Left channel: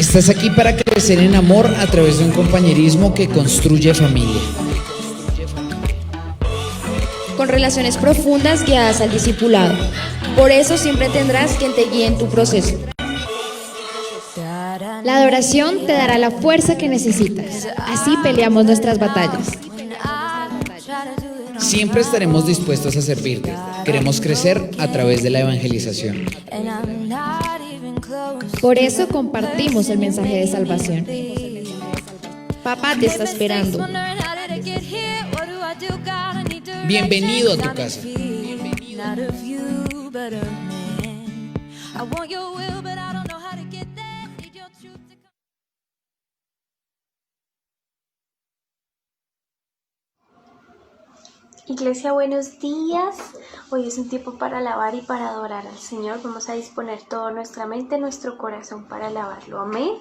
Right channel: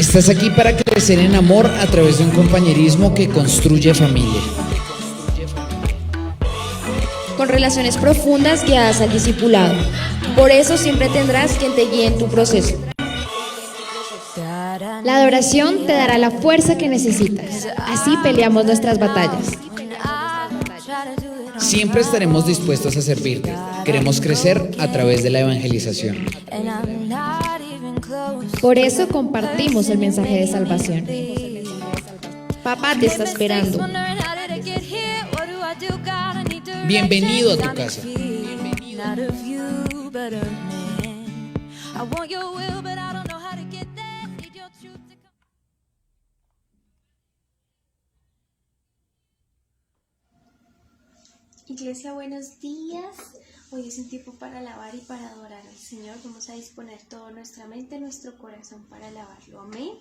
Estás aquí para crecer en amor a través de un compañerismo que construye familia. Con relaciones profundas guiadas al discipulado. Por eso siempre tendrás quien te guíe en tu proceso. La adoración te dará la fuerza que necesitas. Así peleamos nuestras batallas. Siempre estaremos dispuestos a servirte. Queremos crecer a través de la evangelización. Por eso compartimos el mensaje de salvación. Papá te está esperando. Bienvenido a tu casa. Iglesia, buenos días. Hoy es un tiempo para alabar y para adorar al Señor. Vamos a disponer toda nuestra mente, nuestro corazón para alabarlo. Amén.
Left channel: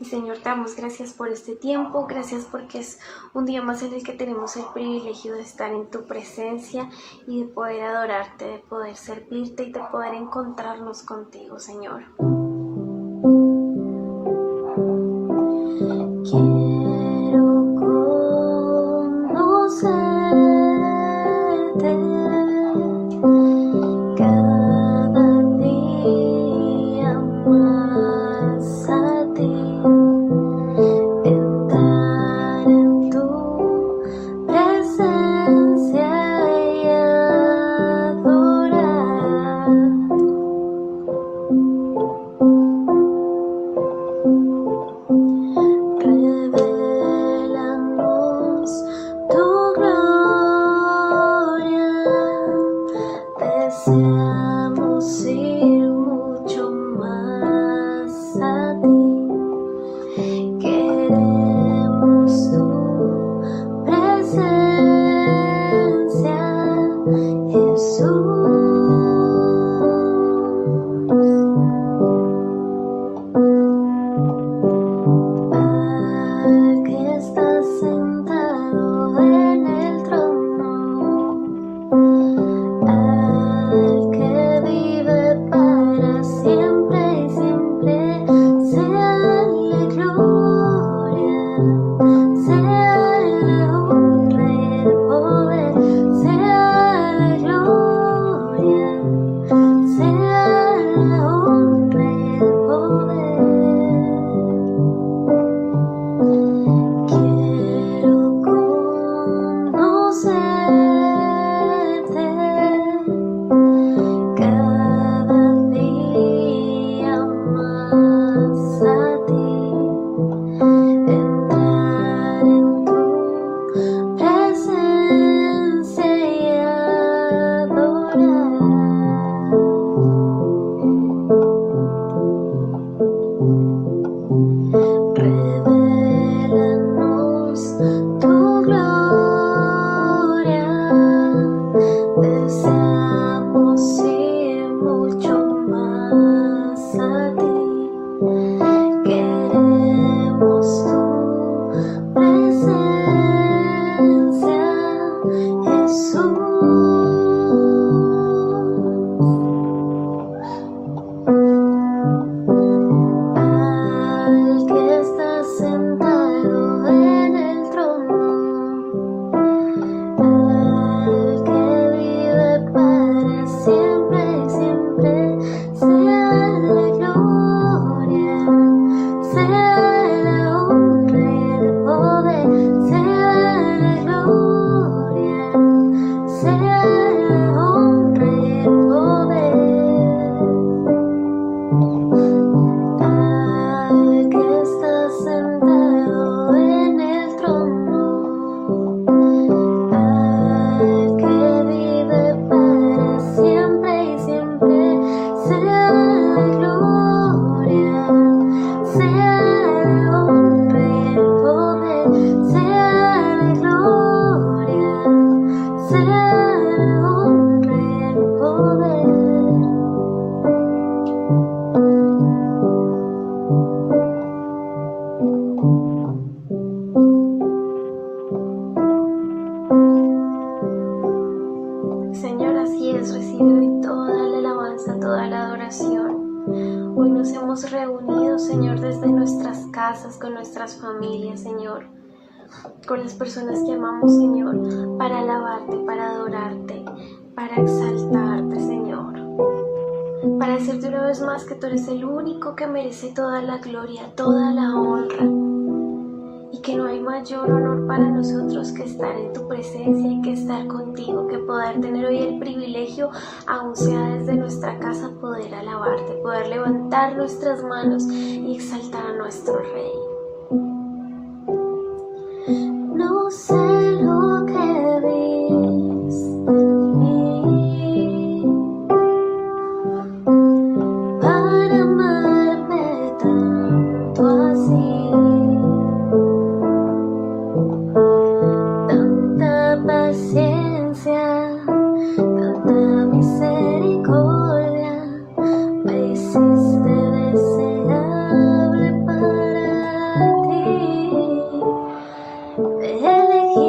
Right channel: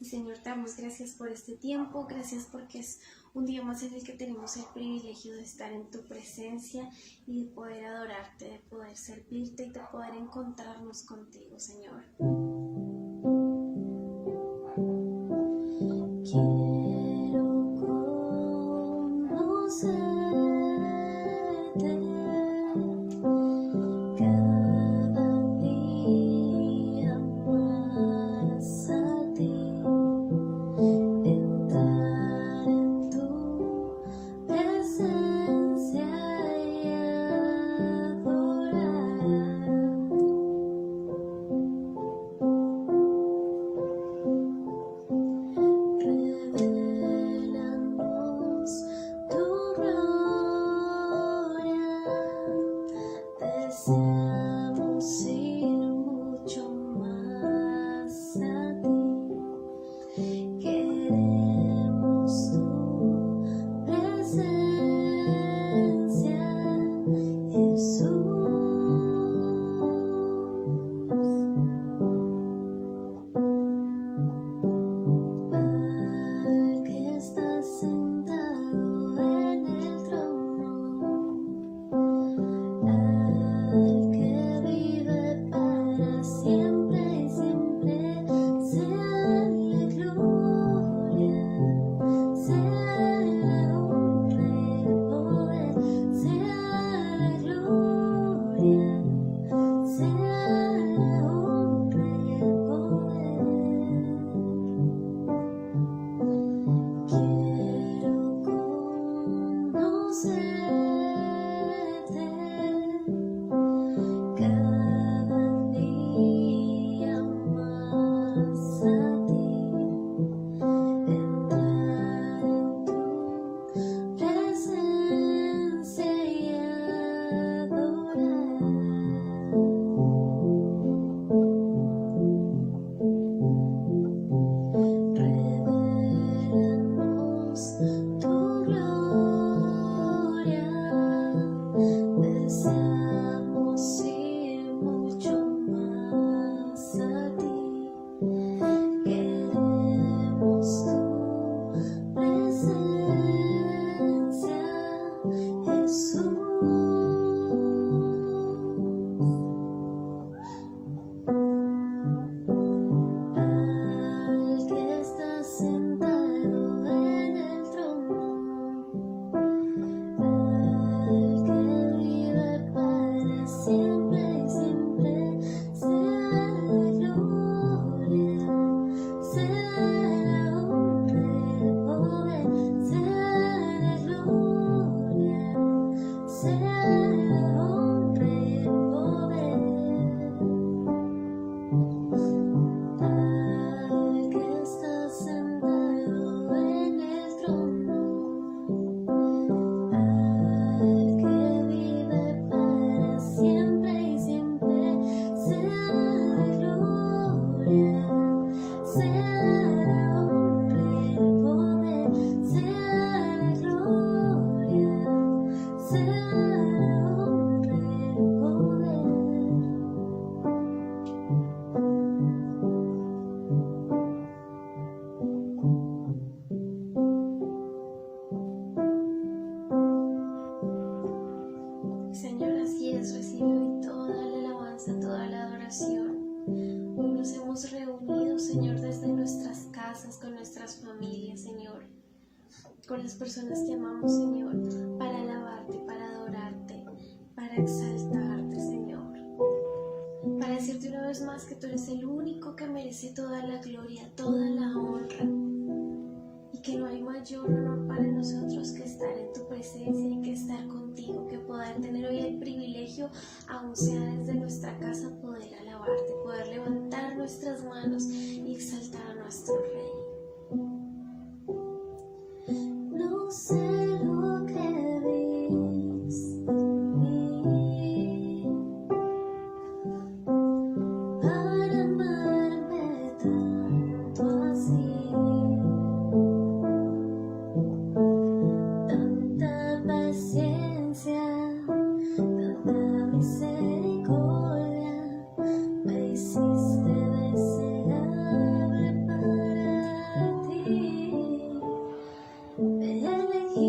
Y Señor, te damos gracias por este tiempo. Gracias porque es un día más en el que tenemos el privilegio de estar en tu presencia y de poder adorarte, de poder servirte y de poder encontrarnos contigo, Señor. Quiero conocerte. Deseamos ir mucho más a ti, queremos tu presencia, Jesús. Al que está sentado en el trono, al que vive para siempre y siempre, seale gloria, seale honra y el poder, seale gloria, seale honra y el poder. Quiero conocerte cada día más a ti, entrar en tu presencia y adorar. Revélanos tu gloria, deseamos ir mucho más a ti, queremos tu presencia, Jesús. Al que está sentado en el trono, al que vive para siempre y siempre, seale gloria, seale honra y el poder, seale gloria, seale honra y el poder. Al que está sentado en el trono, al que vive para siempre y siempre, seale gloria, seale honra y el poder, seale gloria, seale honra y el poder. Señor, así es, recibe hoy toda la alabanza, toda la adoración. Hoy nos hemos reunido, Señor, desde de nuestras casas, con nuestras familias, Señor, con las personas que amamos, Señor, para alabarte, para adorarte, para exaltarte, Señor, para decirte una vez más que tú eres el único que merece toda la gloria, toda la honra, y que no hay mayor honor para nosotros que estar en tu presencia y que estar contigo, que poder tener hoy el privilegio, aun sea desde nuestra casa, poder alabarte, poder levantar nuestras manos y exaltar a nuestro Rey. No sé lo que viste en mí para amarme tanto así, tanta paciencia, tanta misericordia, me hiciste deseable para ti. Te elegí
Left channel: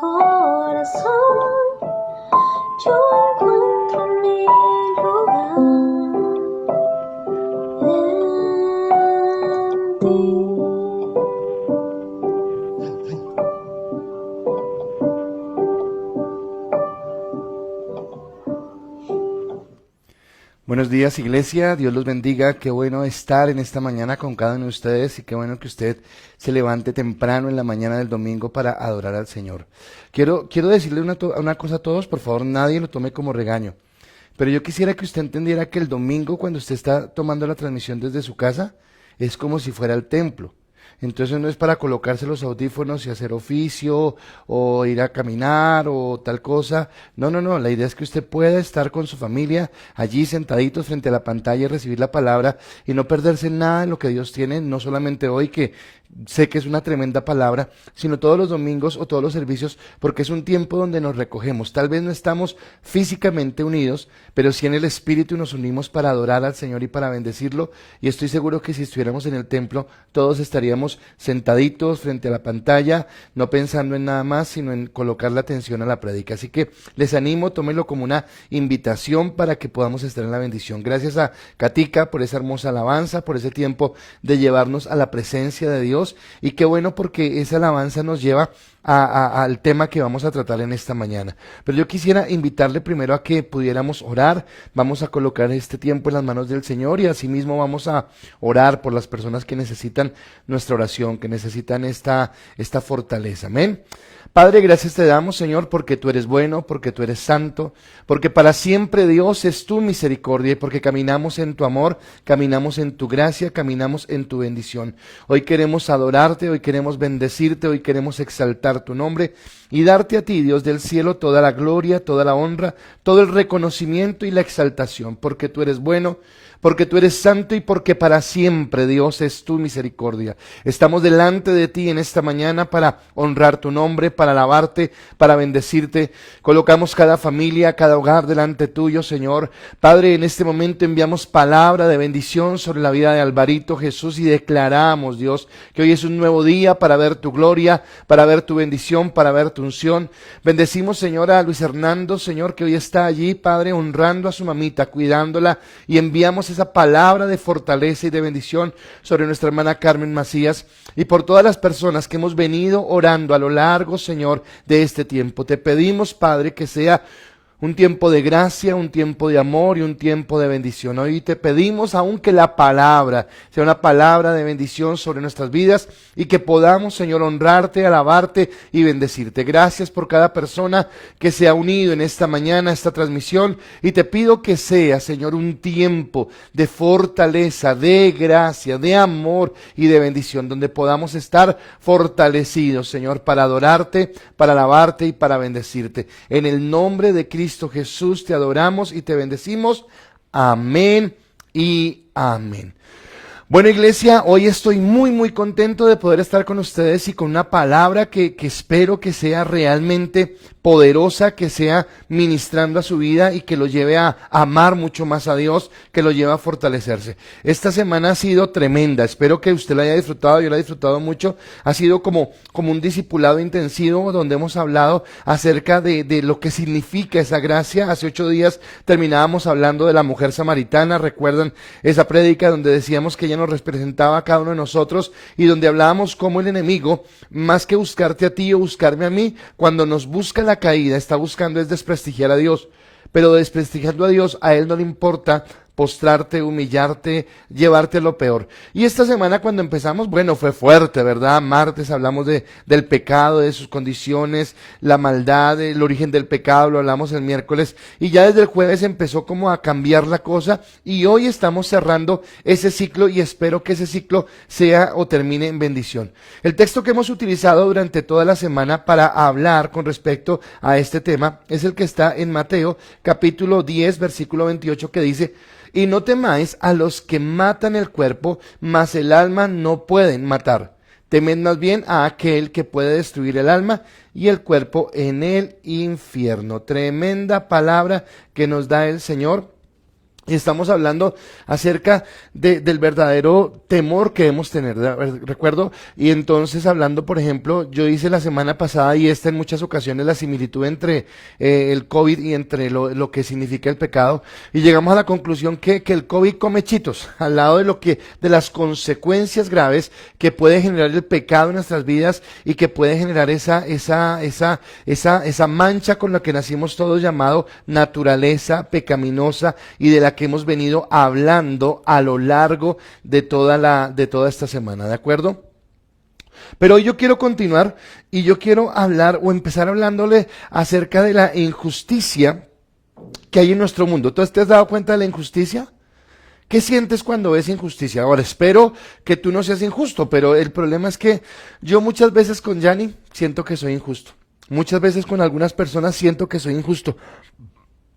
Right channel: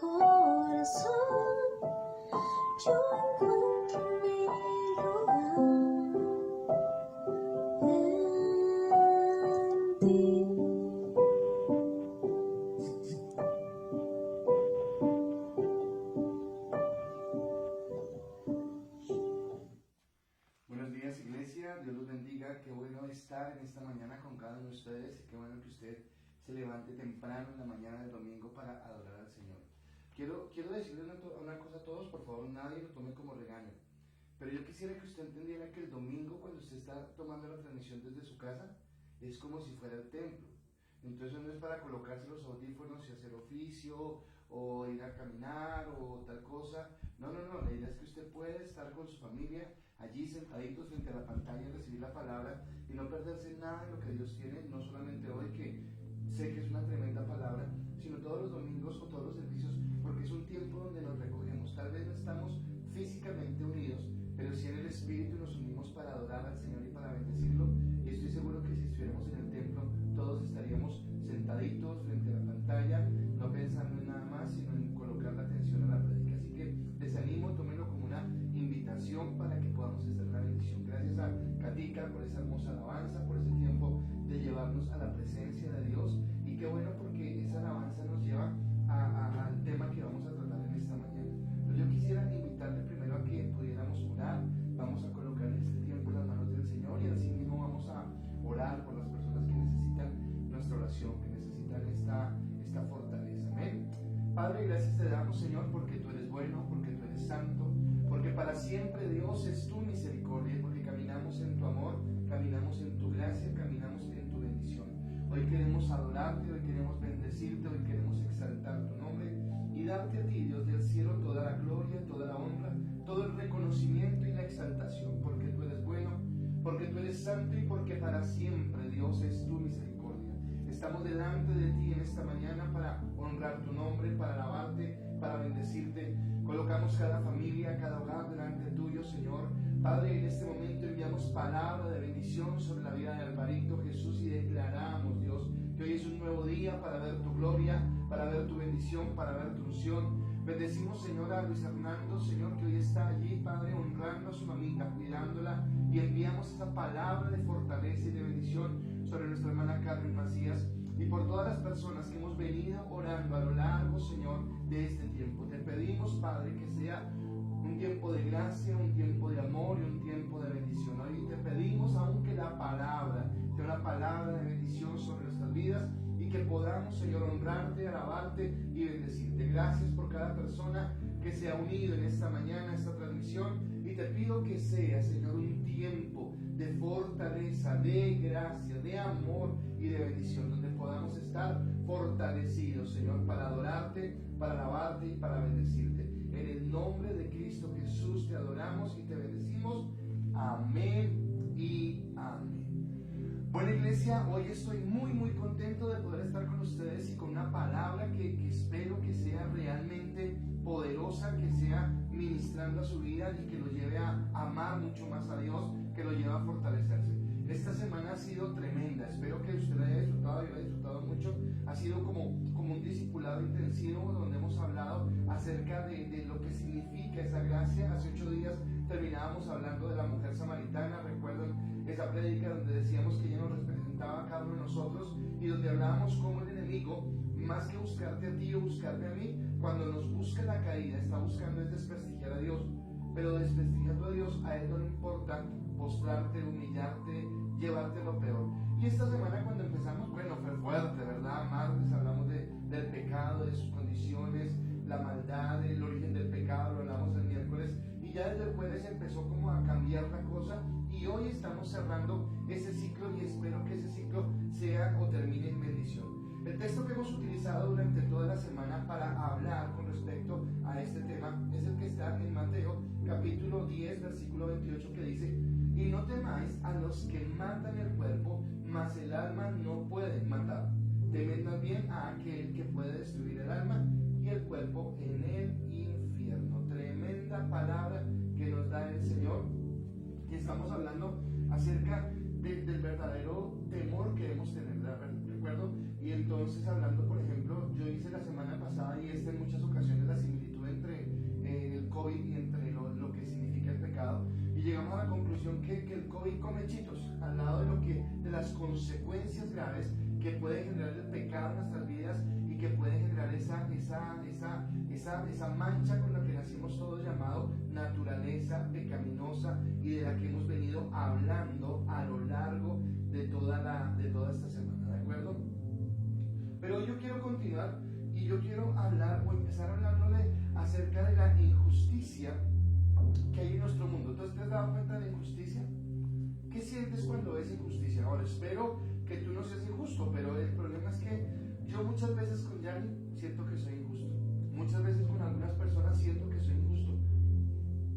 corazón, yo encuentro mi lugar en ti. Buenos días, iglesia, Dios los bendiga, qué bueno estar en esta mañana con cada uno de ustedes y qué bueno que usted se levante temprano en la mañana del domingo para adorar al Señor. Quiero decirle una cosa a todos, por favor, nadie lo tome como regaño, pero yo quisiera que usted entendiera que el domingo cuando usted está tomando la transmisión desde su casa, es como si fuera el templo. Entonces no es para colocarse los audífonos y hacer oficio o ir a caminar o tal cosa. No, la idea es que usted pueda estar con su familia allí sentaditos frente a la pantalla y recibir la palabra y no perderse nada de lo que Dios tiene, no solamente hoy que sé que es una tremenda palabra, sino todos los domingos o todos los servicios, porque es un tiempo donde nos recogemos. Tal vez no estamos físicamente unidos, pero sí en el Espíritu nos unimos para adorar al Señor y para bendecirlo, y estoy seguro que si estuviéramos en el templo, todos estaríamos sentaditos frente a la pantalla, no pensando en nada más, sino en colocar la atención a la prédica. Así que les animo, tómenlo como una invitación para que podamos estar en la bendición. Gracias a Katica por esa hermosa alabanza, por ese tiempo de llevarnos a la presencia de Dios. Y qué bueno, porque esa alabanza nos lleva al tema que vamos a tratar en esta mañana. Pero yo quisiera invitarle primero a que pudiéramos orar. Vamos a colocar este tiempo en las manos del Señor y asimismo vamos a orar por las personas que necesitan nuestra oración, que necesitan esta fortaleza. Amén. Padre, gracias te damos, Señor, porque tú eres bueno, porque tú eres santo, porque para siempre, Dios, es tu misericordia y porque caminamos en tu amor, caminamos en tu gracia, caminamos en tu bendición. Hoy queremos adorarte, hoy queremos bendecirte, hoy queremos exaltar tu nombre y darte a ti, Dios del cielo, toda la gloria, toda la honra, todo el reconocimiento y la exaltación, porque tú eres bueno, porque tú eres santo y porque para siempre, Dios, es tu misericordia. Estamos delante de ti en esta mañana para honrar tu nombre, para alabarte, para bendecirte. Colocamos cada familia, cada hogar delante tuyo, Señor. Padre, en este momento enviamos palabra de bendición sobre la vida de Alvarito, Jesús, y declaramos, Dios, que hoy es un nuevo día para ver tu gloria, para ver tu bendición, para ver tu unción. Bendecimos, Señor, a Luis Hernando, Señor, que hoy está allí, Padre, honrando a su mamita, cuidándola, y enviamos esa palabra de fortaleza y de bendición sobre nuestra hermana Carmen Macías y por todas las personas que hemos venido orando a lo largo, Señor, de este tiempo. Te pedimos, Padre, que sea un tiempo de gracia, un tiempo de amor y un tiempo de bendición. Hoy te pedimos aún que la palabra sea una palabra de bendición sobre nuestras vidas y que podamos, Señor, honrarte, alabarte y bendecirte. Gracias por cada persona que se ha unido en esta mañana a esta transmisión y te pido que sea, Señor, un tiempo de fortaleza, de gracia, de amor y de bendición, donde podamos estar fortalecidos, Señor, para adorarte, para alabarte y para bendecirte. En el nombre de Cristo Jesús te adoramos y te bendecimos. Amén y amén. Bueno, iglesia, hoy estoy muy contento de poder estar con ustedes y con una palabra que espero que sea realmente poderosa, que sea ministrando a su vida y que lo lleve a amar mucho más a Dios, que lo lleve a fortalecerse. Esta semana ha sido tremenda, espero que usted la haya disfrutado, yo la he disfrutado mucho. Ha sido como un discipulado intensivo donde hemos hablado acerca de lo que significa esa gracia. Hace 8 días terminábamos hablando de la mujer samaritana, recuerdan esa prédica donde decíamos que ella nos representaba a cada uno de nosotros y donde hablábamos cómo el enemigo, más que buscarte a ti o buscarme a mí, cuando nos busca la caída, está buscando es desprestigiar a Dios, pero desprestigiando a Dios, a él no le importa postrarte, humillarte, llevarte lo peor. Y esta semana cuando empezamos, bueno, fue fuerte, ¿verdad? Martes hablamos del pecado, de sus condiciones, la maldad, el origen del pecado, lo hablamos el miércoles, y ya desde el jueves empezó como a cambiar la cosa, y hoy estamos cerrando ese ciclo, y espero que ese ciclo sea o termine en bendición. El texto que hemos utilizado durante toda la semana para hablar con respecto a este tema es el que está en Mateo, capítulo 10, versículo 28, que dice: y no temáis a los que matan el cuerpo, mas el alma no pueden matar. Temed más bien a aquel que puede destruir el alma y el cuerpo en el infierno. Tremenda palabra que nos da el Señor. Y estamos hablando acerca del verdadero temor que debemos tener, ¿recuerdo? Y entonces hablando, por ejemplo, yo hice la semana pasada y esta en muchas ocasiones la similitud entre el COVID y entre lo que significa el pecado. Y llegamos a la conclusión que el COVID come chitos, al lado de las consecuencias graves que puede generar el pecado en nuestras vidas y que puede generar esa mancha con la que nacimos todos, llamado naturaleza pecaminosa, y de la que hemos venido hablando a lo largo de toda esta semana, ¿de acuerdo? Pero hoy yo quiero continuar y yo quiero hablar o empezar hablándole acerca de la injusticia que hay en nuestro mundo. ¿Tú te has dado cuenta de la injusticia? ¿Qué sientes cuando ves injusticia? Ahora, espero que tú no seas injusto, pero el problema es que yo muchas veces con Yanni siento que soy injusto. Muchas veces con algunas personas siento que soy injusto.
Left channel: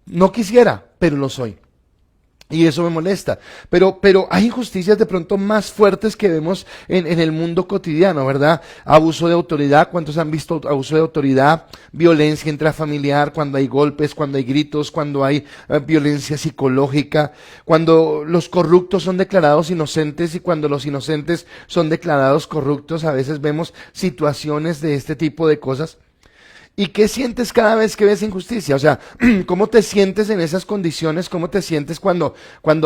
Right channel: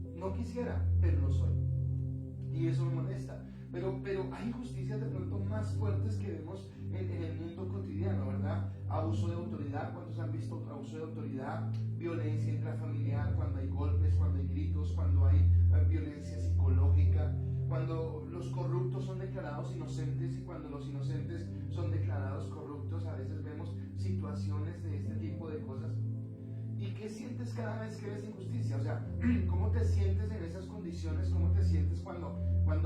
No quisiera, pero lo soy. Y eso me molesta, pero hay injusticias de pronto más fuertes que vemos en el mundo cotidiano, ¿verdad? Abuso de autoridad, ¿cuántos han visto abuso de autoridad? Violencia intrafamiliar, cuando hay golpes, cuando hay gritos, cuando hay violencia psicológica, cuando los corruptos son declarados inocentes y cuando los inocentes son declarados corruptos. A veces vemos situaciones de este tipo de cosas. ¿Y qué sientes cada vez que ves injusticia? O sea, ¿cómo te sientes en esas condiciones? ¿Cómo te sientes cuando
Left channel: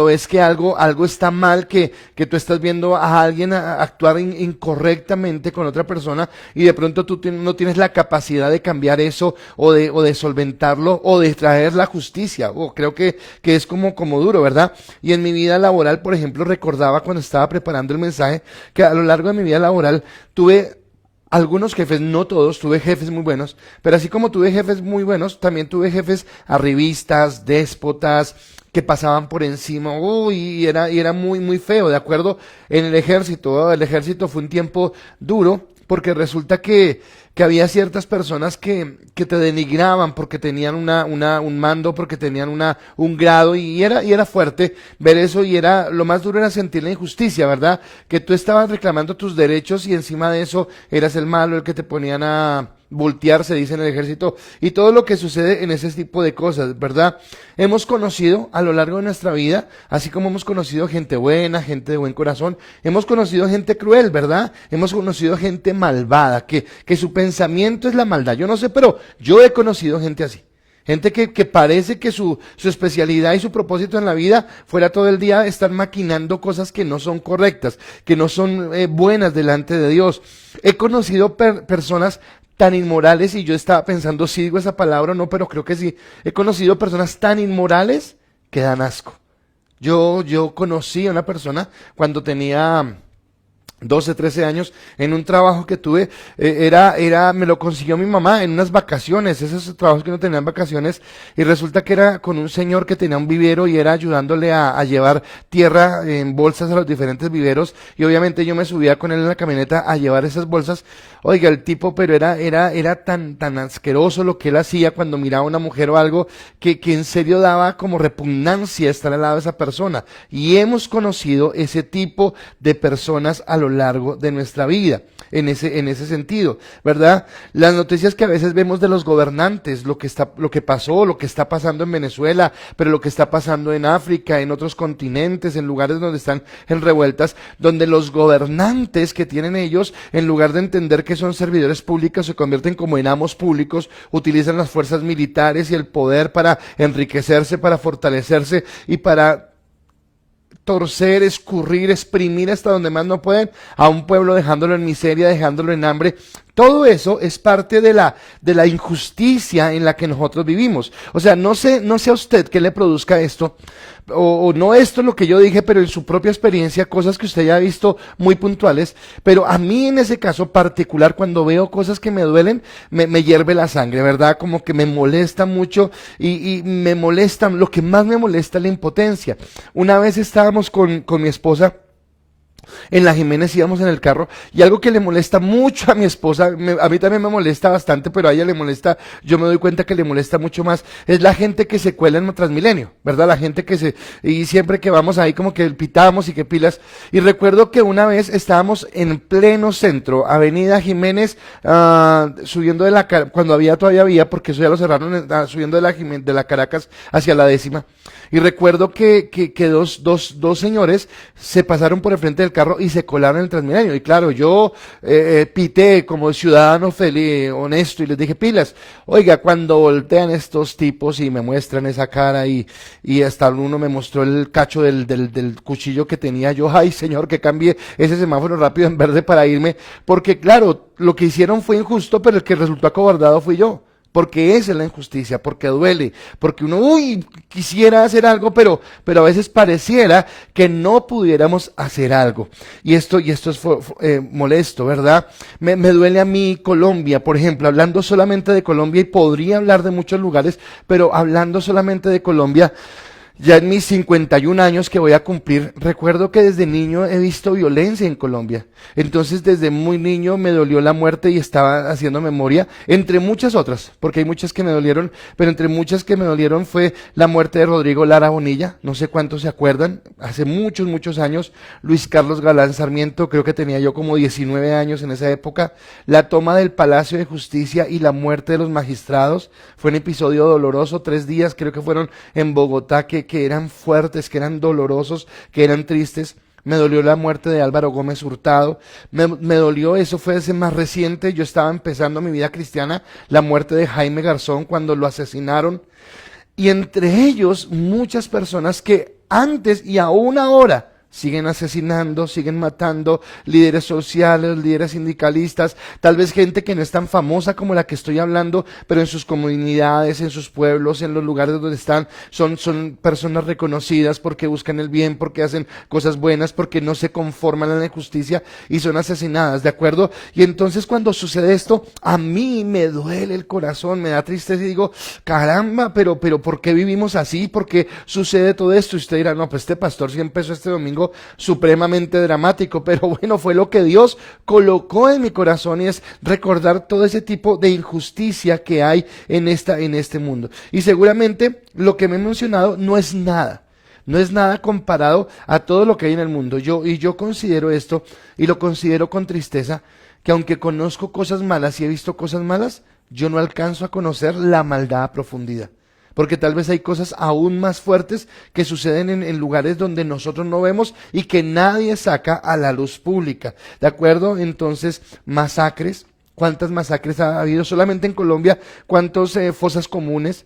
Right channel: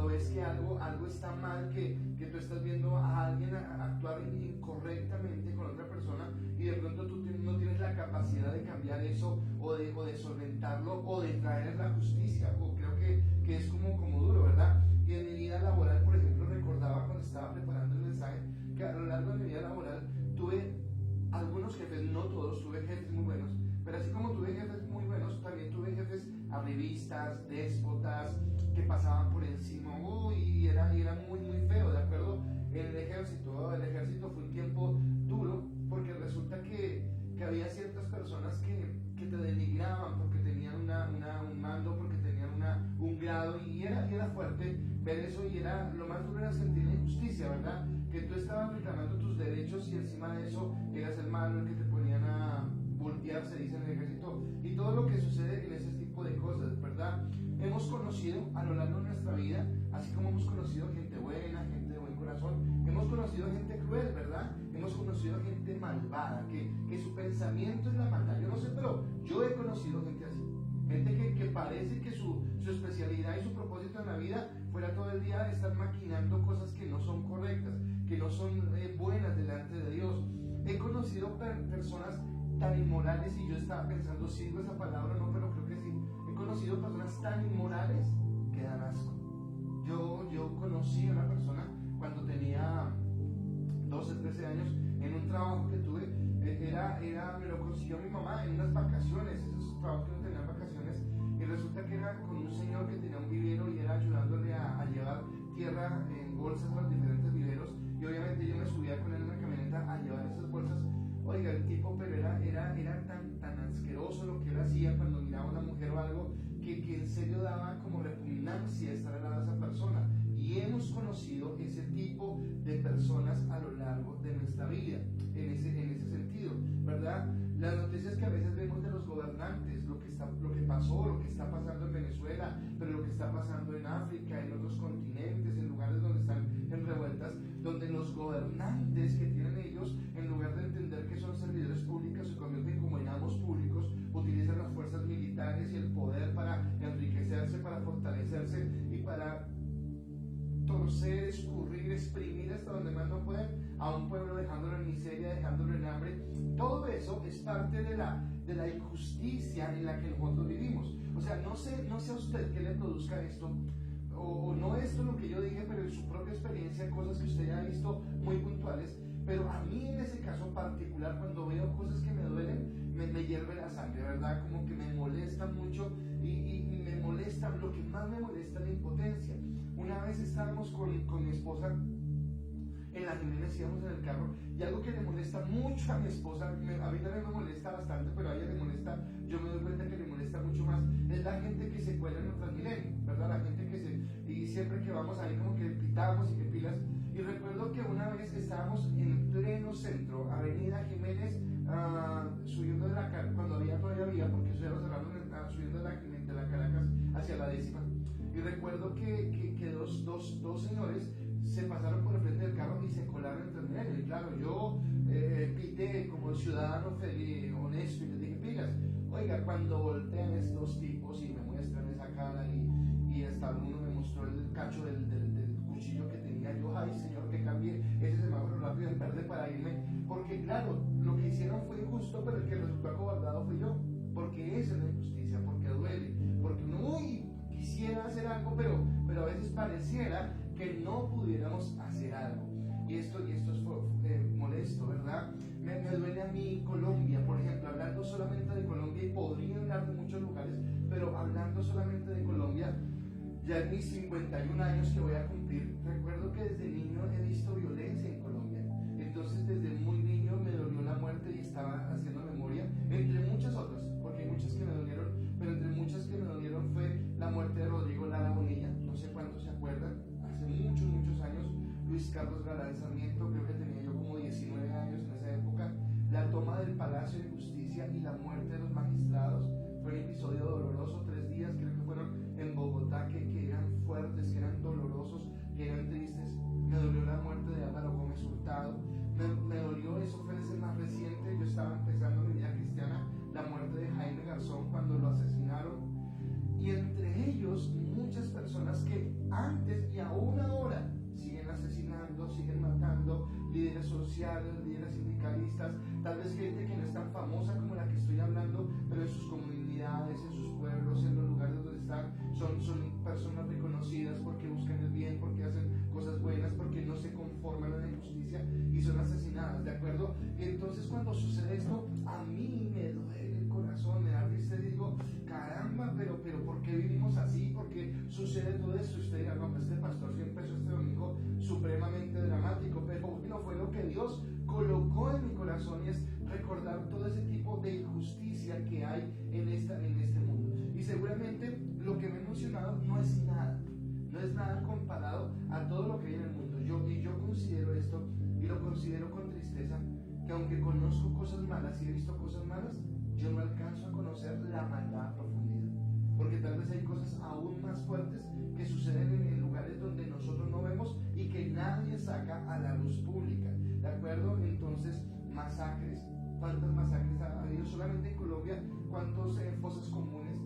ves que algo está mal, que tú estás viendo a alguien actuar incorrectamente con otra persona y de pronto tú no tienes la capacidad de cambiar eso o de solventarlo o de traer la justicia? Creo que es como duro, ¿verdad? Y en mi vida laboral, por ejemplo, recordaba cuando estaba preparando el mensaje que a lo largo de mi vida laboral tuve algunos jefes, no todos, tuve jefes muy buenos, pero así como tuve jefes muy buenos, también tuve jefes arribistas, déspotas, que pasaban por encima, y era muy, muy feo, ¿de acuerdo? En el ejército fue un tiempo duro, porque resulta que había ciertas personas que te denigraban porque tenían un mando, porque tenían un grado, y era fuerte ver eso, y lo más duro era sentir la injusticia, ¿verdad? Que tú estabas reclamando tus derechos y encima de eso eras el malo, el que te ponían a voltear, se dice en el ejército, y todo lo que sucede en ese tipo de cosas, ¿verdad? Hemos conocido a lo largo de nuestra vida, así como hemos conocido gente buena, gente de buen corazón, hemos conocido gente cruel, ¿verdad? Hemos conocido gente malvada, que su pensamiento es la maldad. Yo no sé, pero yo he conocido gente así. Gente que parece que su especialidad y su propósito en la vida fuera todo el día estar maquinando cosas que no son correctas, que no son buenas delante de Dios. He conocido personas tan inmorales, y yo estaba pensando si digo esa palabra o no, pero creo que sí. He conocido personas tan inmorales que dan asco. Yo conocí a una persona cuando tenía 12, 13 años, en un trabajo que tuve, me lo consiguió mi mamá en unas vacaciones, esos trabajos que no tenían vacaciones, y resulta que era con un señor que tenía un vivero y era ayudándole a llevar tierra en bolsas a los diferentes viveros, y obviamente yo me subía con él en la camioneta a llevar esas bolsas. Oiga, el tipo, pero era tan asqueroso lo que él hacía cuando miraba a una mujer o algo, que en serio daba como repugnancia estar al lado de esa persona, y hemos conocido ese tipo de personas a lo largo de nuestra vida, en ese sentido, ¿verdad? Las noticias que a veces vemos de los gobernantes, lo que pasó, lo que está pasando en Venezuela, pero lo que está pasando en África, en otros continentes, en lugares donde están en revueltas, donde los gobernantes que tienen ellos, en lugar de entender que son servidores públicos, se convierten como en amos públicos, utilizan las fuerzas militares y el poder para enriquecerse, para fortalecerse y para torcer, escurrir, exprimir hasta donde más no pueden a un pueblo, dejándolo en miseria, dejándolo en hambre. Todo eso es parte de la injusticia en la que nosotros vivimos. O sea, no sé a usted qué le produzca esto, o no esto es lo que yo dije, pero en su propia experiencia, cosas que usted ya ha visto muy puntuales, pero a mí en ese caso particular, cuando veo cosas que me duelen, me hierve la sangre, ¿verdad? Como que me molesta mucho, y me molesta, lo que más me molesta es la impotencia. Una vez estábamos con mi esposa en la Jiménez íbamos en el carro, y algo que le molesta mucho a mi esposa, a mí también me molesta bastante, pero a ella le molesta, yo me doy cuenta que le molesta mucho más, es la gente que se cuela en Transmilenio, ¿verdad? La gente y siempre que vamos ahí como que pitamos y que pilas, y recuerdo que una vez estábamos en pleno centro, Avenida Jiménez, subiendo cuando todavía había, porque eso ya lo cerraron, subiendo de la Caracas hacia la 10ª, y recuerdo que dos señores se pasaron por el frente del carro y se colaron en el Transmilenio, y claro, yo pité como ciudadano feliz, honesto, y les dije, pilas, oiga, cuando voltean estos tipos y me muestran esa cara, y hasta uno me mostró el cacho del cuchillo que tenía yo, ay señor, que cambie ese semáforo rápido en verde para irme, porque claro, lo que hicieron fue injusto, pero el que resultó acobardado fui yo, porque esa es la injusticia, porque duele, porque uno, quisiera hacer algo, pero a veces pareciera que no pudiéramos hacer algo, y esto es molesto, ¿verdad? Me duele a mí Colombia, por ejemplo, hablando solamente de Colombia, y podría hablar de muchos lugares, pero hablando solamente de Colombia, ya en mis 51 años que voy a cumplir, recuerdo que desde niño he visto violencia en Colombia. Entonces desde muy niño me dolió la muerte y estaba haciendo memoria, entre muchas otras, porque hay muchas que me dolieron, pero entre muchas que me dolieron fue la muerte de Rodrigo Lara Bonilla, no sé cuántos se acuerdan, hace muchos años, Luis Carlos Galán Sarmiento, creo que tenía yo como 19 años en esa época, la toma del Palacio de Justicia y la muerte de los magistrados, fue un episodio doloroso, 3 días creo que fueron en Bogotá, que eran fuertes, que eran dolorosos, que eran tristes. Me dolió la muerte de Álvaro Gómez Hurtado, me dolió, eso fue ese más reciente, yo estaba empezando mi vida cristiana, la muerte de Jaime Garzón cuando lo asesinaron, y entre ellos muchas personas que antes y aún ahora siguen asesinando, siguen matando, líderes sociales, líderes sindicalistas, tal vez gente que no es tan famosa como la que estoy hablando, pero en sus comunidades, en sus pueblos, en los lugares donde están, son personas reconocidas porque buscan el bien, porque hacen cosas buenas, porque no se conforman a la injusticia y son asesinadas, ¿de acuerdo? Y entonces cuando sucede esto, a mí me duele el corazón, me da tristeza y digo, caramba, pero ¿por qué vivimos así? ¿Por qué sucede todo esto? Y usted dirá, no, pues este pastor sí empezó este domingo supremamente dramático, pero bueno, fue lo que Dios colocó en mi corazón, y es recordar todo ese tipo de injusticia que hay en este mundo. Y seguramente lo que me he mencionado no es nada comparado a todo lo que hay en el mundo. Yo considero esto, y lo considero con tristeza, que aunque conozco cosas malas y he visto cosas malas, yo no alcanzo a conocer la maldad a profundidad. Porque tal vez hay cosas aún más fuertes que suceden en lugares donde nosotros no vemos y que nadie saca a la luz pública, ¿de acuerdo? Entonces, masacres, ¿cuántas masacres ha habido solamente en Colombia? ¿Cuántas fosas comunes?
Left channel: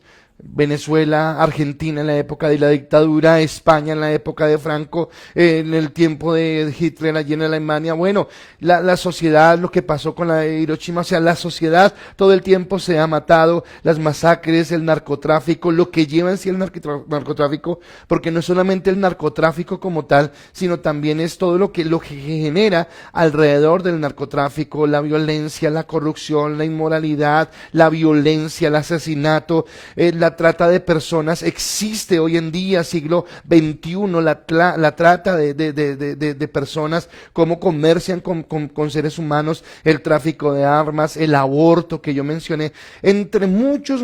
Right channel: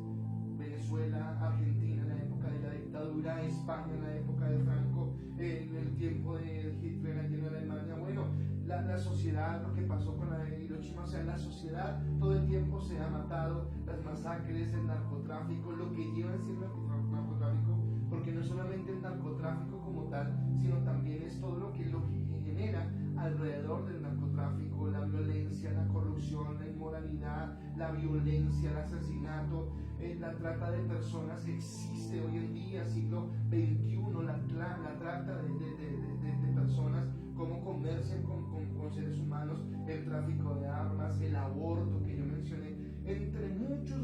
Venezuela, Argentina en la época de la dictadura, España en la época de Franco, en el tiempo de Hitler allí en Alemania. Bueno, la sociedad, lo que pasó con la de Hiroshima, o sea, la sociedad todo el tiempo se ha matado, las masacres, el narcotráfico, lo que lleva en sí el narcotráfico, porque no es solamente el narcotráfico como tal, sino también es todo lo que genera alrededor del narcotráfico, la violencia, la corrupción, la inmoralidad, la violencia, el asesinato, la trata de personas. Existe hoy en día, siglo XXI, la trata de personas, cómo comercian con seres humanos, el tráfico de armas, el aborto que yo mencioné, entre muchos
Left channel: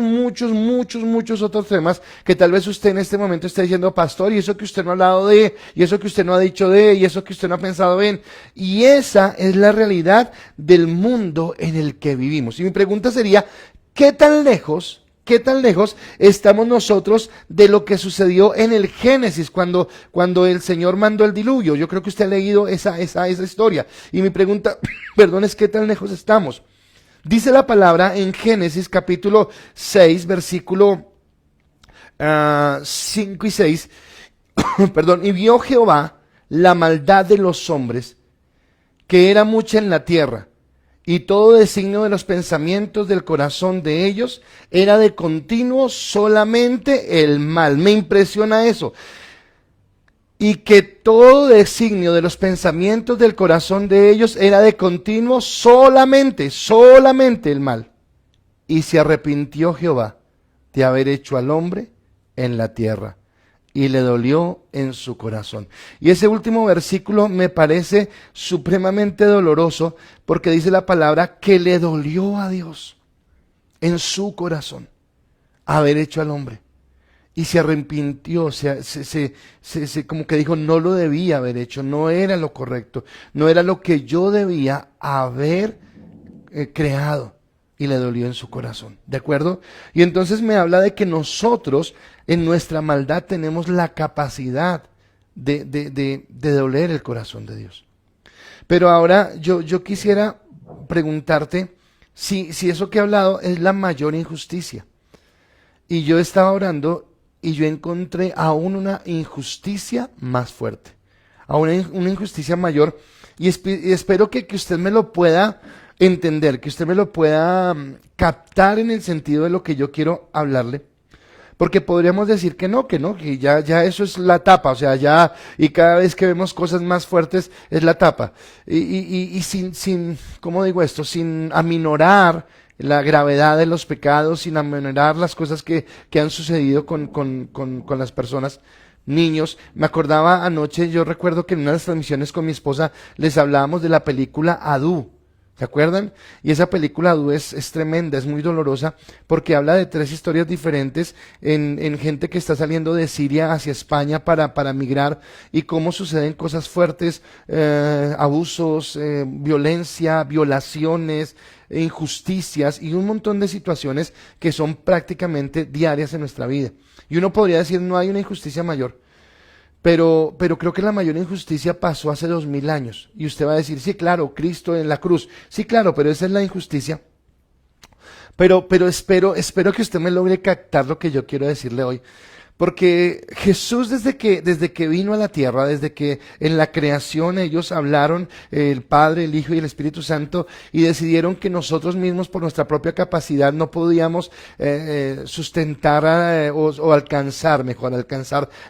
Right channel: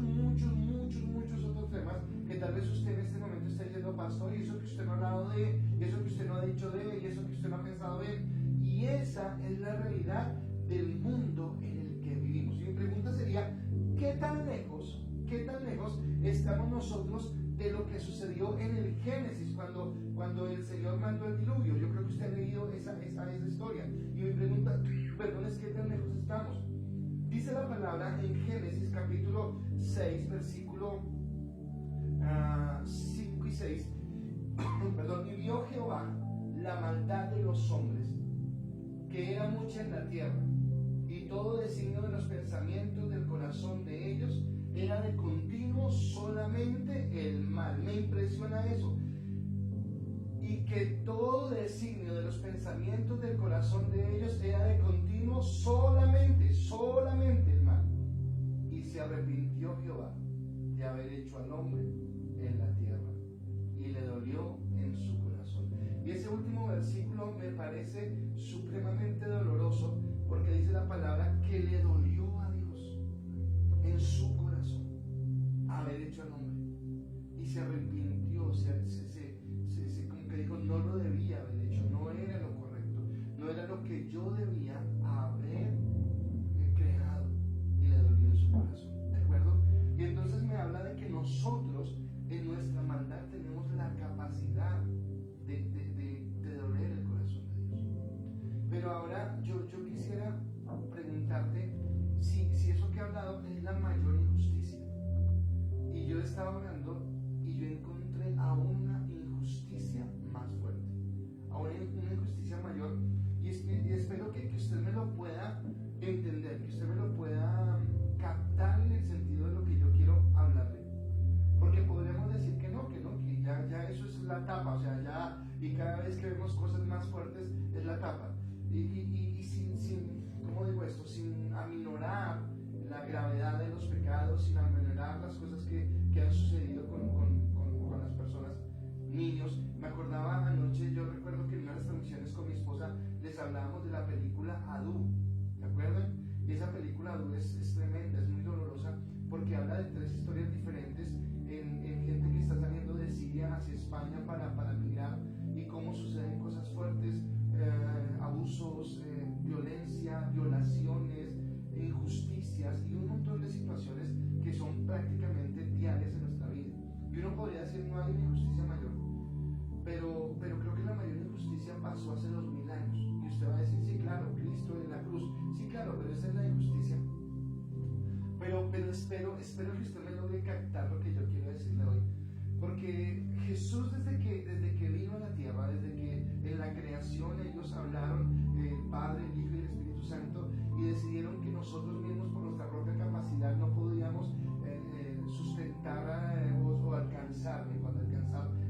otros temas que tal vez usted en este momento esté diciendo, pastor, y eso que usted no ha hablado de, y eso que usted no ha dicho de, y eso que usted no ha pensado en, y esa es la realidad del mundo en el que vivimos. Y mi pregunta sería, ¿qué tan lejos estamos nosotros de lo que sucedió en el Génesis cuando el Señor mandó el diluvio? Yo creo que usted ha leído esa historia, y mi pregunta, perdón, es ¿qué tan lejos estamos? Dice la palabra en Génesis capítulo 6, versículo 5 y 6, perdón, y vio Jehová la maldad de los hombres, que era mucha en la tierra, y todo designio de los pensamientos del corazón de ellos era de continuo solamente el mal. Me impresiona eso. Y que todo designio de los pensamientos del corazón de ellos era de continuo solamente el mal. Y se arrepintió Jehová de haber hecho al hombre en la tierra, y le dolió en su corazón. Y ese último versículo me parece supremamente doloroso porque dice la palabra que le dolió a Dios en su corazón haber hecho al hombre. Y se arrepintió, como que dijo, no lo debía haber hecho, no era lo correcto, no era lo que yo debía haber creado, y le dolió en su corazón, ¿de acuerdo? Y entonces me habla de que nosotros en nuestra maldad tenemos la capacidad de doler el corazón de Dios. Pero ahora yo quisiera preguntarte si eso que he hablado es la mayor injusticia. Y yo estaba orando y yo encontré aún una injusticia más fuerte, aún una injusticia mayor, y espero que usted me lo pueda entender, que usted me lo pueda captar en el sentido de lo que yo quiero hablarle, porque podríamos decir que ya eso es la tapa, o sea, ya, y cada vez que vemos cosas más fuertes es la tapa, y sin, ¿cómo digo esto? Sin aminorar la gravedad de los pecados, sin aminorar las cosas que han sucedido con las personas, niños. Me acordaba anoche, yo recuerdo que en una de las transmisiones con mi esposa les hablábamos de la película Adu, ¿se acuerdan? Y esa película Adu es tremenda, es muy dolorosa, porque habla de 3 historias diferentes en gente que está saliendo de Siria hacia España para migrar, y cómo suceden cosas fuertes, abusos, violencia, violaciones, injusticias y un montón de situaciones que son prácticamente diarias en nuestra vida. Y uno podría decir, no hay una injusticia mayor, pero creo que la mayor injusticia pasó hace 2000 años. Y usted va a decir, sí, claro, Cristo en la cruz, sí, claro, pero esa es la injusticia. Pero espero que usted me logre captar lo que yo quiero decirle hoy. Porque Jesús desde que vino a la tierra, desde que en la creación ellos hablaron, el Padre, el Hijo y el Espíritu Santo, y decidieron que nosotros mismos por nuestra propia capacidad no podíamos sustentar o alcanzar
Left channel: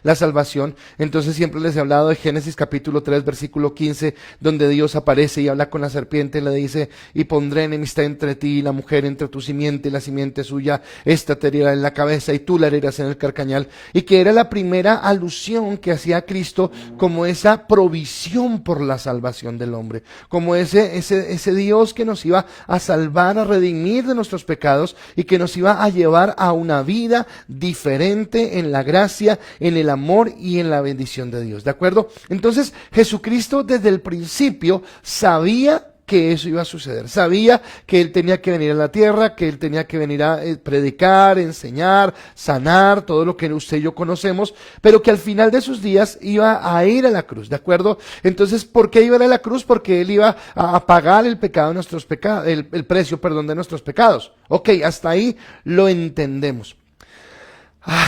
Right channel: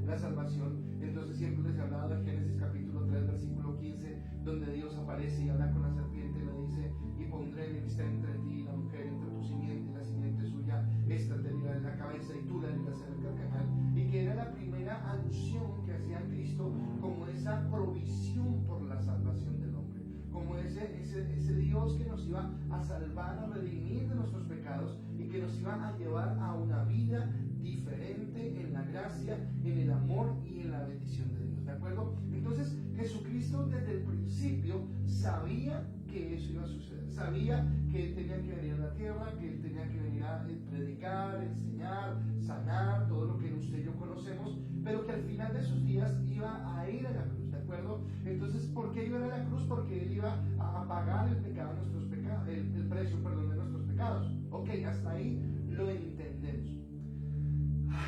la salvación. Entonces siempre les he hablado de Génesis capítulo 3 versículo 15, donde Dios aparece y habla con la serpiente y le dice, y pondré enemistad entre ti y la mujer, entre tu simiente y la simiente suya, esta te herirá en la cabeza y tú la herirás en el carcañal. Y que era la primera alusión que hacía Cristo como esa provisión por la salvación del hombre, como ese Dios que nos iba a salvar, a redimir de nuestros pecados y que nos iba a llevar a una vida diferente en la gracia, en el amor y en la bendición de Dios, ¿de acuerdo? Entonces Jesucristo desde el principio sabía que eso iba a suceder, sabía que Él tenía que venir a la tierra, que Él tenía que venir a predicar, enseñar, sanar, todo lo que usted y yo conocemos, pero que al final de sus días iba a ir a la cruz, ¿de acuerdo? Entonces, ¿por qué iba a ir a la cruz? Porque Él iba a pagar el pecado de nuestros pecados, el precio, perdón, de nuestros pecados. Ok, hasta ahí lo entendemos.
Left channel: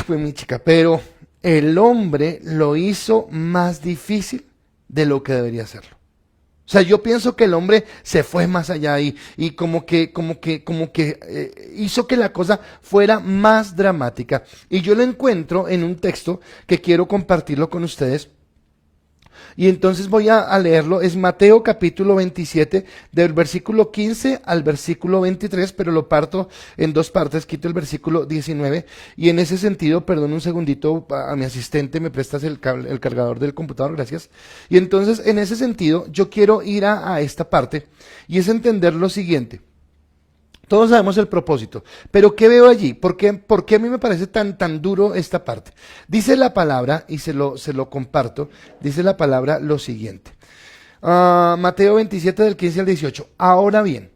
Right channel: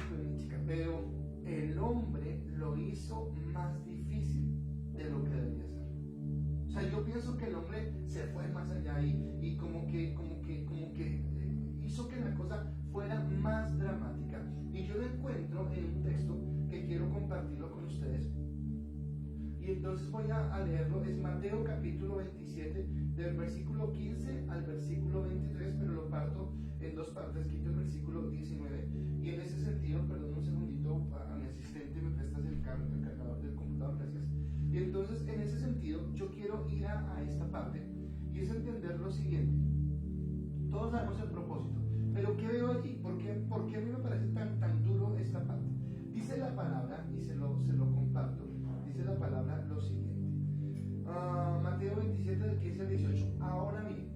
Pues mi chica, pero el hombre lo hizo más difícil de lo que debería hacerlo. O sea, yo pienso que el hombre se fue más allá y como que hizo que la cosa fuera más dramática. Y yo lo encuentro en un texto que quiero compartirlo con ustedes. Y entonces voy a leerlo, es Mateo capítulo 27, del versículo 15 al versículo 23, pero lo parto en 2 partes, quito el versículo 19, y en ese sentido, perdón un segundito, a mi asistente, me prestas el cargador del computador, gracias. Y entonces, en ese sentido, yo quiero ir a esta parte, y es entender lo siguiente. Todos sabemos el propósito, pero ¿qué veo allí? ¿Por qué a mí me parece tan duro esta parte? Dice la palabra, y se lo comparto, dice la palabra lo siguiente. Mateo 27 del 15 al 18. Ahora bien,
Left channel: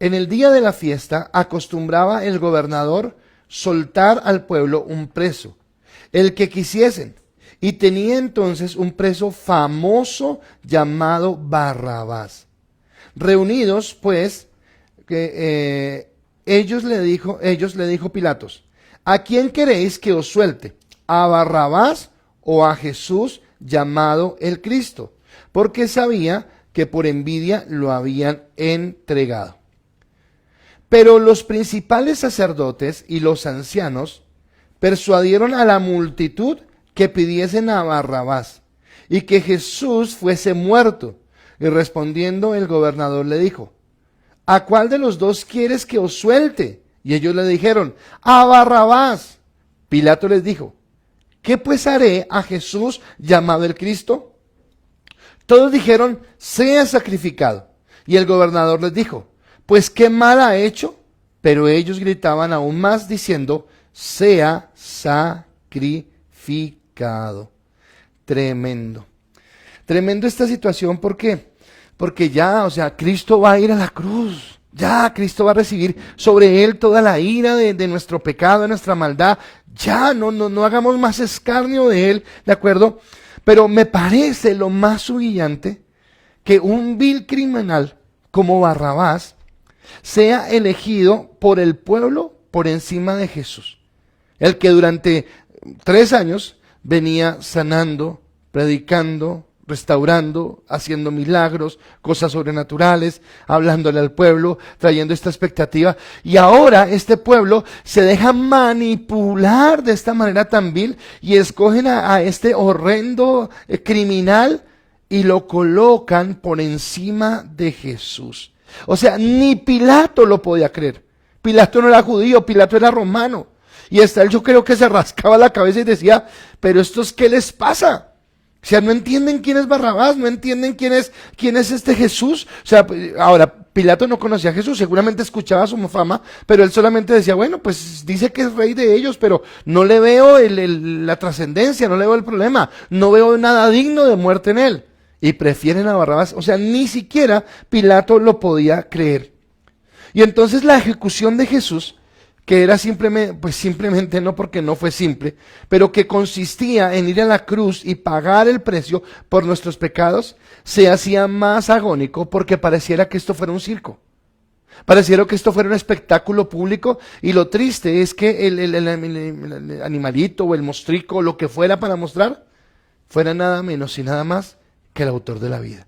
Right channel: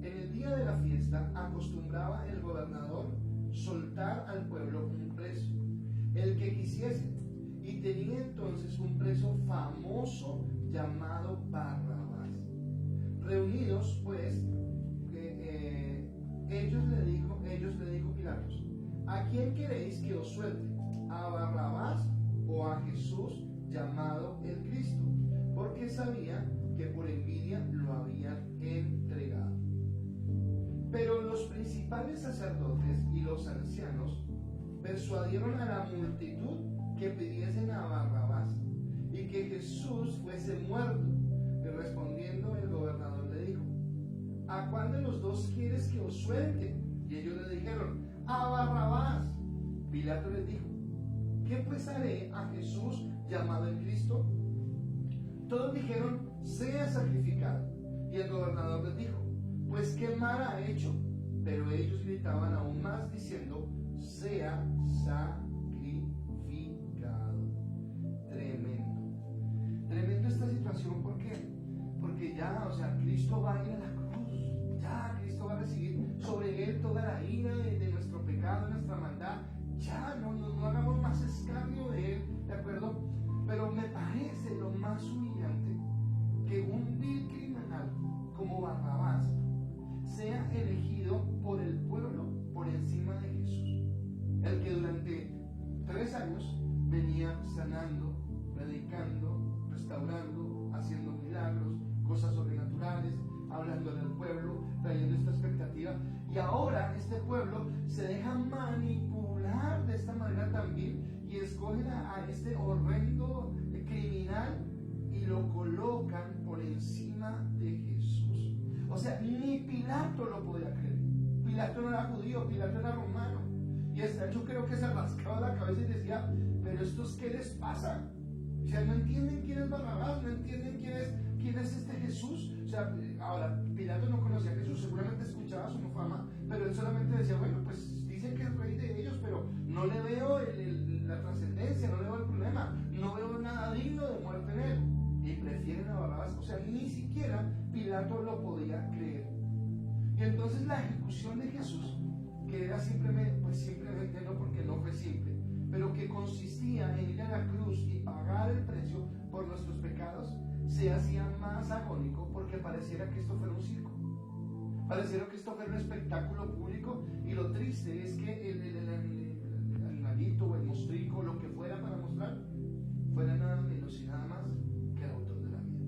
en el día de la fiesta acostumbraba el gobernador soltar al pueblo un preso, el que quisiesen, y tenía entonces un preso famoso llamado Barrabás. Reunidos pues, ellos le dijo Pilatos, ¿a quién queréis que os suelte? ¿A Barrabás o a Jesús llamado el Cristo? Porque sabía que por envidia lo habían entregado. Pero los principales sacerdotes y los ancianos persuadieron a la multitud que pidiesen a Barrabás y que Jesús fuese muerto. Y respondiendo el gobernador le dijo, ¿a cuál de los dos quieres que os suelte? Y ellos le dijeron, a Barrabás. Pilato les dijo, ¿qué pues haré a Jesús llamado el Cristo? Todos dijeron, sea sacrificado. Y el gobernador les dijo, pues qué mal ha hecho. Pero ellos gritaban aún más diciendo, sea sacrificado. Tremendo. Tremendo esta situación, ¿por qué? Porque ya, Cristo va a ir a la cruz. Ya, Cristo va a recibir sobre él toda la ira de nuestro pecado, de nuestra maldad. Ya, no hagamos más escarnio de él, ¿de acuerdo? Pero me parece lo más humillante que un vil criminal como Barrabás sea elegido por el pueblo por encima de Jesús. El que durante 3 años venía sanando, predicando, restaurando, haciendo milagros, cosas sobrenaturales, hablándole al pueblo, trayendo esta expectativa. Y ahora este pueblo se deja manipular de esta manera tan vil y escogen a este horrendo criminal y lo colocan por encima de Jesús. O sea, ni Pilato lo podía creer. Pilato no era judío, Pilato era romano. Y hasta él, yo creo que se rascaba la cabeza y decía, pero estos, ¿qué les pasa? O sea, no entienden quién es Barrabás, no entienden quién es este Jesús. O sea, ahora, Pilato no conocía a Jesús, seguramente escuchaba su fama, pero él solamente decía, bueno, pues dice que es rey de ellos, pero no le veo la trascendencia, no le veo el problema, no veo nada digno de muerte en él. Y prefieren a Barrabás, o sea, ni siquiera Pilato lo podía creer. Y entonces la ejecución de Jesús, que era simplemente no porque no fue simple, pero que consistía en ir a la cruz y pagar el precio por nuestros pecados, se hacía más agónico porque pareciera que esto fuera un circo. Pareciera que esto fuera un espectáculo público, y lo triste es que el animalito o el mostrico o lo que fuera para mostrar, fuera nada menos y nada más que el autor de la vida.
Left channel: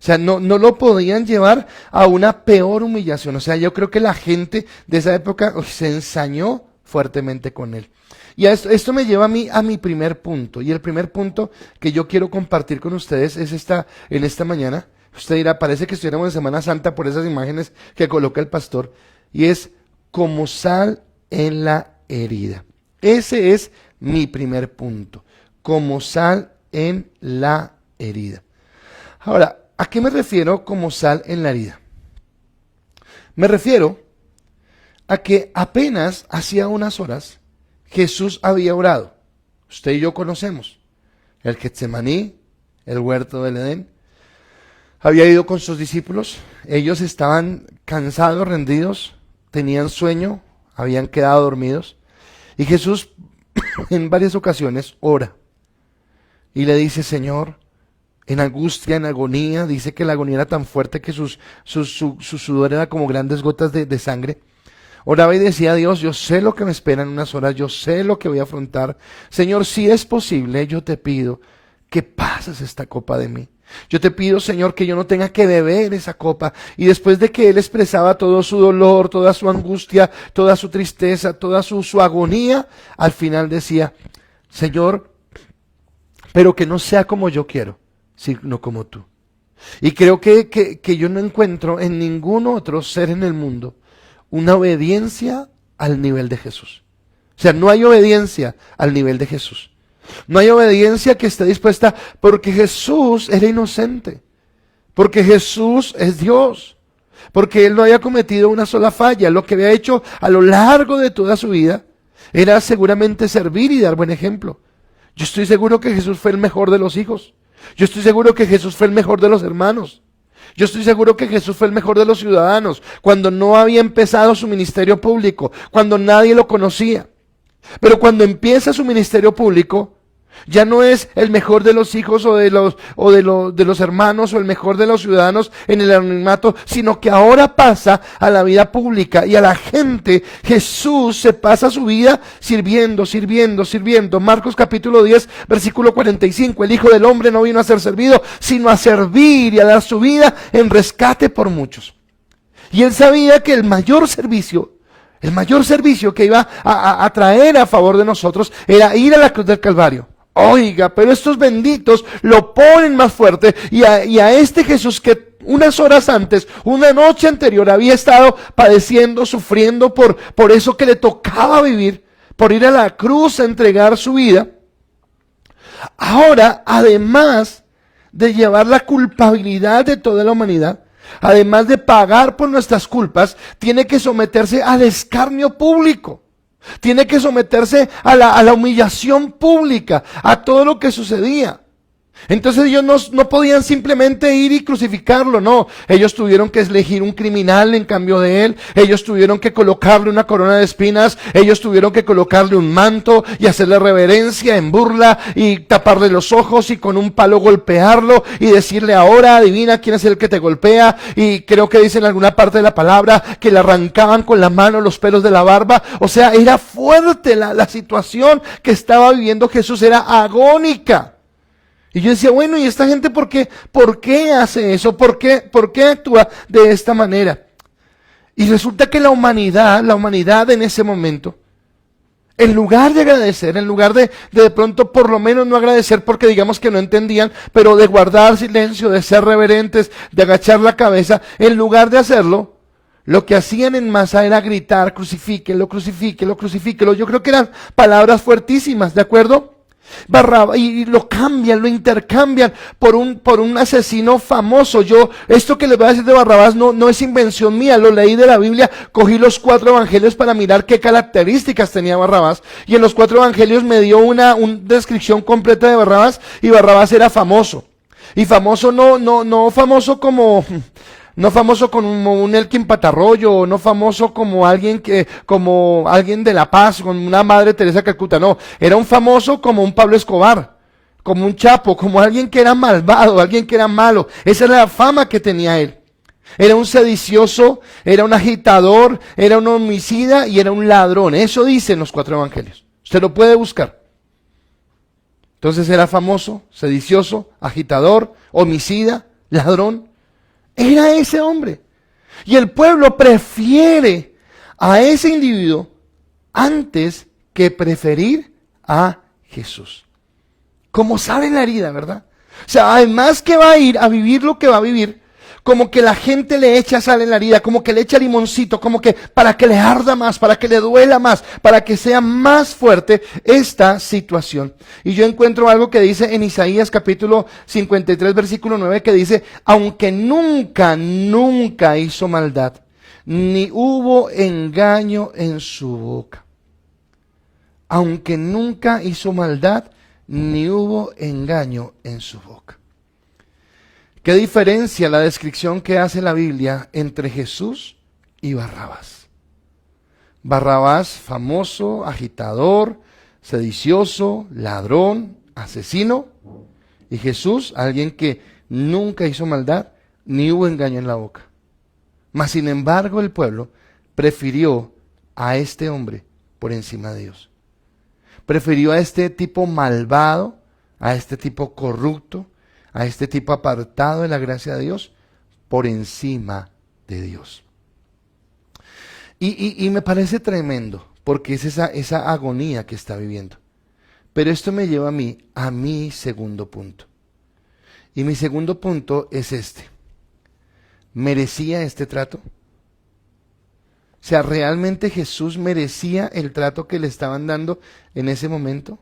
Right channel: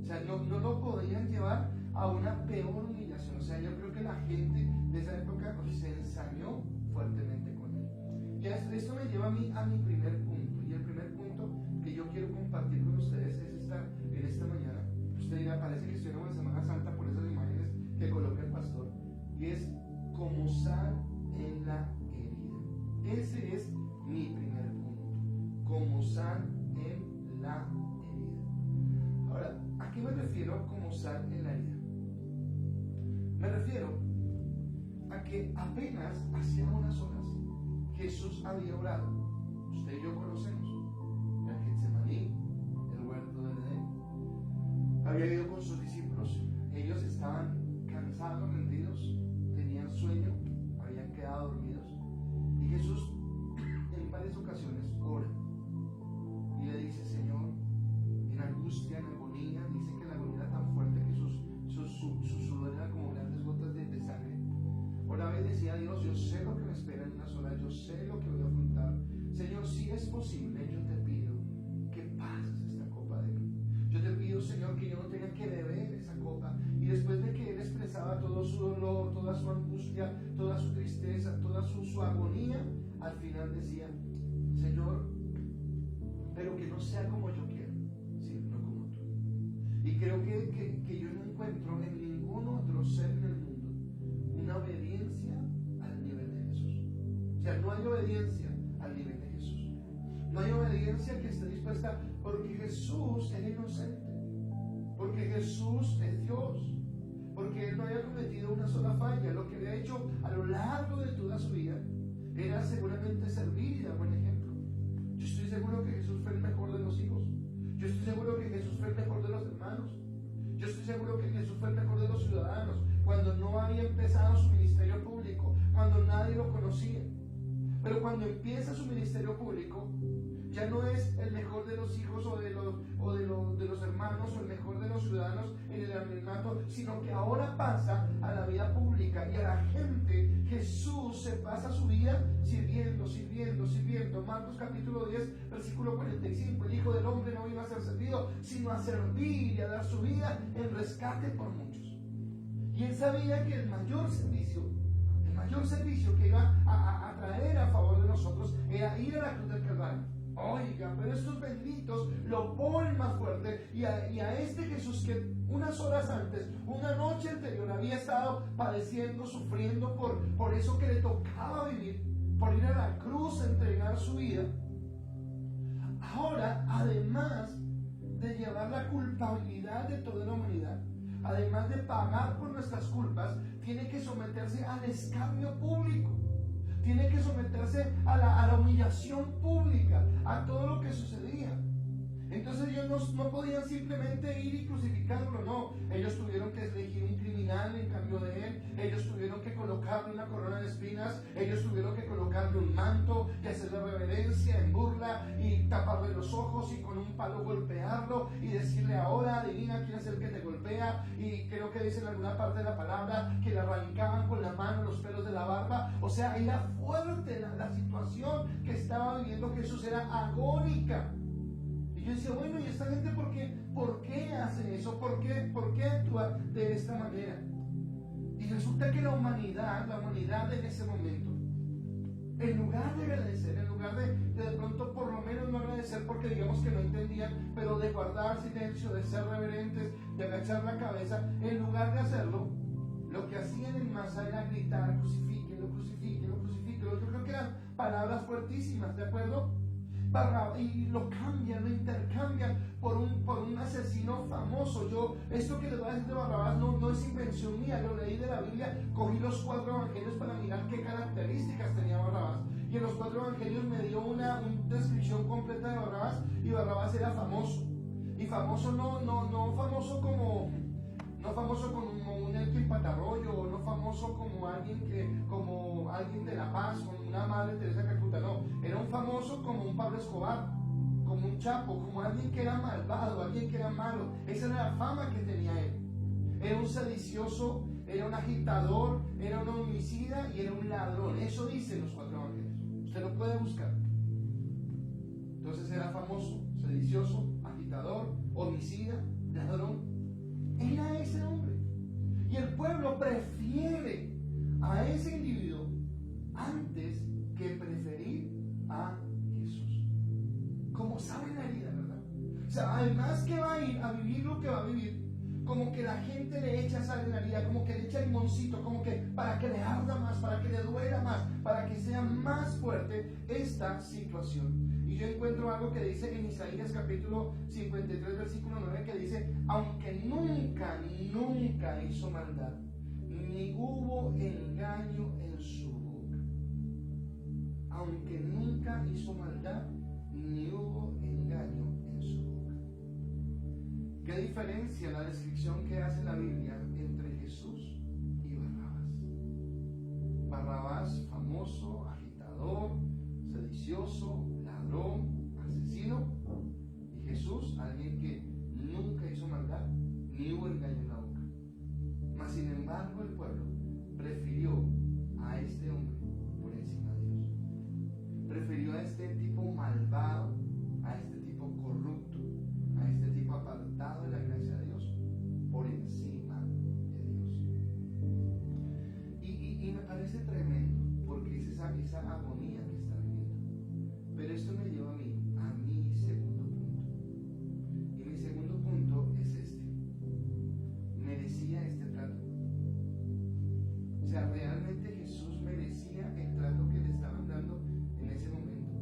O sea, no lo podían llevar a una peor humillación. O sea, yo creo que la gente de esa época se ensañó fuertemente con él. Y esto me lleva a mi primer punto. Y el primer punto que yo quiero compartir con ustedes es en esta mañana. Usted dirá, parece que estuviéramos en Semana Santa por esas imágenes que coloca el pastor. Y es como sal en la herida. Ese es mi primer punto. Como sal en la herida. Ahora, ¿a qué me refiero como sal en la herida? Me refiero a que apenas hacía unas horas Jesús había orado. Usted y yo conocemos el Getsemaní, el huerto del Edén. Había ido con sus discípulos. Ellos estaban cansados, rendidos, tenían sueño, habían quedado dormidos. Y Jesús en varias ocasiones ora y le dice, Señor, en angustia, en agonía, dice que la agonía era tan fuerte que su sudor era como grandes gotas de sangre. Oraba y decía a Dios, yo sé lo que me espera en unas horas, yo sé lo que voy a afrontar. Señor, si es posible, yo te pido que pases esta copa de mí. Yo te pido, Señor, que yo no tenga que beber esa copa. Y después de que él expresaba todo su dolor, toda su angustia, toda su tristeza, toda su agonía, al final decía, Señor, pero que no sea como yo quiero, sino como tú. Y creo que yo no encuentro en ningún otro ser en el mundo una obediencia al nivel de Jesús. O sea, no hay obediencia al nivel de Jesús. No hay obediencia que esté dispuesta, porque Jesús era inocente, porque Jesús es Dios, porque Él no había cometido una sola falla. Lo que había hecho a lo largo de toda su vida era seguramente servir y dar buen ejemplo. Yo estoy seguro que Jesús fue el mejor de los hijos. Yo estoy seguro que Jesús fue el mejor de los hermanos. Yo estoy seguro que Jesús fue el mejor de los ciudadanos, cuando no había empezado su ministerio público, cuando nadie lo conocía. Pero cuando empieza su ministerio público, ya no es el mejor de los hijos o de los hermanos o el mejor de los ciudadanos en el anonimato, sino que ahora pasa a la vida pública y a la gente. Jesús se pasa su vida sirviendo. Marcos capítulo 10, versículo 45, el Hijo del Hombre no vino a ser servido, sino a servir y a dar su vida en rescate por muchos. Y él sabía que el mayor servicio que iba a traer a favor de nosotros era ir a la cruz del Calvario. Oiga, pero estos benditos lo ponen más fuerte, y a este Jesús que unas horas antes, una noche anterior, había estado padeciendo, sufriendo por eso que le tocaba vivir, por ir a la cruz a entregar su vida, ahora, además de llevar la culpabilidad de toda la humanidad, además de pagar por nuestras culpas, tiene que someterse al escarnio público. Tiene que someterse a la humillación pública, a todo lo que sucedía. Entonces ellos no podían simplemente ir y crucificarlo, no. Ellos tuvieron que elegir un criminal en cambio de él. Ellos tuvieron que colocarle una corona de espinas. Ellos tuvieron que colocarle un manto y hacerle reverencia en burla y taparle los ojos y con un palo golpearlo y decirle: ahora adivina quién es el que te golpea. Y creo que dice en alguna parte de la palabra que le arrancaban con la mano los pelos de la barba. O sea, era fuerte la situación que estaba viviendo Jesús, era agónica. Y yo decía, bueno, ¿y esta gente por qué hace eso? ¿Por qué actúa de esta manera? Y resulta que la humanidad en ese momento, en lugar de agradecer, en lugar de pronto por lo menos no agradecer porque digamos que no entendían, pero de guardar silencio, de ser reverentes, de agachar la cabeza, en lugar de hacerlo, lo que hacían en masa era gritar: crucifíquelo, crucifíquelo, crucifíquelo. Yo creo que eran palabras fuertísimas, ¿de acuerdo? Barrabás, y lo cambian, lo intercambian por un asesino famoso. Esto que les voy a decir de Barrabás no es invención mía, lo leí de la Biblia, cogí los 4 evangelios para mirar qué características tenía Barrabás, y en los 4 evangelios me dio una descripción completa de Barrabás, y Barrabás era famoso, y famoso no famoso como... No famoso como un Elkin Patarroyo, no famoso como alguien de La Paz, como una Madre Teresa de Calcuta, no. Era un famoso como un Pablo Escobar, como un Chapo, como alguien que era malvado, alguien que era malo. Esa era la fama que tenía él. Era un sedicioso, era un agitador, era un homicida y era un ladrón. Eso dicen los 4 evangelios. Usted lo puede buscar. Entonces era famoso, sedicioso, agitador, homicida, ladrón. Era ese hombre. Y el pueblo prefiere a ese individuo antes que preferir a Jesús. Como sabe la herida, ¿verdad? O sea, además que va a ir a vivir lo que va a vivir, como que la gente le echa sal en la herida, como que le echa limoncito, como que para que le arda más, para que le duela más, para que sea más fuerte esta situación. Y yo encuentro algo que dice en Isaías capítulo 53 versículo 9, que dice: aunque nunca hizo maldad, ni hubo engaño en su boca. Aunque nunca hizo maldad, ni hubo engaño en su boca. ¿Qué diferencia la descripción que hace la Biblia entre Jesús y Barrabás? Barrabás, famoso, agitador, sedicioso, ladrón, asesino. Y Jesús, alguien que nunca hizo maldad, ni hubo engaño en la boca. Mas sin embargo el pueblo prefirió a este hombre por encima de Dios. Prefirió a este tipo malvado, a este tipo corrupto, a este tipo apartado de la gracia de Dios, por encima de Dios. Y me parece tremendo, porque es esa agonía que está viviendo. Pero esto me lleva a mi segundo punto. Y mi segundo punto es este: ¿merecía este trato? O sea, ¿realmente Jesús merecía el trato que le estaban dando en ese momento?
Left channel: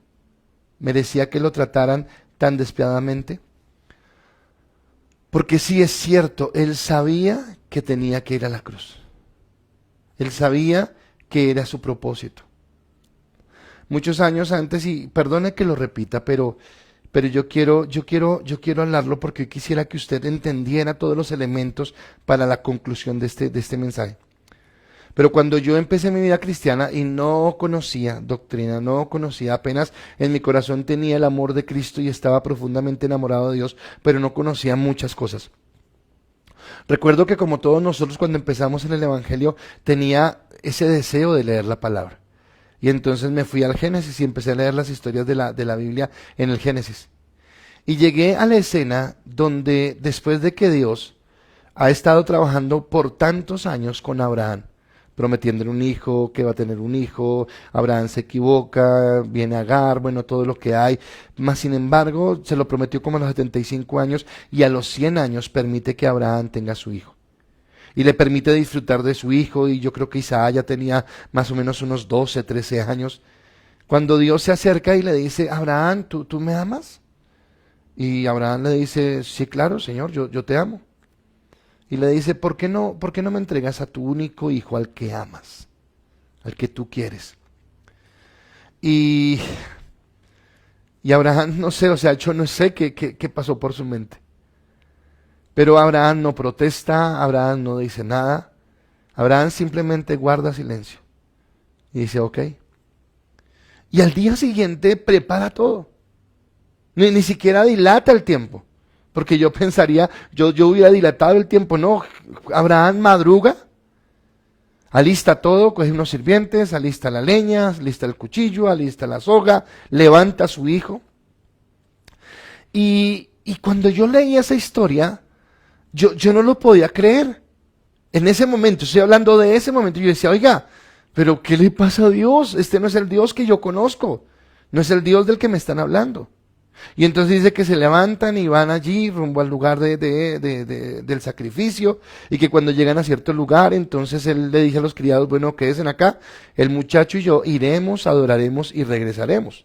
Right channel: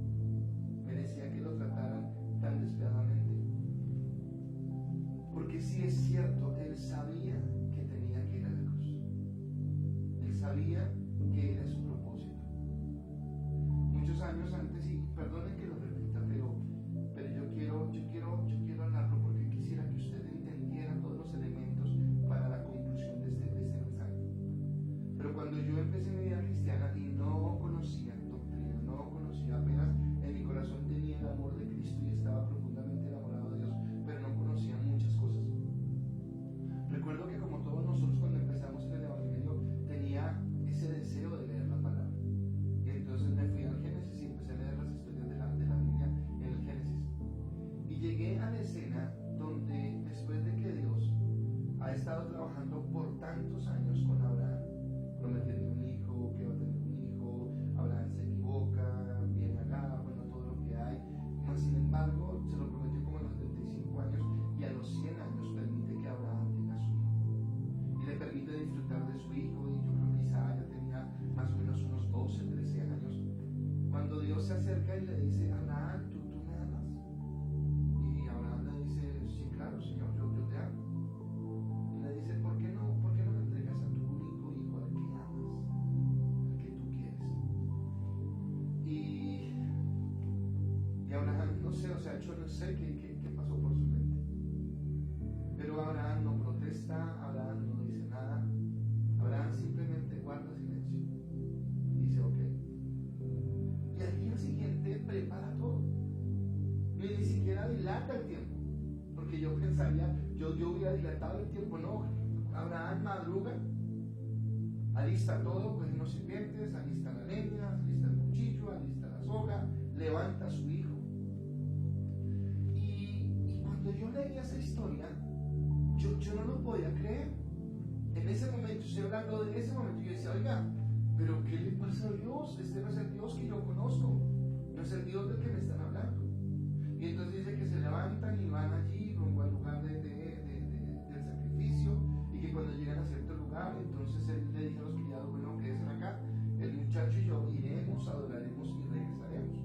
¿Merecía que lo trataran tan despiadadamente? Porque sí es cierto, él sabía que tenía que ir a la cruz. Él sabía que era su propósito. Muchos años antes, y perdone que lo repita, pero yo quiero hablarlo porque hoy quisiera que usted entendiera todos los elementos para la conclusión de este mensaje. Pero cuando yo empecé mi vida cristiana y no conocía doctrina, no conocía, apenas en mi corazón tenía el amor de Cristo y estaba profundamente enamorado de Dios, pero no conocía muchas cosas. Recuerdo que como todos nosotros cuando empezamos en el Evangelio tenía ese deseo de leer la palabra. Y entonces me fui al Génesis y empecé a leer las historias de la Biblia en el Génesis. Y llegué a la escena donde después de que Dios ha estado trabajando por tantos años con Abraham, prometiéndole un hijo, que va a tener un hijo, Abraham se equivoca, viene Agar, bueno, todo lo que hay, mas sin embargo se lo prometió como a los 75 años y a los 100 años permite que Abraham tenga su hijo. Y le permite disfrutar de su hijo, y yo creo que Isaac ya tenía más o menos unos 12, 13 años, Cuando Dios se acerca y le dice, Abraham, ¿tú me amas? Y Abraham le dice, sí, claro, Señor, yo te amo. Y le dice, ¿por qué no me entregas a tu único hijo al que amas, al que tú quieres? Y Abraham, no sé, o sea, yo no sé qué pasó por su mente. Pero Abraham no protesta, Abraham no dice nada. Abraham simplemente guarda silencio. Y dice, ok. Y al día siguiente prepara todo. Ni siquiera dilata el tiempo. Porque yo pensaría, yo hubiera dilatado el tiempo. No, Abraham madruga, alista todo, coge unos sirvientes, alista la leña, alista el cuchillo, alista la soga, levanta a su hijo. Y cuando yo leí esa historia, yo no lo podía creer. En ese momento, estoy hablando de ese momento, yo decía, oiga, pero ¿qué le pasa a Dios? Este no es el Dios que yo conozco, no es el Dios del que me están hablando. Y entonces dice que se levantan y van allí rumbo al lugar del sacrificio, y que cuando llegan a cierto lugar, entonces él le dice a los criados, bueno, quédense acá, el muchacho y yo iremos, adoraremos y regresaremos.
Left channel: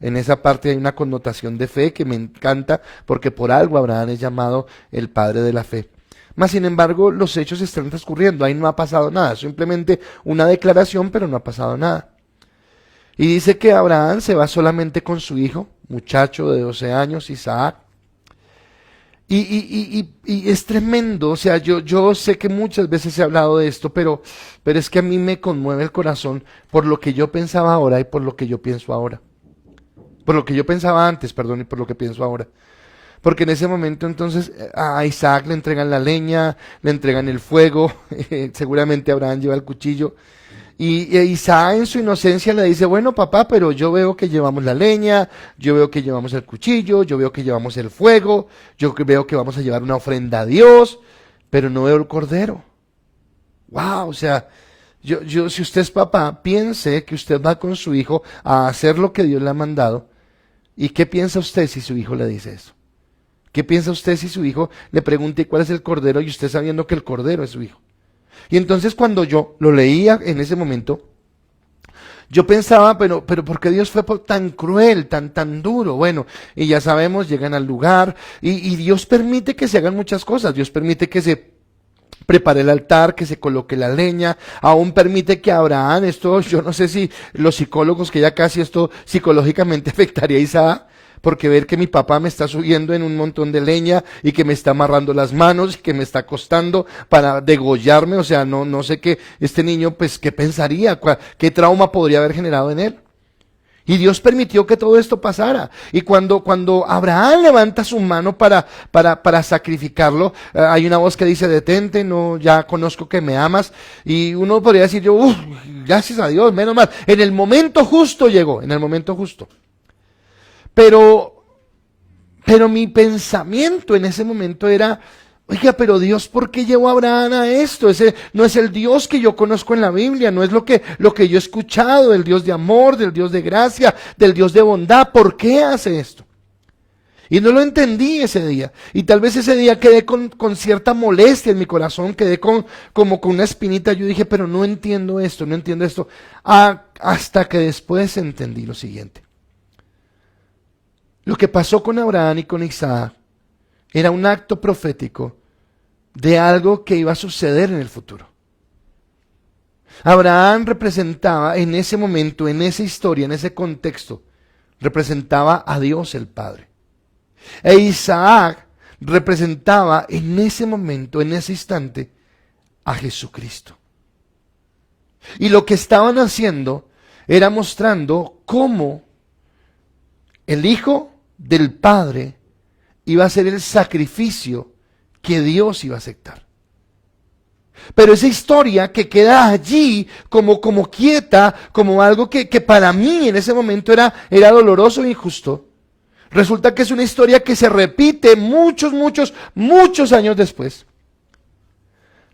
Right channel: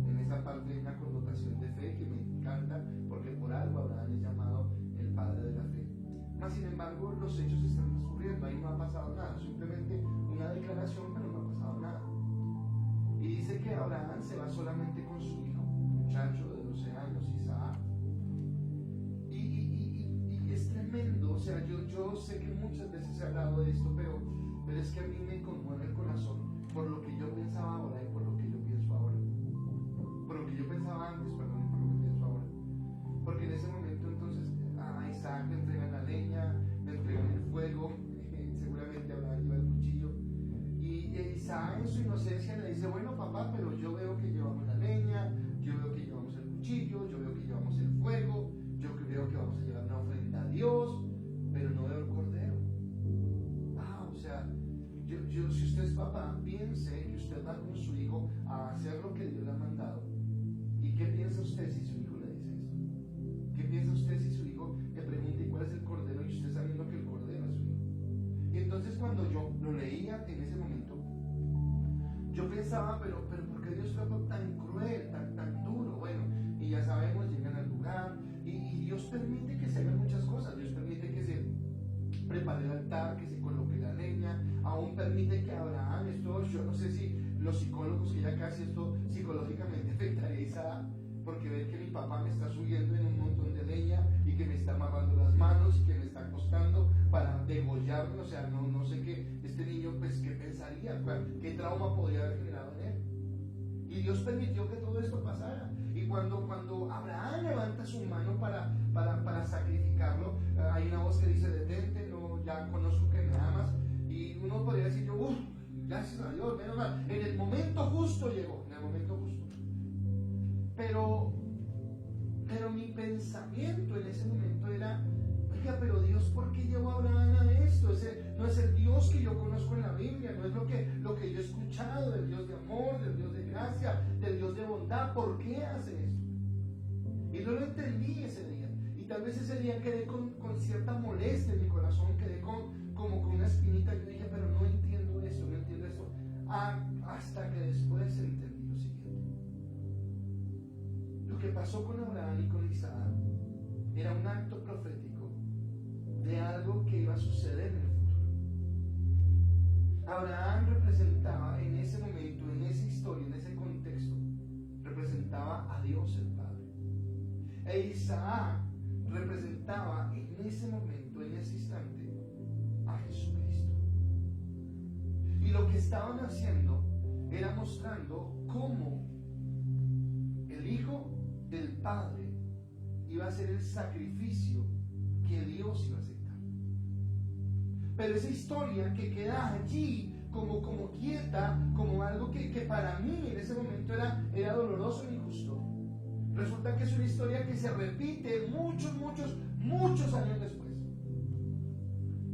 En esa parte hay una connotación de fe que me encanta, porque por algo Abraham es llamado el padre de la fe. Mas sin embargo, los hechos están transcurriendo, ahí no ha pasado nada, simplemente una declaración, pero no ha pasado nada. Y dice que Abraham se va solamente con su hijo, muchacho de 12 años, Isaac. Y es tremendo, o sea, yo sé que muchas veces he hablado de esto, pero es que a mí me conmueve el corazón por lo que yo pensaba ahora y por lo que yo pienso ahora. Por lo que yo pensaba antes, perdón, y por lo que pienso ahora. Porque en ese momento entonces a Isaac le entregan la leña, le entregan el fuego, seguramente Abraham lleva el cuchillo. Y Isaac en su inocencia le dice, bueno papá, pero yo veo que llevamos la leña, yo veo que llevamos el cuchillo, yo veo que llevamos el fuego, yo veo que vamos a llevar una ofrenda a Dios, pero no veo el cordero. Wow, o sea, si usted es papá, piense que usted va con su hijo a hacer lo que Dios le ha mandado. ¿Y qué piensa usted si su hijo le dice eso? ¿Qué piensa usted si su hijo le pregunta cuál es el cordero y usted sabiendo que el cordero es su hijo? Y entonces cuando yo lo leía en ese momento, yo pensaba, pero ¿por qué Dios fue tan cruel, tan duro? Bueno, y ya sabemos, llegan al lugar y Dios permite que se hagan muchas cosas. Dios permite que se prepare el altar, que se coloque la leña, aún permite que Abraham, esto yo no sé si los psicólogos, que ya casi esto psicológicamente afectaría a Isaac, porque ver que mi papá me está subiendo en un montón de leña y que me está amarrando las manos y que me está acostando para degollarme, o sea, no sé qué, este niño pues qué pensaría, qué trauma podría haber generado en él. Y Dios permitió que todo esto pasara. Y cuando Abraham levanta su mano para sacrificarlo, hay una voz que dice, detente, no, ya conozco que me amas. Y uno podría decir, gracias a Dios, menos mal. En el momento justo llegó, en el momento justo. Pero mi pensamiento en ese momento era, oiga, pero Dios, ¿por qué llevó a Abraham a esto? Ese no es el Dios que yo conozco en la Biblia, no es lo que yo he escuchado, del Dios de amor, del Dios de gracia, del Dios de bondad. ¿Por qué hace esto? Y no lo entendí ese día. Y tal vez ese día quedé con cierta molestia en mi corazón, quedé como con una espinita. Yo dije, pero no entiendo esto, no entiendo esto. Hasta que después entendí lo siguiente. Lo que pasó con Abraham y con Isaac era un acto profético de algo que iba a suceder en el futuro. Abraham representaba en ese momento, en esa historia, en ese contexto, representaba a Dios el Padre. E Isaac representaba en ese momento, en ese instante, a Jesucristo. Y lo que estaban haciendo era mostrando cómo el Hijo del Padre iba a ser el sacrificio que Dios iba a aceptar. Pero esa historia que queda allí como quieta, como algo que para mí en ese momento era doloroso e injusto, resulta que es una historia que se repite muchos años después.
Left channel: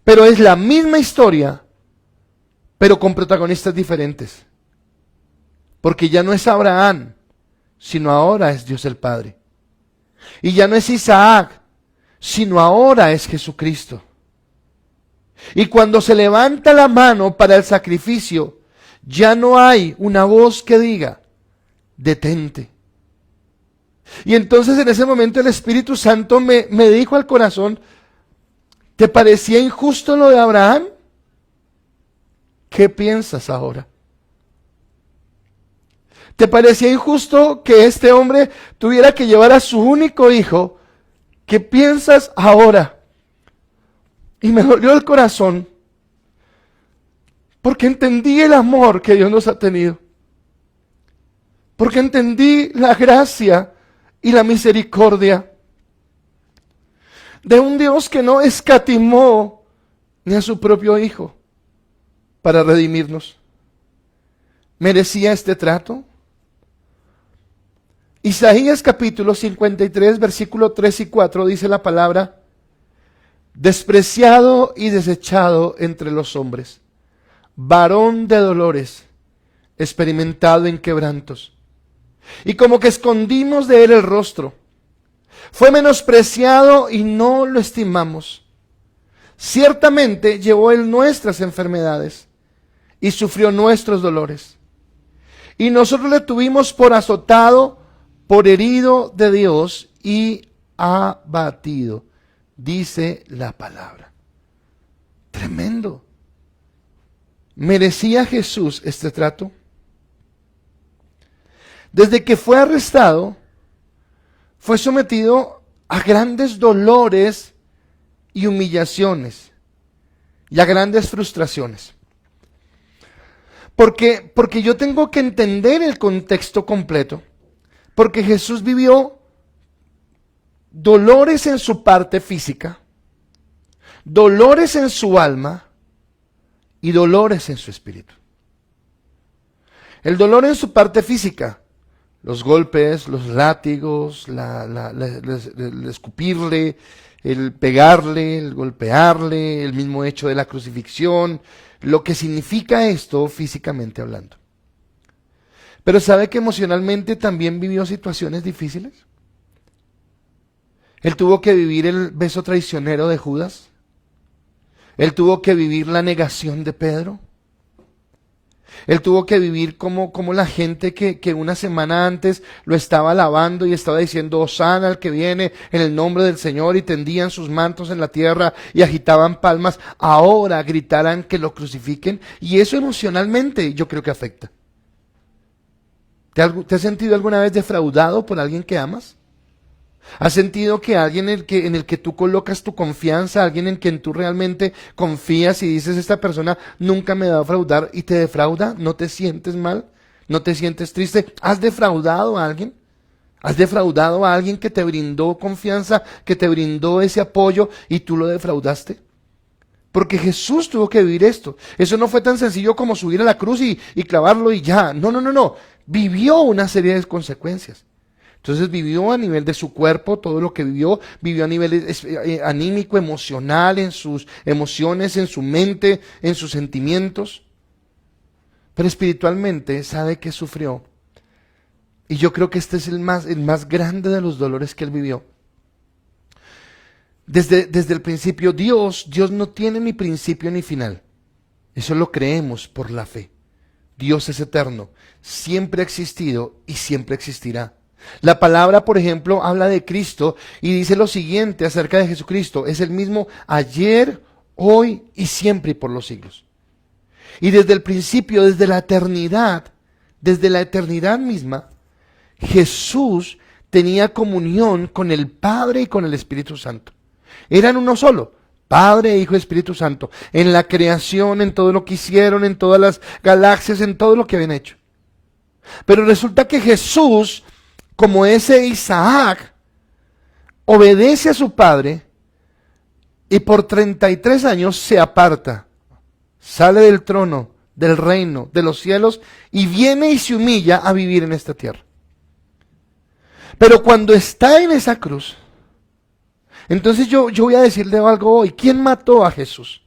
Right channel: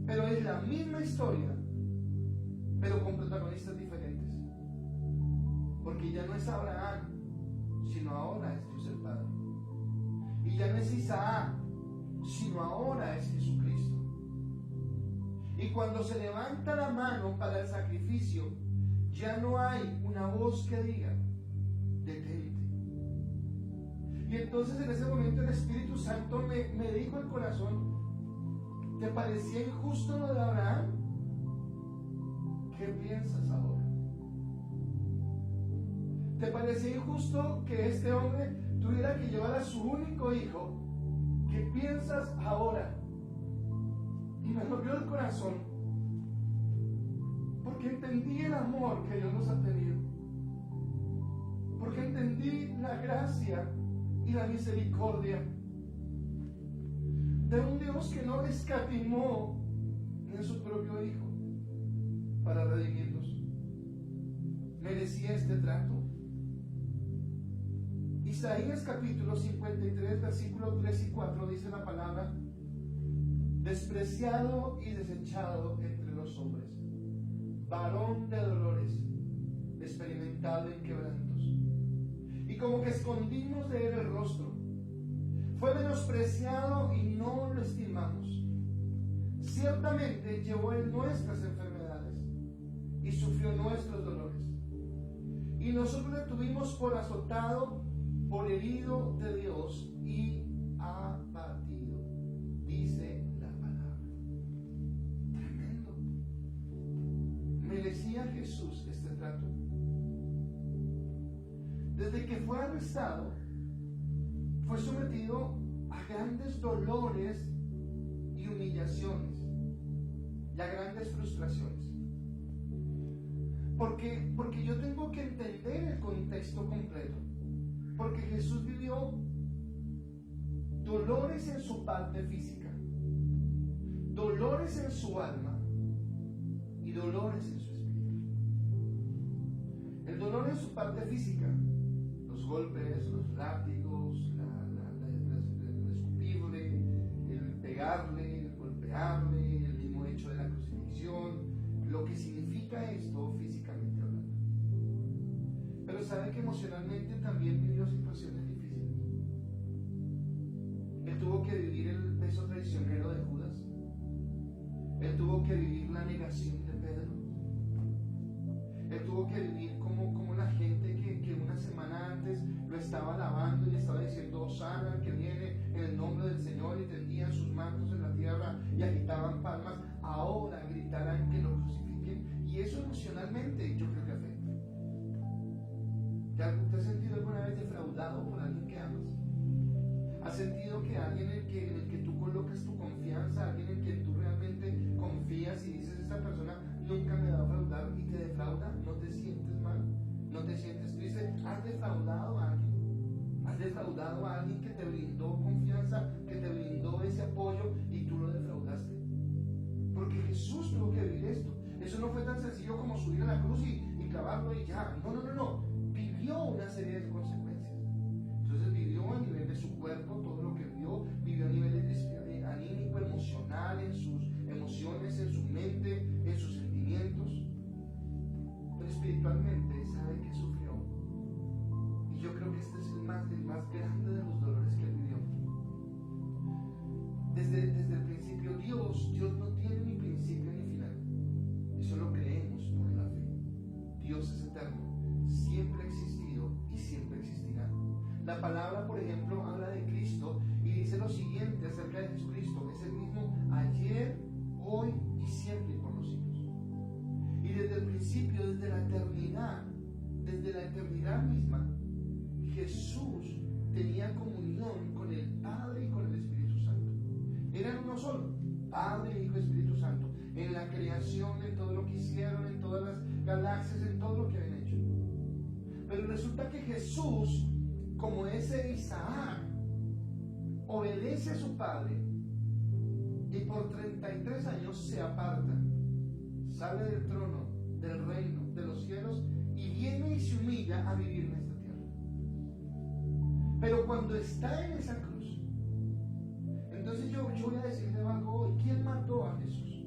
Pero es la misma historia, pero con protagonistas diferentes. Porque ya no es Abraham, sino ahora es Dios el Padre. Y ya no es Isaac, sino ahora es Jesucristo. Y cuando se levanta la mano para el sacrificio, ya no hay una voz que diga, detente. Y entonces en ese momento el Espíritu Santo me dijo al corazón: ¿te parecía injusto lo de Abraham? ¿Qué piensas ahora? ¿Te parecía injusto que este hombre tuviera que llevar a su único hijo? ¿Qué piensas ahora? Y me dolió el corazón, porque entendí el amor que Dios nos ha tenido, porque entendí la gracia y la misericordia de un Dios que no escatimó ni a su propio hijo para redimirnos. ¿Merecía este trato? Isaías capítulo 53, versículo 3 y 4 dice la palabra: despreciado y desechado entre los hombres, varón de dolores, experimentado en quebrantos, y como que escondimos de él el rostro. Fue menospreciado y no lo estimamos. Ciertamente llevó él nuestras enfermedades y sufrió nuestros dolores. Y nosotros le tuvimos por azotado, por herido de Dios y abatido, dice la palabra. Tremendo. ¿Merecía Jesús este trato? Desde que fue arrestado, fue sometido a grandes dolores y humillaciones y a grandes frustraciones. Porque yo tengo que entender el contexto completo. Porque Jesús vivió dolores en su parte física, dolores en su alma y dolores en su espíritu. El dolor en su parte física: los golpes, los látigos, el escupirle, el pegarle, el golpearle, el mismo hecho de la crucifixión, lo que significa esto físicamente hablando. Pero ¿sabe que emocionalmente también vivió situaciones difíciles? Él tuvo que vivir el beso traicionero de Judas. Él tuvo que vivir la negación de Pedro. Él tuvo que vivir como la gente que una semana antes lo estaba alabando y estaba diciendo: Hosana al que viene en el nombre del Señor, y tendían sus mantos en la tierra y agitaban palmas, ahora gritaran que lo crucifiquen. Y eso emocionalmente yo creo que afecta. ¿Te has sentido alguna vez defraudado por alguien que amas? ¿Has sentido que alguien en el que tú colocas tu confianza, alguien en quien tú realmente confías y dices: esta persona nunca me va a defraudar, y te defrauda? ¿No te sientes mal? ¿No te sientes triste? ¿Has defraudado a alguien? ¿Has defraudado a alguien que te brindó confianza, que te brindó ese apoyo y tú lo defraudaste? Porque Jesús tuvo que vivir esto. Eso no fue tan sencillo como subir a la cruz y clavarlo y ya. No. Vivió una serie de consecuencias. Entonces vivió a nivel de su cuerpo todo lo que vivió a nivel anímico, emocional, en sus emociones, en su mente, en sus sentimientos. Pero espiritualmente sabe que sufrió. Y yo creo que este es el más grande de los dolores que él vivió. Desde el principio, Dios no tiene ni principio ni final. Eso lo creemos por la fe. Dios es eterno, siempre ha existido y siempre existirá. La palabra, por ejemplo, habla de Cristo y dice lo siguiente acerca de Jesucristo: es el mismo ayer, hoy y siempre y por los siglos. Y desde el principio, desde la eternidad misma, Jesús tenía comunión con el Padre y con el Espíritu Santo. Eran uno solo, Padre, Hijo y Espíritu Santo, en la creación, en todo lo que hicieron, en todas las galaxias, en todo lo que habían hecho. Pero resulta que Jesús, como ese Isaac, obedece a su padre y por 33 años se aparta, sale del trono, del reino, de los cielos, y viene y se humilla a vivir en esta tierra. Pero cuando está en esa cruz, entonces yo voy a decirle algo hoy: ¿quién mató a Jesús?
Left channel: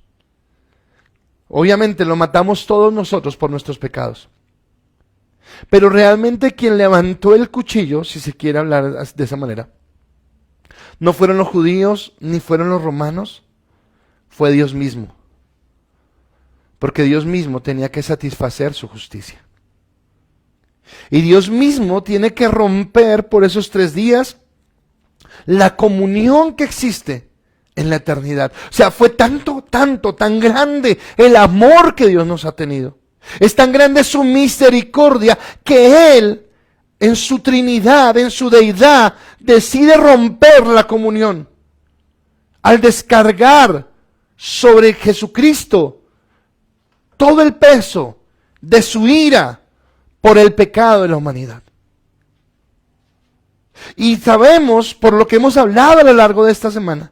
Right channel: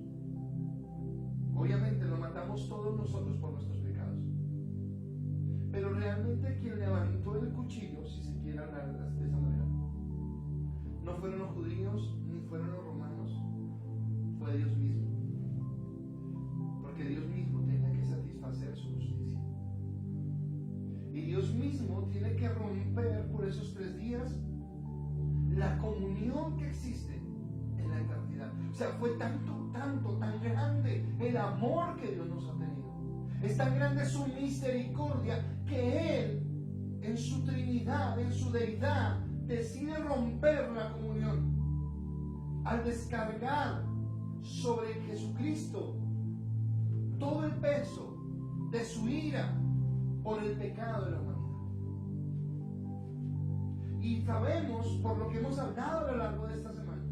Obviamente lo matamos todos nosotros por nuestros pecados. Pero realmente quien levantó el cuchillo, si se quiere hablar de esa manera, no fueron los judíos ni fueron los romanos, fue Dios mismo. Porque Dios mismo tenía que satisfacer su justicia. Y Dios mismo tiene que romper por esos 3 días la comunión que existe en la eternidad. O sea, fue tan grande el amor que Dios nos ha tenido. Es tan grande su misericordia que Él, en su Trinidad, en su deidad, decide romper la comunión al descargar sobre Jesucristo todo el peso de su ira por el pecado de la humanidad. Y sabemos, por lo que hemos hablado a lo largo de esta semana,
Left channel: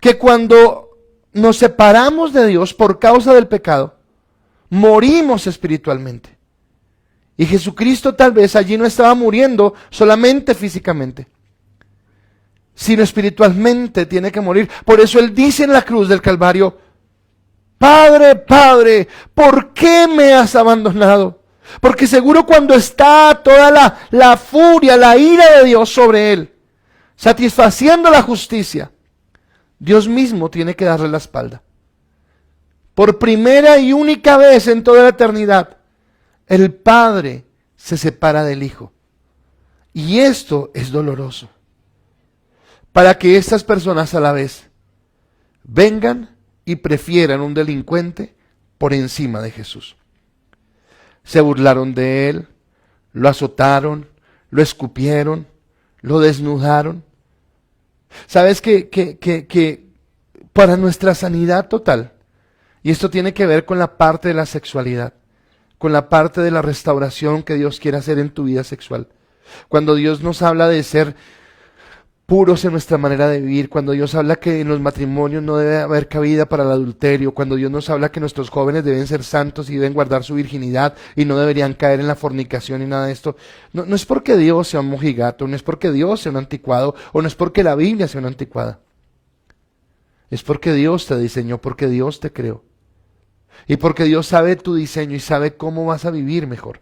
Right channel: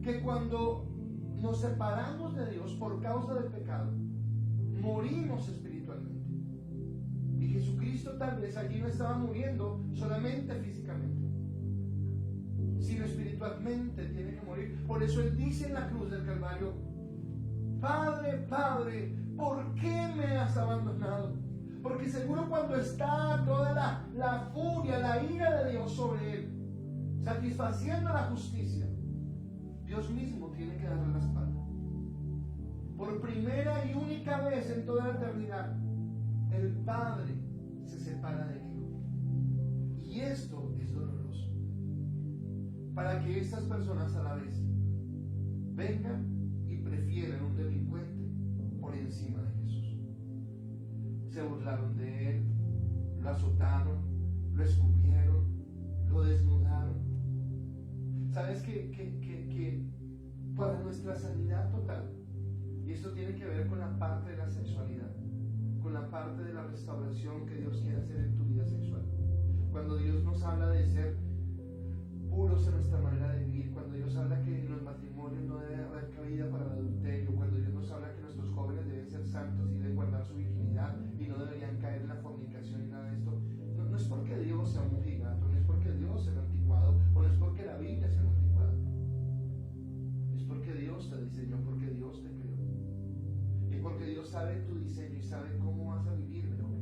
que cuando nos separamos de Dios por causa del pecado, morimos espiritualmente. Y Jesucristo tal vez allí no estaba muriendo solamente físicamente, sino espiritualmente tiene que morir. Por eso Él dice en la cruz del Calvario: Padre, Padre, ¿por qué me has abandonado? Porque seguro cuando está toda la furia, la ira de Dios sobre Él, satisfaciendo la justicia, Dios mismo tiene que darle la espalda. Por primera y única vez en toda la eternidad, el Padre se separa del Hijo. Y esto es doloroso, para que estas personas a la vez vengan y prefieran un delincuente por encima de Jesús. Se burlaron de Él, lo azotaron, lo escupieron, lo desnudaron. ¿Sabes que para nuestra sanidad total, y esto tiene que ver con la parte de la sexualidad, con la parte de la restauración que Dios quiere hacer en tu vida sexual, cuando Dios nos habla de ser puros en nuestra manera de vivir, cuando Dios habla que en los matrimonios no debe haber cabida para el adulterio, cuando Dios nos habla que nuestros jóvenes deben ser santos y deben guardar su virginidad y no deberían caer en la fornicación y nada de esto, no es porque Dios sea un mojigato, no es porque Dios sea un anticuado, o no es porque la Biblia sea una anticuada. Es porque Dios te diseñó, porque Dios te creó, y porque Dios sabe tu diseño y sabe cómo vas a vivir mejor.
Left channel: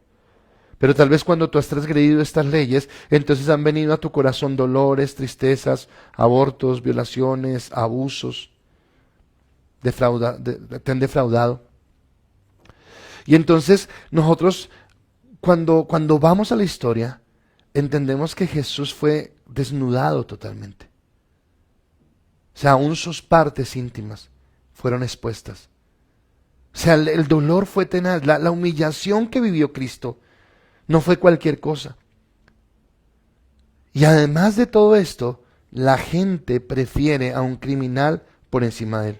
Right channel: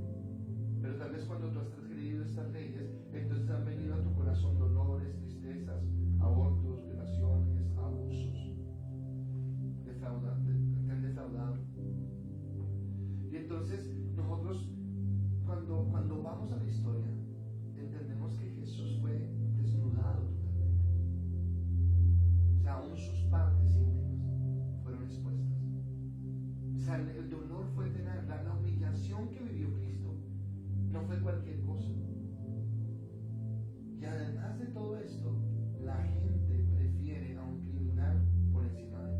Pero tal vez cuando tú has transgredido estas leyes, entonces han venido a tu corazón dolores, tristezas, abortos, violaciones, abusos, te han defraudado. Y entonces nosotros, cuando vamos a la historia, entendemos que Jesús fue desnudado totalmente. O sea, aún sus partes íntimas fueron expuestas. O sea, el dolor fue tenaz, la humillación que vivió Cristo no fue cualquier cosa. Y además de todo esto, la gente prefiere a un criminal por encima de él.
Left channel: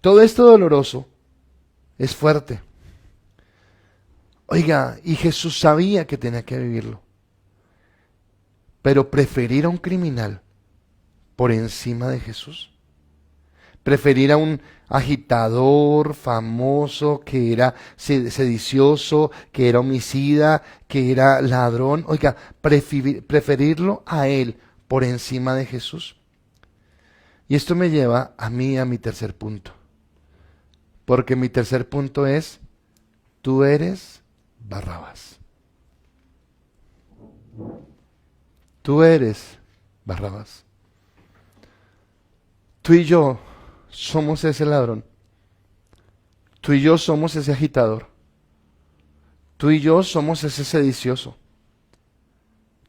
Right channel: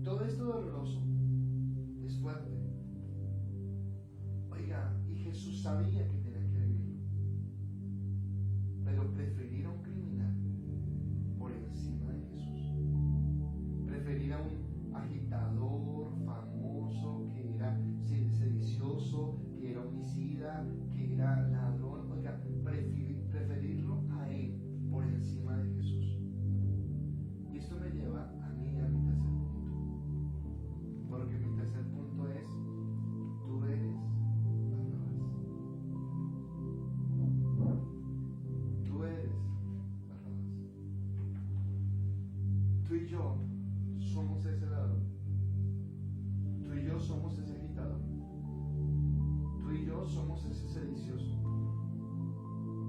Todo esto doloroso es fuerte. Oiga, y Jesús sabía que tenía que vivirlo. Pero preferir a un criminal por encima de Jesús, preferir a un agitador famoso que era sedicioso, que era homicida, que era ladrón, oiga, preferirlo a él por encima de Jesús. Y esto me lleva a mí a mi tercer punto, porque mi tercer punto es: tú eres Barrabás. Tú eres Barrabás. Tú y yo somos ese ladrón. Tú y yo somos ese agitador. Tú y yo somos ese sedicioso.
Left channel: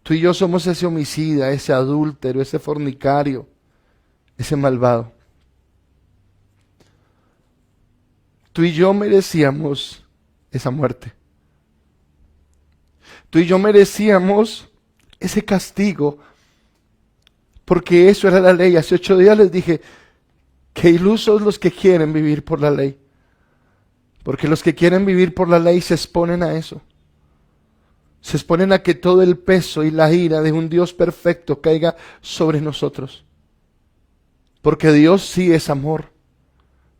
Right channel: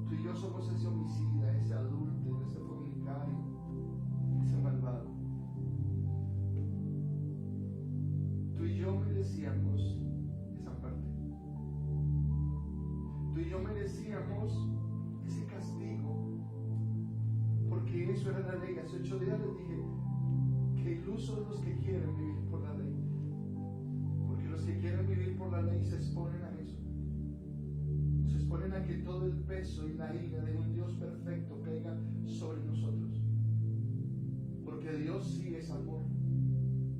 Tú y yo somos ese homicida, ese adúltero, ese fornicario, ese malvado. Tú y yo merecíamos esa muerte. Tú y yo merecíamos ese castigo, porque eso era la ley. Hace 8 días les dije: qué ilusos los que quieren vivir por la ley, porque los que quieren vivir por la ley se exponen a eso, se exponen a que todo el peso y la ira de un Dios perfecto caiga sobre nosotros, porque Dios sí es amor,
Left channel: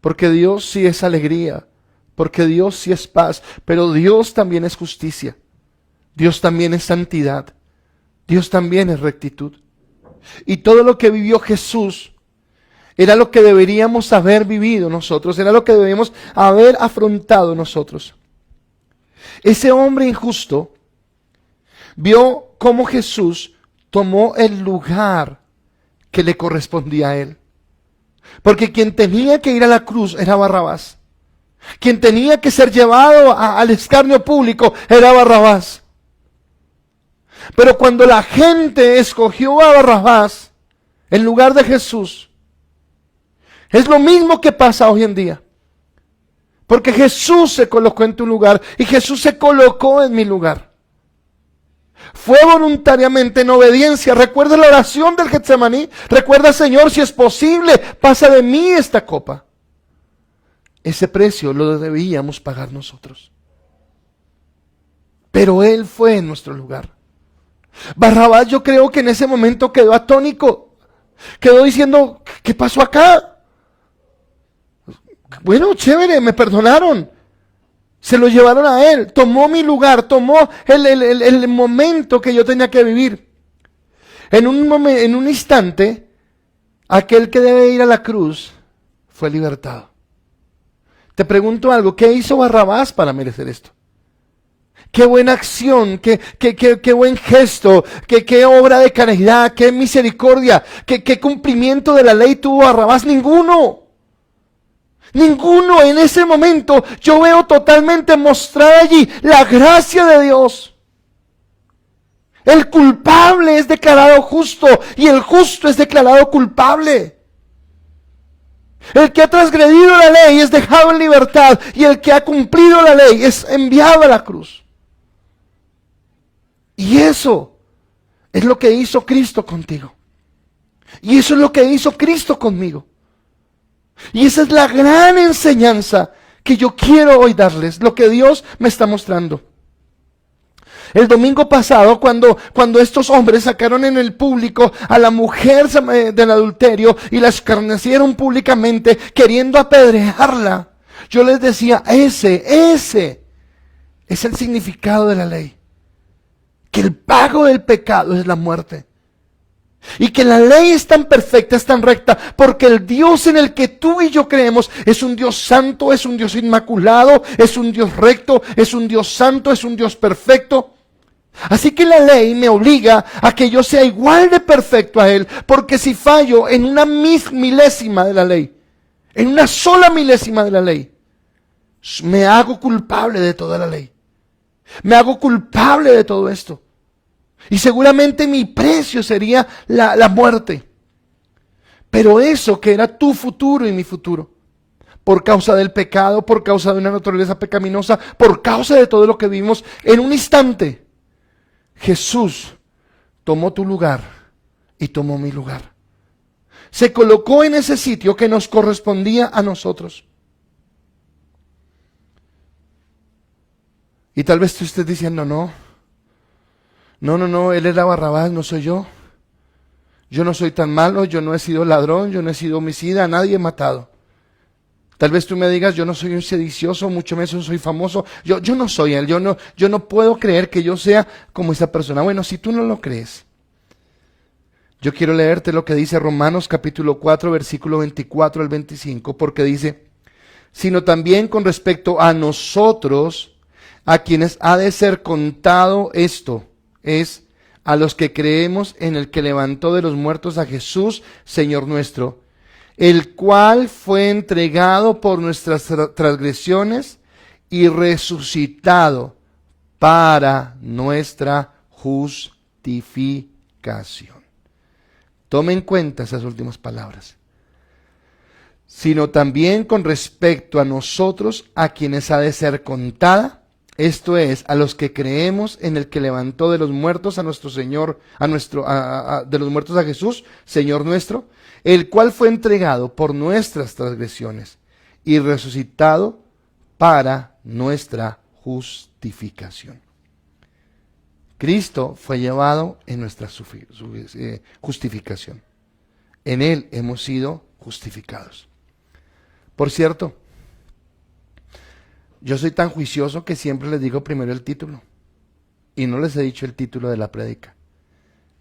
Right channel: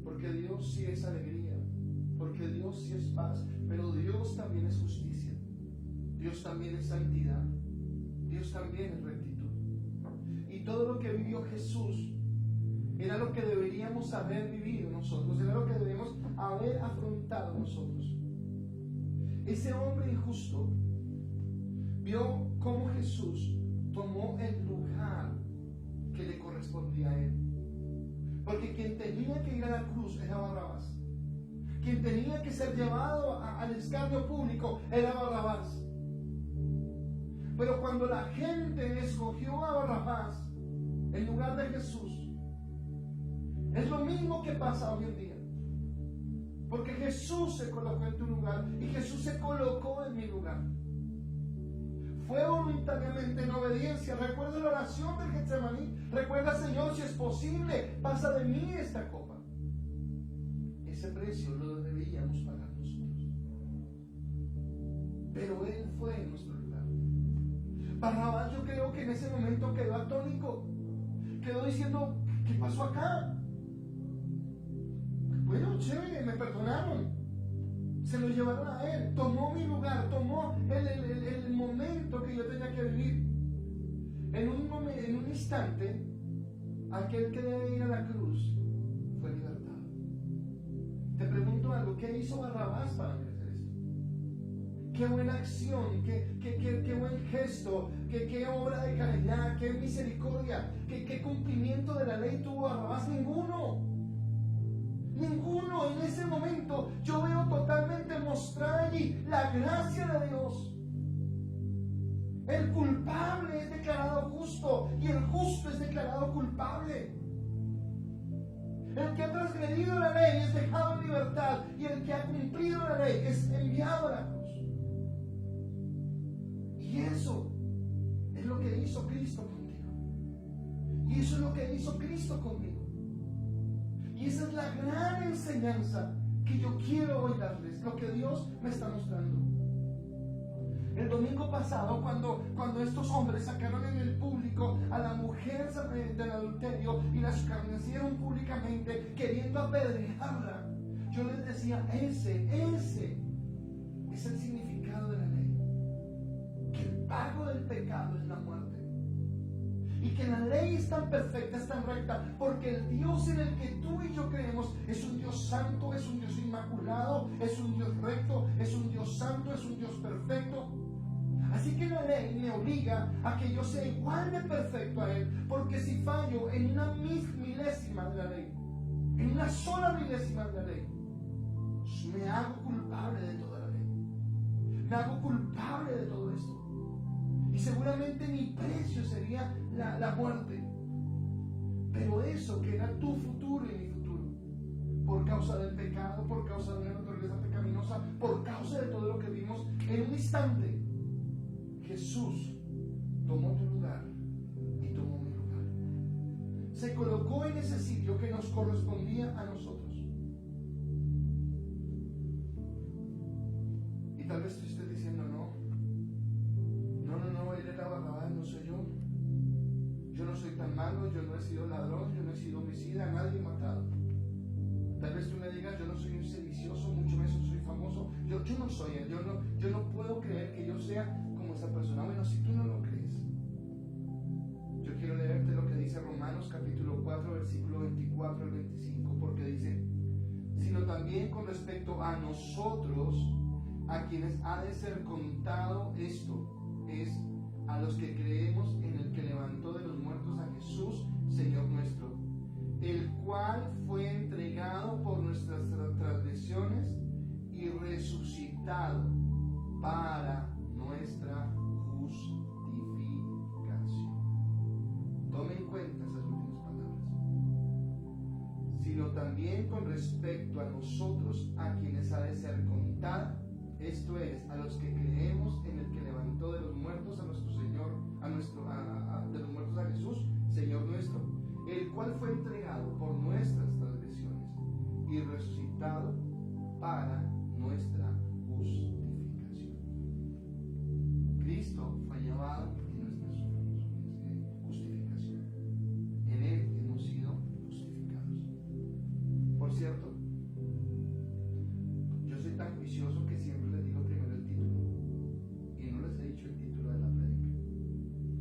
porque Dios sí es alegría, porque Dios sí es paz, pero Dios también es justicia, Dios también es santidad, Dios también es rectitud. Y todo lo que vivió Jesús era lo que deberíamos haber vivido nosotros, era lo que debíamos haber afrontado nosotros. Ese hombre injusto vio cómo Jesús tomó el lugar que le correspondía a él, porque quien tenía que ir a la cruz era Barrabás. Quien tenía que ser llevado al escarnio público era Barrabás. Pero cuando la gente escogió a Barrabás en lugar de Jesús, es lo mismo que pasa hoy en día. Porque Jesús se colocó en tu lugar y Jesús se colocó en mi lugar. Fue voluntariamente en obediencia. Recuerda la oración del Getsemaní. Recuerda, Señor, si es posible, pasa de mí esta copa. Ese precio lo debíamos pagar nosotros. Pero Él fue en nuestro lugar. Barrabás, yo creo que en ese momento quedó atónico. Quedó diciendo, ¿qué pasó acá? Bueno, chévere, me perdonaron. Se lo llevaron a él, tomó mi lugar, tomó el momento que yo tenía que vivir. En un instante, aquel que debe ir a la cruz fue libertado. Te pregunto algo, ¿qué hizo Barrabás para merecer esto? Qué buena acción, qué buen gesto, qué obra de caridad, qué misericordia, qué cumplimiento de la ley tuvo Barrabás. Ninguno. En ese momento yo veo totalmente mostrada allí la gracia de Dios. El culpable es declarado justo y el justo es declarado culpable. El que ha transgredido la ley es dejado en libertad y el que ha cumplido la ley es enviado a la cruz. Y eso es lo que hizo Cristo contigo. Y eso es lo que hizo Cristo conmigo. Y esa es la gran enseñanza que yo quiero hoy darles, lo que Dios me está mostrando. El domingo pasado, cuando estos hombres sacaron en el público a la mujer del adulterio y la escarnecieron públicamente, queriendo apedrearla, yo les decía, ese es el significado de la ley. Que el pago del pecado es la muerte. Y que la ley es tan perfecta, es tan recta, porque el Dios en el que tú y yo creemos es un Dios santo, es un Dios inmaculado, es un Dios recto, es un Dios santo, es un Dios perfecto. Así que la ley me obliga a que yo sea igual de perfecto a Él, porque si fallo en una milésima de la ley, en una sola milésima de la ley, me hago culpable de toda la ley. Me hago culpable de todo esto. Y seguramente mi precio sería la muerte. Pero eso que era tu futuro y mi futuro, por causa del pecado, por causa de una naturaleza pecaminosa, por causa de todo lo que vivimos, en un instante, Jesús tomó tu lugar y tomó mi lugar. Se colocó en ese sitio que nos correspondía a nosotros. Y tal vez tú estés diciendo, no, él era Barrabás, no soy yo. Yo no soy tan malo, yo no he sido ladrón, yo no he sido homicida, a nadie he matado. Tal vez tú me digas, yo no soy un sedicioso, mucho menos soy famoso. Yo no soy él, yo no puedo creer que yo sea como esa persona. Bueno, si tú no lo crees, yo quiero leerte lo que dice Romanos capítulo 4, versículo 24 al 25, porque dice, sino también con respecto a nosotros, a quienes ha de ser contado esto, es a los que creemos en el que levantó de los muertos a Jesús, Señor nuestro, el cual fue entregado por nuestras transgresiones y resucitado para nuestra justificación. Tome en cuenta esas últimas palabras. Sino también con respecto a nosotros, a quienes ha de ser contada, esto es, a los que creemos en el que levantó de los muertos a nuestro Señor, de los muertos a Jesús, Señor nuestro, el cual fue entregado por nuestras transgresiones y resucitado para nuestra justificación. Cristo fue llevado en nuestra justificación. En Él hemos sido justificados. Por cierto, yo soy tan juicioso que siempre les digo primero el título y no les he dicho el título de la prédica.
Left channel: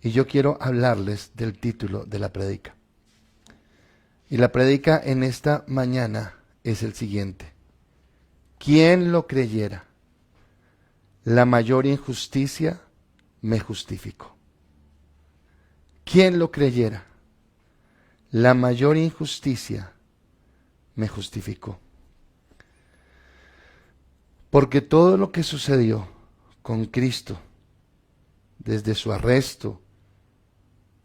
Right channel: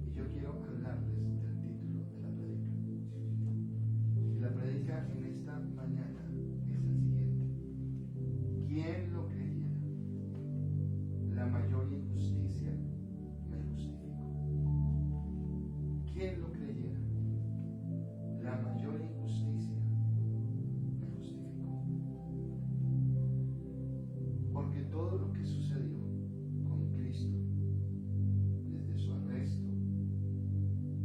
Y yo quiero hablarles del título de la prédica. Y la prédica en esta mañana es el siguiente: ¿quién lo creyera? La mayor injusticia me justificó. ¿Quién lo creyera? La mayor injusticia me justificó. Porque todo lo que sucedió con Cristo, desde su arresto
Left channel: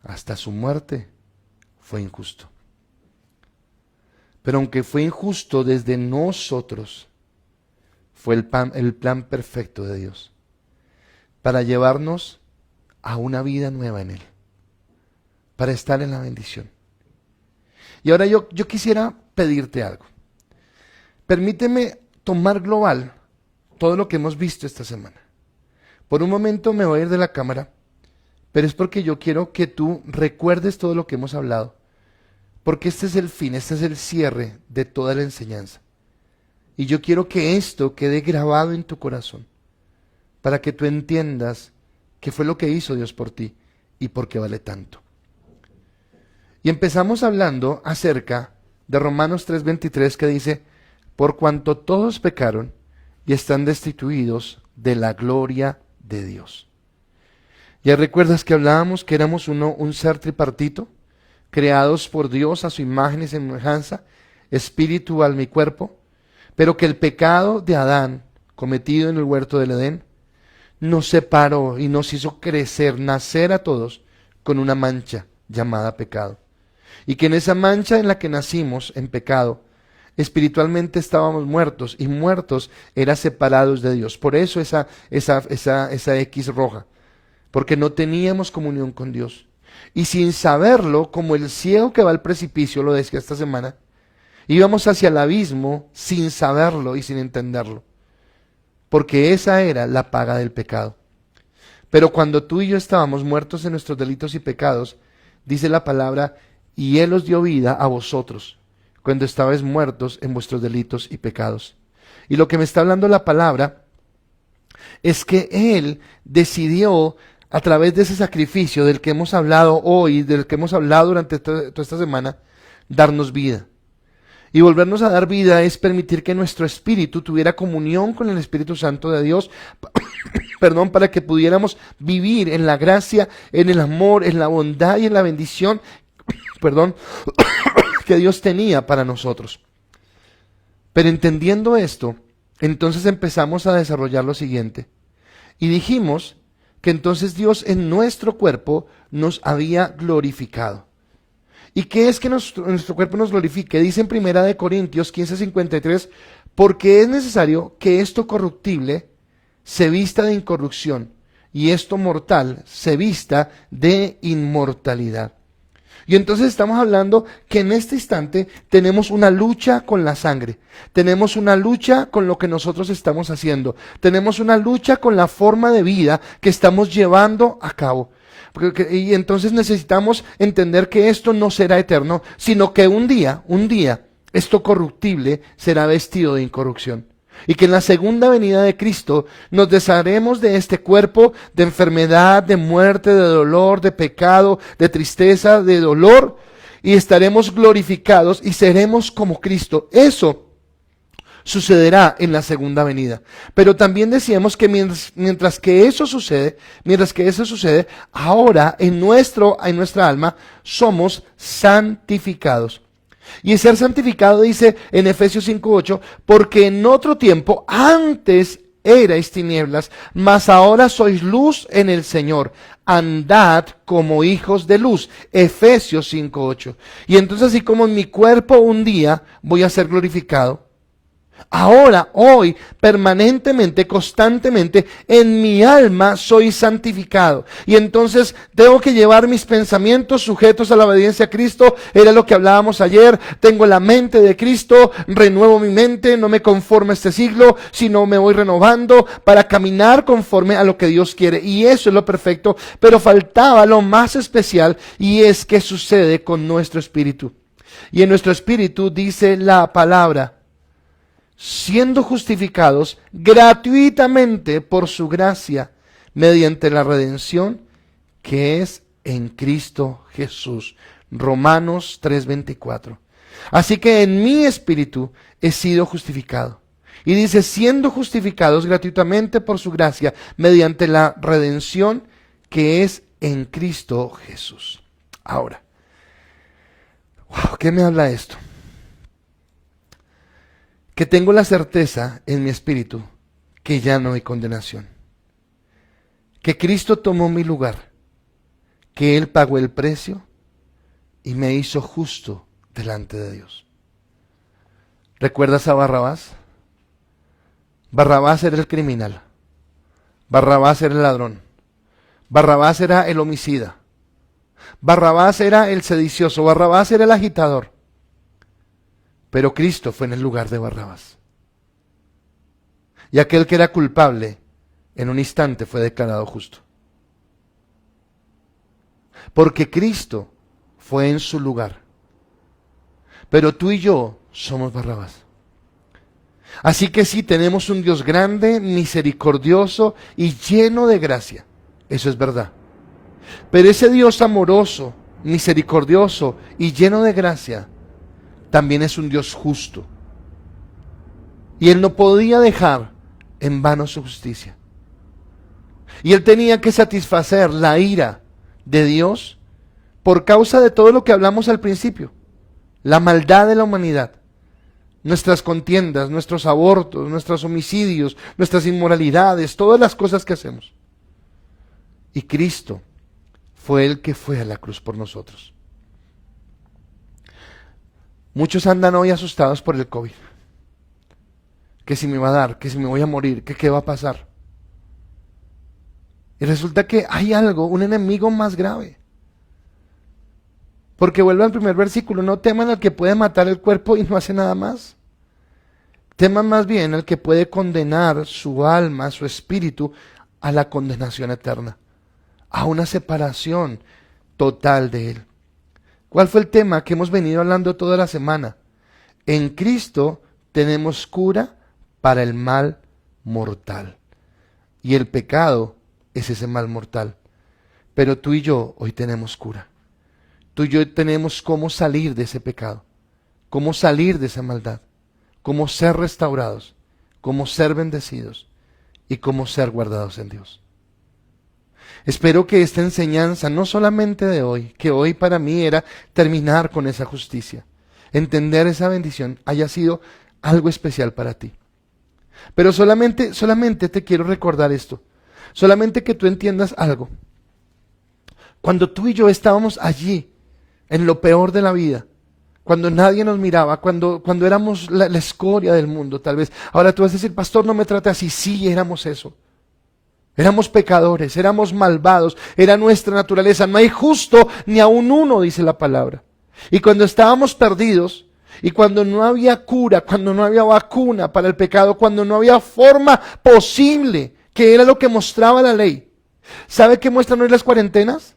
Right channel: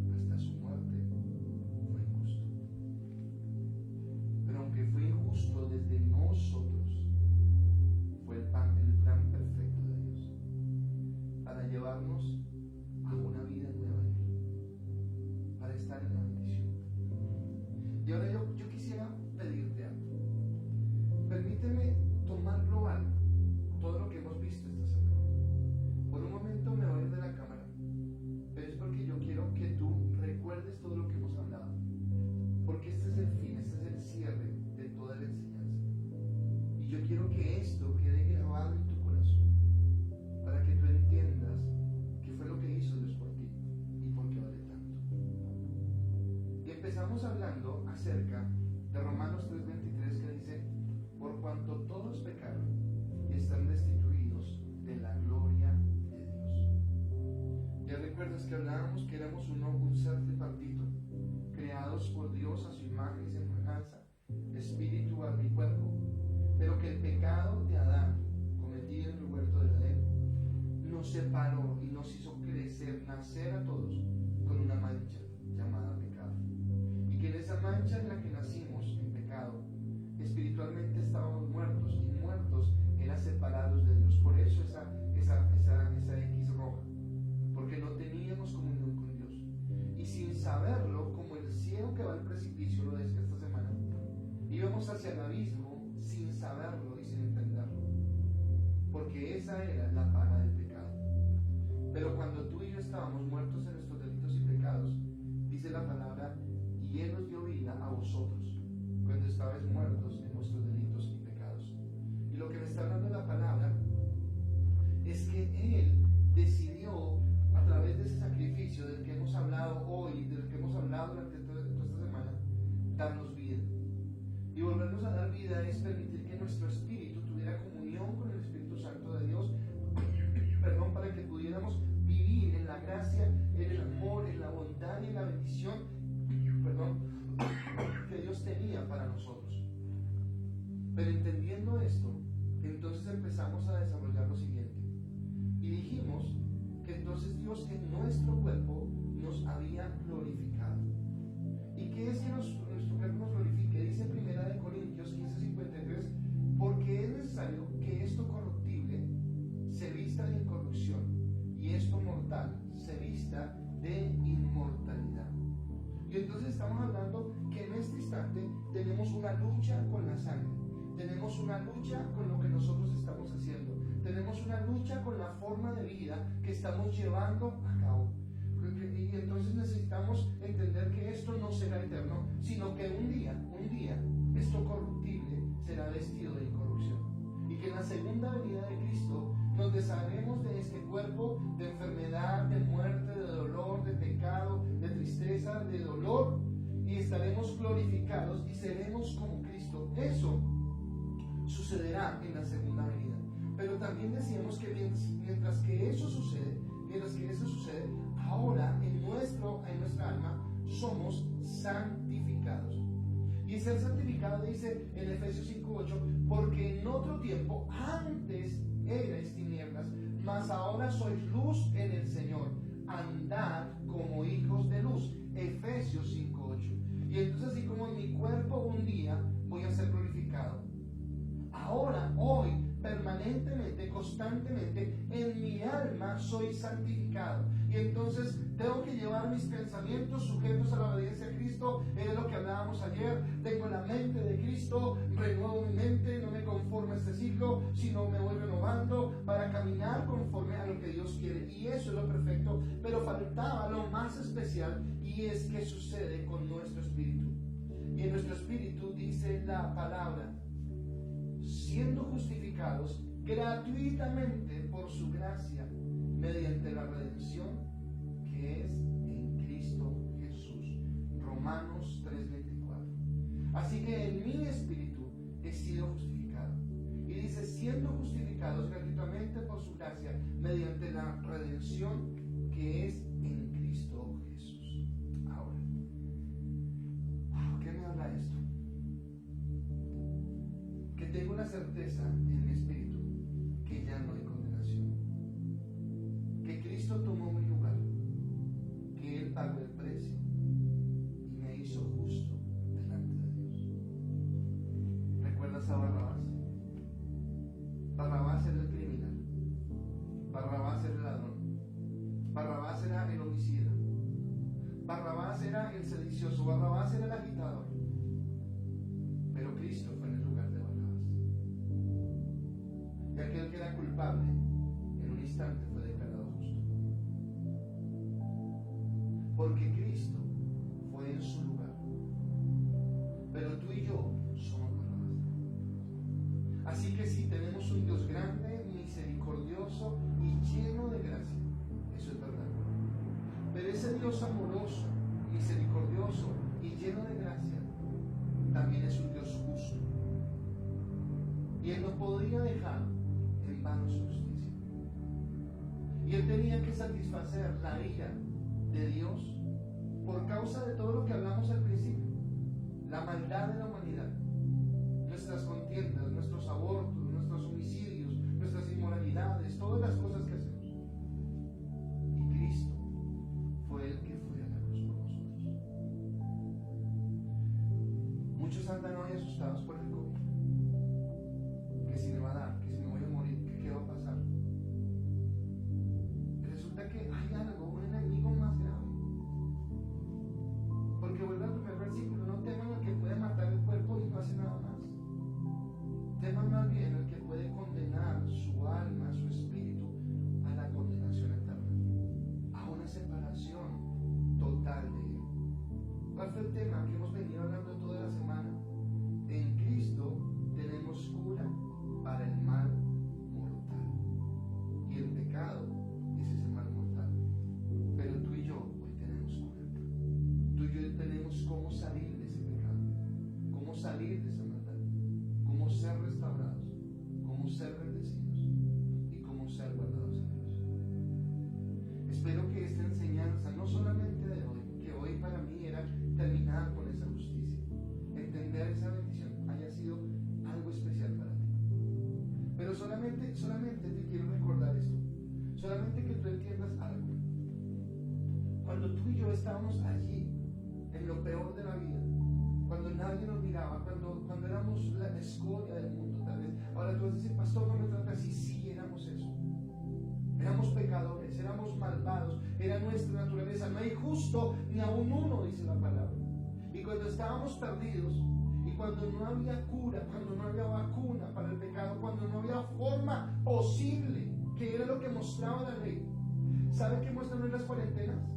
hasta su muerte, fue injusto. Pero aunque fue injusto desde nosotros, fue el plan perfecto de Dios para llevarnos a una vida nueva en Él, para estar en la bendición. Y ahora yo quisiera pedirte algo. Permíteme tomar global todo lo que hemos visto esta semana. Por un momento me voy a ir de la cámara, pero es porque yo quiero que tú recuerdes todo lo que hemos hablado, porque este es el fin, este es el cierre de toda la enseñanza. Y yo quiero que esto quede grabado en tu corazón, para que tú entiendas qué fue lo que hizo Dios por ti y por qué vale tanto. Y empezamos hablando acerca de Romanos 3:23, que dice: por cuanto todos pecaron y están destituidos de la gloria de Dios. ¿Ya recuerdas que hablábamos que éramos un ser tripartito, creados por Dios a su imagen y semejanza, espíritu, alma y cuerpo? Pero que el pecado de Adán, cometido en el huerto del Edén, nos separó y nos hizo crecer, nacer a todos con una mancha llamada pecado. Y que en esa mancha en la que nacimos, en pecado, espiritualmente estábamos muertos, y muertos era separados de Dios. Por eso esa X roja, porque no teníamos comunión con Dios. Y sin saberlo, como el ciego que va al precipicio, lo decía esta semana, íbamos hacia el abismo sin saberlo y sin entenderlo, porque esa era la paga del pecado. Pero cuando tú y yo estábamos muertos en nuestros delitos y pecados, dice la palabra: y Él os dio vida a vosotros, cuando estabais muertos en vuestros delitos y pecados. Y lo que me está hablando la palabra es que Él decidió, a través de ese sacrificio del que hemos hablado hoy, del que hemos hablado durante toda esta semana, darnos vida. Y volvernos a dar vida es permitir que nuestro espíritu tuviera comunión con el Espíritu Santo de Dios, perdón, para que pudiéramos vivir en la gracia, en el amor, en la bondad y en la bendición, perdón, que Dios tenía para nosotros. Pero entendiendo esto, entonces empezamos a desarrollar lo siguiente. Y dijimos que entonces Dios en nuestro cuerpo nos había glorificado. ¿Y qué es que nuestro cuerpo nos glorifique? Dice en 1 Corintios 15:53, porque es necesario que esto corruptible se vista de incorrupción y esto mortal se vista de inmortalidad. Y entonces estamos hablando que en este instante tenemos una lucha con la sangre, tenemos una lucha con lo que nosotros estamos haciendo, tenemos una lucha con la forma de vida que estamos llevando a cabo. Y entonces necesitamos entender que esto no será eterno, sino que un día, esto corruptible será vestido de incorrupción. Y que en la segunda venida de Cristo nos desharemos de este cuerpo de enfermedad, de muerte, de dolor, de pecado, de tristeza, de dolor, y estaremos glorificados y seremos como Cristo. Eso sucederá en la segunda venida. Pero también decíamos que mientras que eso sucede, ahora en nuestra alma somos santificados. Y el ser santificado dice en Efesios 5:8, porque en otro tiempo antes erais tinieblas, mas ahora sois luz en el Señor. Andad como hijos de luz. Efesios 5:8. Y entonces, así como en mi cuerpo un día voy a ser glorificado, ahora, hoy, permanentemente, constantemente, en mi alma soy santificado. Y entonces tengo que llevar mis pensamientos sujetos a la obediencia a Cristo. Era lo que hablábamos ayer. Tengo la mente de Cristo, renuevo mi mente, no me conformo a este siglo, sino me voy renovando para caminar conforme a lo que Dios quiere. Y eso es lo perfecto. Pero faltaba lo más especial, y es que sucede con nuestro espíritu. Y en nuestro espíritu dice la palabra: siendo justificados gratuitamente por su gracia, mediante la redención que es en Cristo Jesús. Romanos 3:24. Así que en mi espíritu he sido justificado. Y dice, siendo justificados gratuitamente por su gracia, mediante la redención que es en Cristo Jesús. Ahora, ¿qué me habla esto? Que tengo la certeza en mi espíritu que ya no hay condenación, que Cristo tomó mi lugar, que Él pagó el precio y me hizo justo delante de Dios. ¿Recuerdas a Barrabás? Barrabás era el criminal, Barrabás era el ladrón, Barrabás era el homicida, Barrabás era el sedicioso, Barrabás era el agitador. Pero Cristo fue en el lugar de Barrabás. Y aquel que era culpable, en un instante fue declarado justo. Porque Cristo fue en su lugar. Pero tú y yo somos Barrabás. Así que sí, tenemos un Dios grande, misericordioso y lleno de gracia. Eso es verdad. Pero ese Dios amoroso, misericordioso y lleno de gracia, también es un Dios justo. Y Él no podía dejar en vano su justicia. Y Él tenía que satisfacer la ira de Dios por causa de todo lo que hablamos al principio. La maldad de la humanidad, nuestras contiendas, nuestros abortos, nuestros homicidios, nuestras inmoralidades, todas las cosas que hacemos. Y Cristo fue el que fue a la cruz por nosotros. Muchos andan hoy asustados por el COVID. Que si me va a dar, que si me voy a morir, que qué va a pasar. Y resulta que hay algo, un enemigo más grave. Porque vuelve al primer versículo, no teman al que puede matar el cuerpo y no hace nada más. Teman más bien al que puede condenar su alma, su espíritu, a la condenación eterna, a una separación total de Él. ¿Cuál fue el tema que hemos venido hablando toda la semana? En Cristo tenemos cura para el mal mortal. Y el pecado es ese mal mortal. Pero tú y yo hoy tenemos cura. Tú y yo tenemos cómo salir de ese pecado, cómo salir de esa maldad, cómo ser restaurados, cómo ser bendecidos y cómo ser guardados en Dios. Espero que esta enseñanza, no solamente de hoy, que hoy para mí era terminar con esa justicia, entender esa bendición, haya sido algo especial para ti. Pero solamente te quiero recordar esto, solamente que tú entiendas algo. Cuando tú y yo estábamos allí, en lo peor de la vida, cuando nadie nos miraba, cuando éramos la escoria del mundo, tal vez. Ahora tú vas a decir, pastor, no me trate así. Sí, éramos eso. Éramos pecadores, éramos malvados, era nuestra naturaleza. No hay justo ni aun uno, dice la palabra. Y cuando estábamos perdidos, y cuando no había cura, cuando no había vacuna para el pecado, cuando no había forma posible, que era lo que mostraba la ley. ¿Sabe qué muestran hoy las cuarentenas?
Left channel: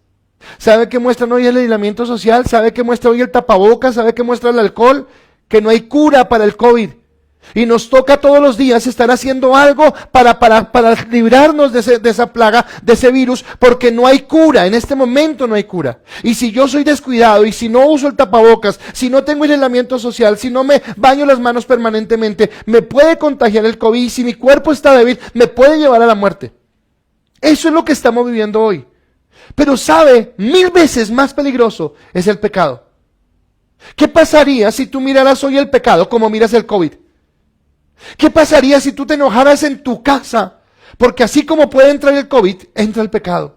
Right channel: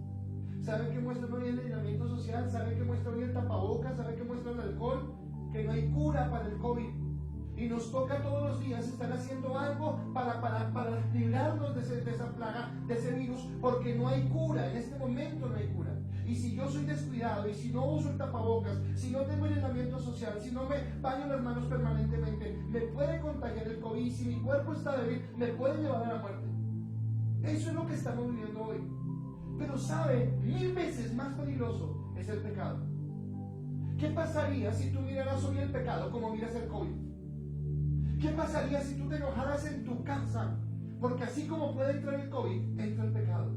¿Sabe qué muestra hoy el aislamiento social? ¿Sabe qué muestra hoy el tapabocas? ¿Sabe qué muestra el alcohol? Que no hay cura para el COVID. Y nos toca todos los días estar haciendo algo para librarnos de esa plaga, de ese virus, porque no hay cura, en este momento no hay cura. Y si yo soy descuidado, y si no uso el tapabocas, si no tengo aislamiento social, si no me baño las manos permanentemente, me puede contagiar el COVID, y si mi cuerpo está débil, me puede llevar a la muerte. Eso es lo que estamos viviendo hoy. Pero sabe, 1000 veces más peligroso es el pecado. ¿Qué pasaría si tú miraras hoy el pecado como miras el COVID? ¿Qué pasaría si tú te enojaras en tu casa? Porque así como puede entrar el COVID, entra el pecado.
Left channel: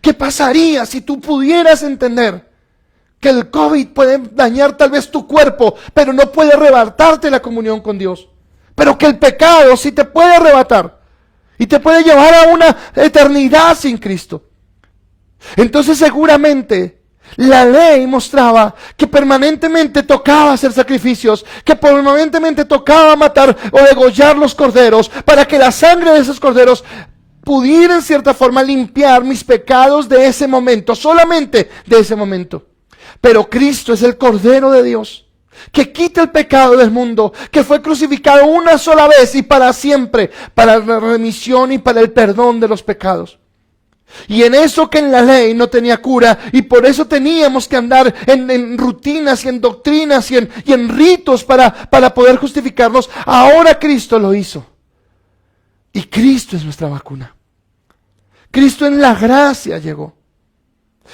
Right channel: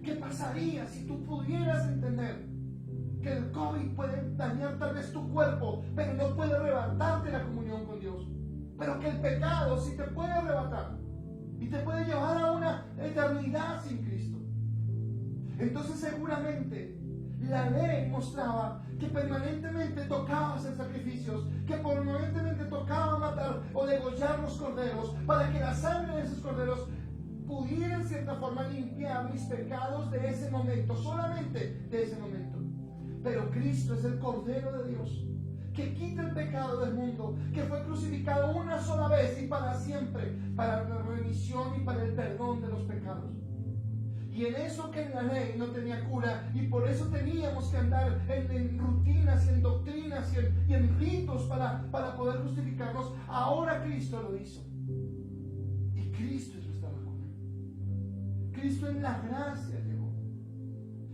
¿Qué pasaría si tú pudieras entender que el COVID puede dañar tal vez tu cuerpo, pero no puede arrebatarte la comunión con Dios? Pero que el pecado sí te puede arrebatar y te puede llevar a una eternidad sin Cristo. Entonces seguramente la ley mostraba que permanentemente tocaba hacer sacrificios, que permanentemente tocaba matar o degollar los corderos, para que la sangre de esos corderos pudiera en cierta forma limpiar mis pecados de ese momento, solamente de ese momento. Pero Cristo es el Cordero de Dios, que quita el pecado del mundo, que fue crucificado una sola vez y para siempre, para la remisión y para el perdón de los pecados. Y en eso que en la ley no tenía cura, y por eso teníamos que andar en rutinas y en doctrinas y en ritos para poder justificarnos, ahora Cristo lo hizo. Y Cristo es nuestra vacuna. Cristo en la gracia llegó.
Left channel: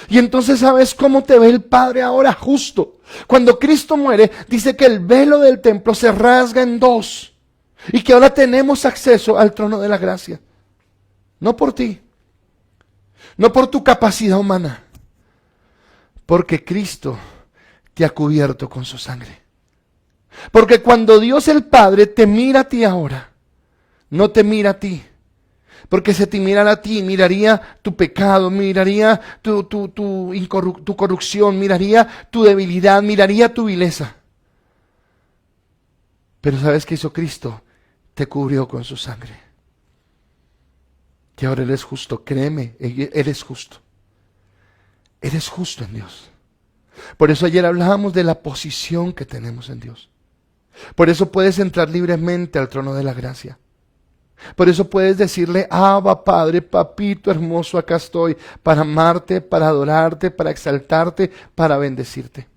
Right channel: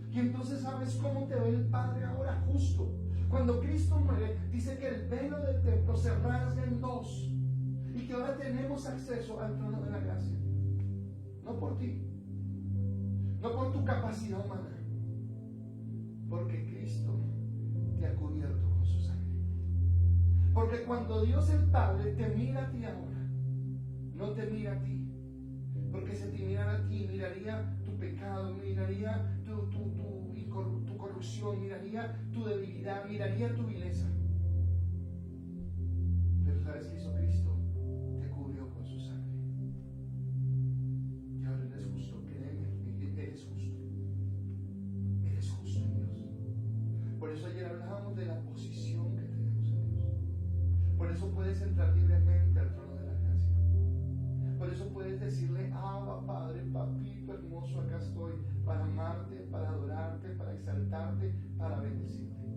Y entonces ¿sabes cómo te ve el Padre ahora? Justo. Cuando Cristo muere, dice que el velo del templo se rasga en dos. y que ahora tenemos acceso al trono de la gracia. No por ti, no por tu capacidad humana, porque Cristo te ha cubierto con su sangre. Porque cuando Dios el Padre te mira a ti ahora, no te mira a ti, porque si te mirara a ti, miraría tu pecado, miraría tu corrupción, miraría tu debilidad, miraría tu vileza. Pero ¿sabes qué hizo Cristo? Te cubrió con su sangre. Y ahora eres justo, créeme, eres justo. Eres justo en Dios. Por eso ayer hablábamos de la posición que tenemos en Dios. Por eso puedes entrar libremente al trono de la gracia. Por eso puedes decirle: Abba, Padre, papito hermoso, acá estoy para amarte, para adorarte, para exaltarte, para bendecirte.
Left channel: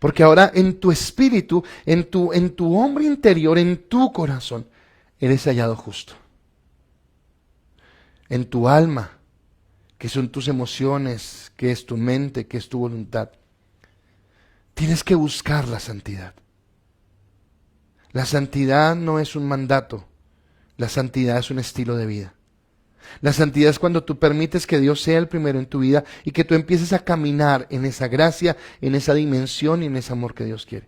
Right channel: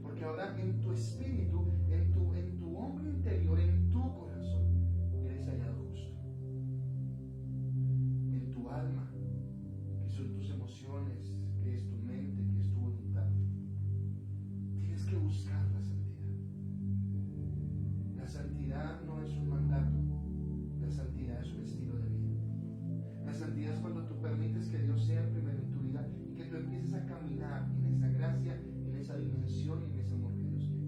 Porque ahora en tu espíritu, en tu hombre interior, en tu corazón, eres hallado justo. En tu alma, que son tus emociones, que es tu mente, que es tu voluntad, tienes que buscar la santidad. La santidad no es un mandato, la santidad es un estilo de vida. La santidad es cuando tú permites que Dios sea el primero en tu vida y que tú empieces a caminar en esa gracia, en esa dimensión y en ese amor que Dios quiere.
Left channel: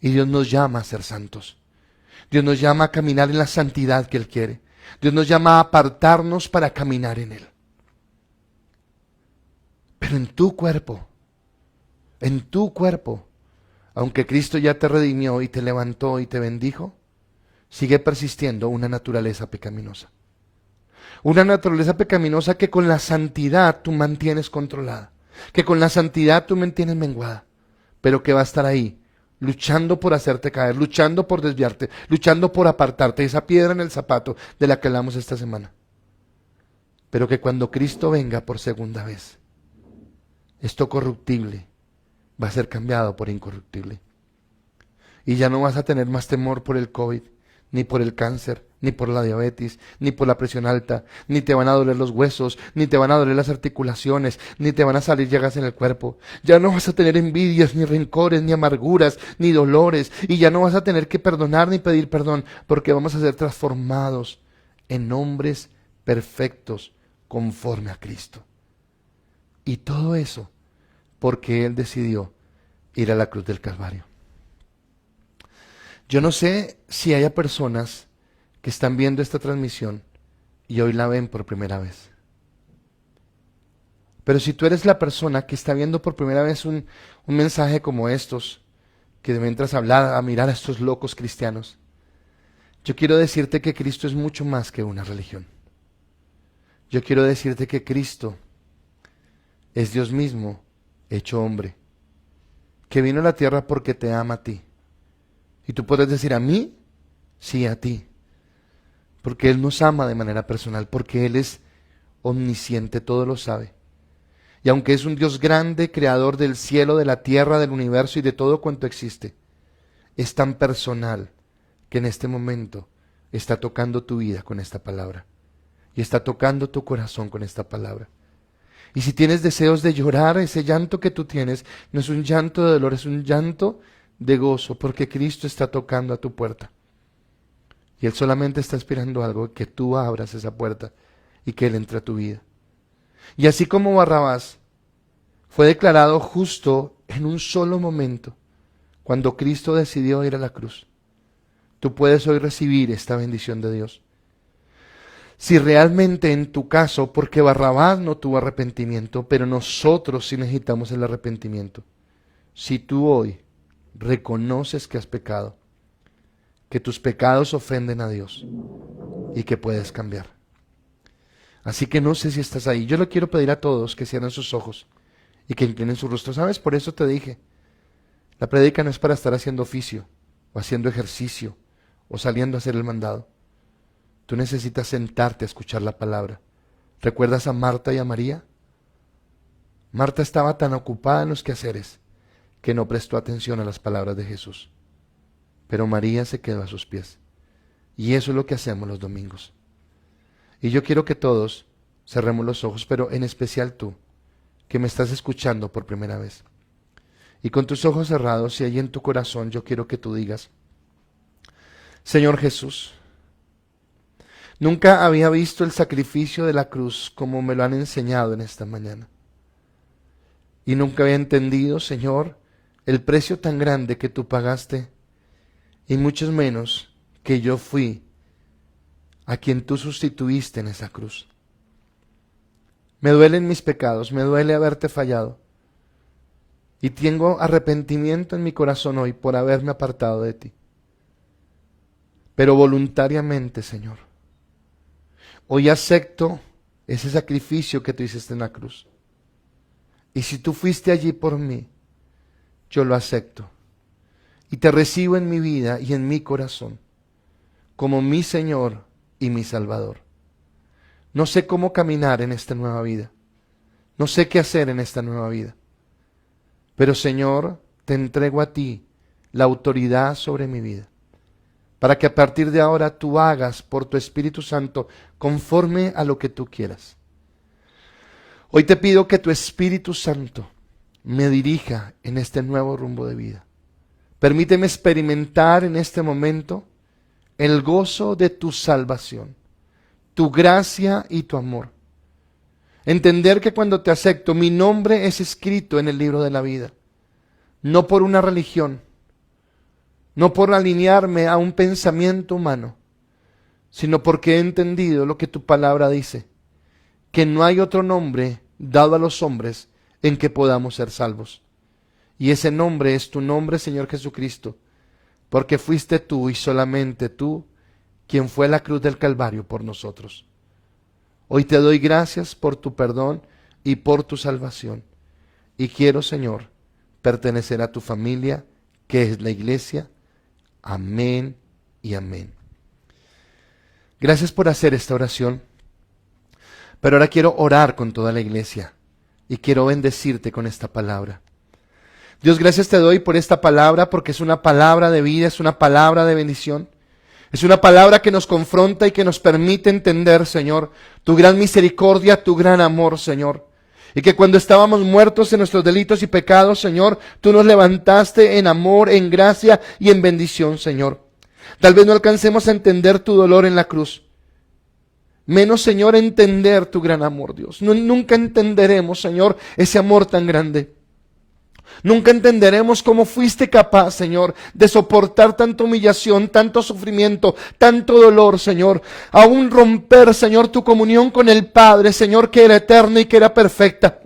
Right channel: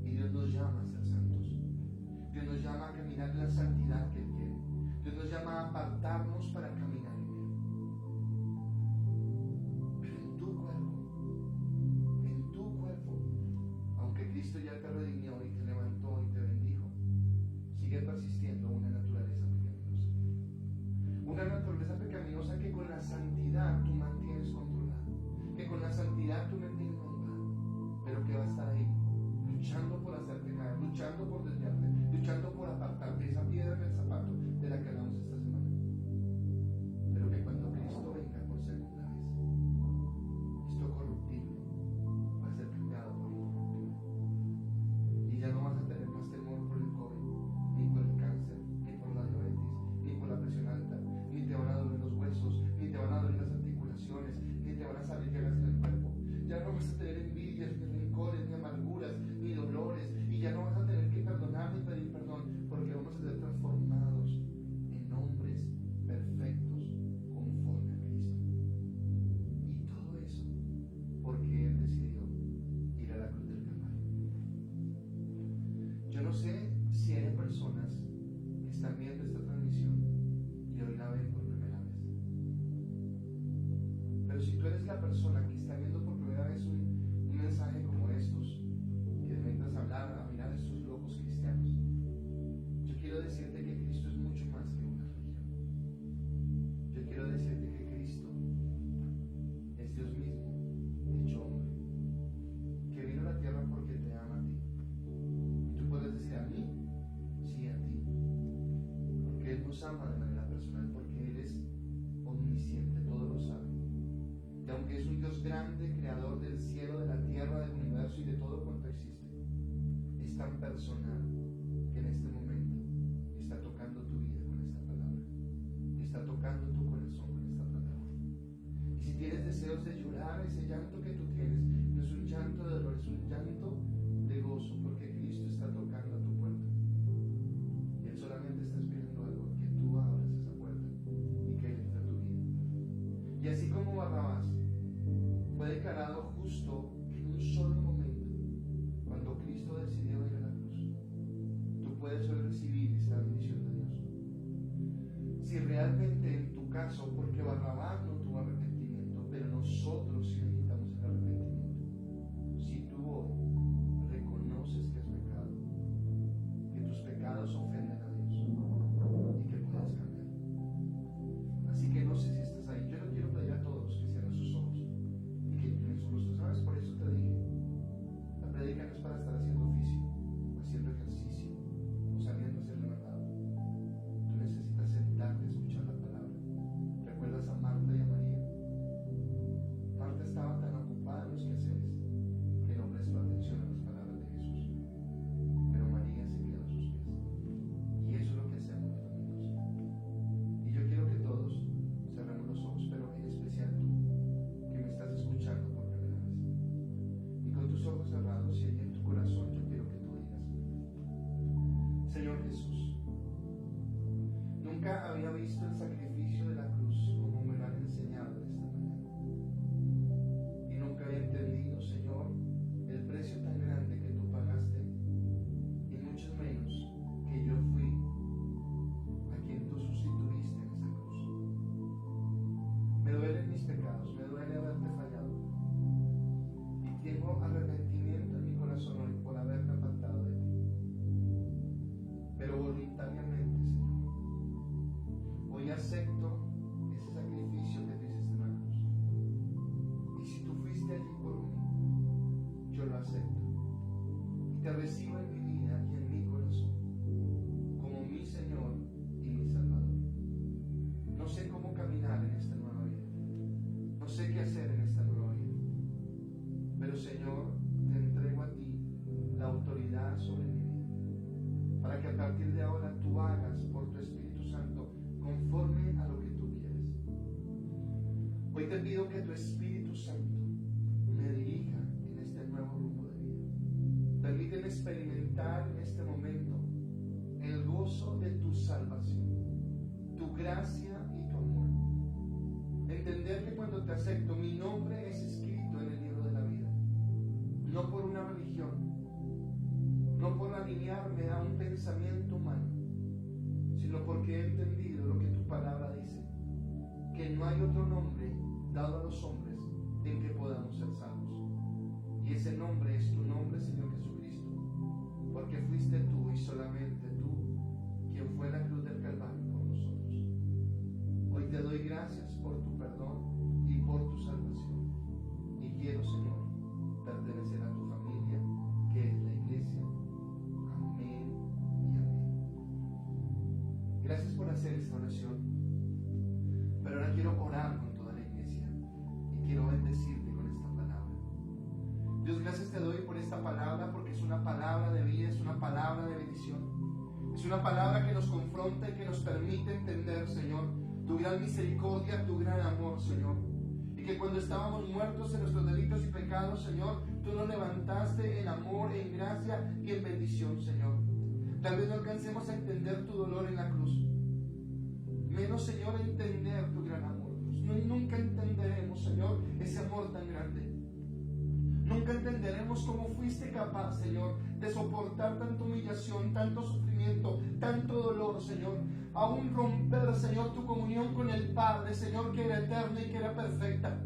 Y Dios nos llama a ser santos. Dios nos llama a caminar en la santidad que Él quiere. Dios nos llama a apartarnos para caminar en Él. Pero en tu cuerpo, aunque Cristo ya te redimió y te levantó y te bendijo, sigue persistiendo una naturaleza pecaminosa. Una naturaleza pecaminosa que con la santidad tú mantienes controlada, que con la santidad tú mantienes menguada, pero que va a estar ahí, luchando por hacerte caer, luchando por desviarte, luchando por apartarte, esa piedra en el zapato de la que hablamos esta semana. Pero que cuando Cristo venga por segunda vez, esto corruptible va a ser cambiado por incorruptible. Y ya no vas a tener más temor por el COVID, ni por el cáncer, ni por la diabetes, ni por la presión alta, ni te van a doler los huesos, ni te van a doler las articulaciones, ni te van a salir llagas en el cuerpo. Ya no vas a tener envidias, ni rencores, ni amarguras, ni dolores, y ya no vas a tener que perdonar ni pedir perdón, porque vamos a ser transformados en hombres perfectos conforme a Cristo. Y todo eso porque Él decidió ir a la cruz del Calvario. Yo no sé si haya personas que están viendo esta transmisión y hoy la ven por primera vez. Pero si tú eres la persona que está viendo por primera vez un mensaje como estos, que mientras a mirar a estos locos cristianos, yo quiero decirte que Cristo es mucho más que una religión. Yo quiero decirte que Cristo es Dios mismo hecho hombre, que vino a la tierra porque te ama a ti. Y tú puedes decir: ¿a mí? Sí, a ti. Porque Él nos ama de manera personal, porque Él es omnisciente, todo lo sabe. Y aunque es un Dios grande, creador del cielo, de la tierra, del universo y de todo cuanto existe, es tan personal que en este momento está tocando tu vida con esta palabra. Y está tocando tu corazón con esta palabra. Y si tienes deseos de llorar, ese llanto que tú tienes no es un llanto de dolor, es un llanto de gozo, porque Cristo está tocando a tu puerta. Y Él solamente está esperando algo, que tú abras esa puerta y que Él entre a tu vida. Y así como Barrabás fue declarado justo en un solo momento, cuando Cristo decidió ir a la cruz, tú puedes hoy recibir esta bendición de Dios. Si realmente en tu caso, porque Barrabás no tuvo arrepentimiento, pero nosotros sí necesitamos el arrepentimiento. Si tú hoy reconoces que has pecado, que tus pecados ofenden a Dios y que puedes cambiar. Así que no sé si estás ahí. Yo le quiero pedir a todos que cierren sus ojos y que inclinen su rostro. ¿Sabes? Por eso te dije, la prédica no es para estar haciendo oficio o haciendo ejercicio o saliendo a hacer el mandado. Tú necesitas sentarte a escuchar la palabra. ¿Recuerdas a Marta y a María? Marta estaba tan ocupada en los quehaceres que no prestó atención a las palabras de Jesús. Pero María se quedó a sus pies. Y eso es lo que hacemos los domingos. Y yo quiero que todos cerremos los ojos, pero en especial tú, que me estás escuchando por primera vez. Y con tus ojos cerrados, y ahí en tu corazón, yo quiero que tú digas: Señor Jesús, nunca había visto el sacrificio de la cruz como me lo han enseñado en esta mañana. Y nunca había entendido, Señor, el precio tan grande que tú pagaste, y mucho menos que yo fui a quien tú sustituiste en esa cruz. Me duelen mis pecados, me duele haberte fallado, y tengo arrepentimiento en mi corazón hoy por haberme apartado de ti. Pero voluntariamente, Señor, hoy acepto ese sacrificio que tú hiciste en la cruz. Y si tú fuiste allí por mí, yo lo acepto. Y te recibo en mi vida y en mi corazón como mi Señor y mi Salvador. No sé cómo caminar en esta nueva vida. No sé qué hacer en esta nueva vida. Pero Señor, te entrego a ti la autoridad sobre mi vida, para que a partir de ahora tú hagas por tu Espíritu Santo conforme a lo que tú quieras. Hoy te pido que tu Espíritu Santo me dirija en este nuevo rumbo de vida. Permíteme experimentar en este momento el gozo de tu salvación, tu gracia y tu amor. Entender que cuando te acepto, mi nombre es escrito en el libro de la vida, no por una religión, no por alinearme a un pensamiento humano, sino porque he entendido lo que tu palabra dice, que no hay otro nombre dado a los hombres en que podamos ser salvos. Y ese nombre es tu nombre, Señor Jesucristo, porque fuiste tú y solamente tú quien fue a la cruz del Calvario por nosotros. Hoy te doy gracias por tu perdón y por tu salvación. Y quiero, Señor, pertenecer a tu familia, que es la iglesia. Amén y amén. Gracias por hacer esta oración. Pero ahora quiero orar con toda la iglesia y quiero bendecirte con esta palabra. Dios, gracias te doy por esta palabra, porque es una palabra de vida, es una palabra de bendición. Es una palabra que nos confronta y que nos permite entender, Señor, tu gran misericordia, tu gran amor, Señor. Y que cuando estábamos muertos en nuestros delitos y pecados, Señor, tú nos levantaste en amor, en gracia y en bendición, Señor. Tal vez no alcancemos a entender tu dolor en la cruz. Menos, Señor, entender tu gran amor, Dios. Nunca entenderemos, Señor, ese amor tan grande. Nunca entenderemos cómo fuiste capaz, Señor, de soportar tanta humillación, tanto sufrimiento, tanto dolor, Señor. Aún romper, Señor, tu comunión con el Padre, Señor, que era eterna y que era perfecta.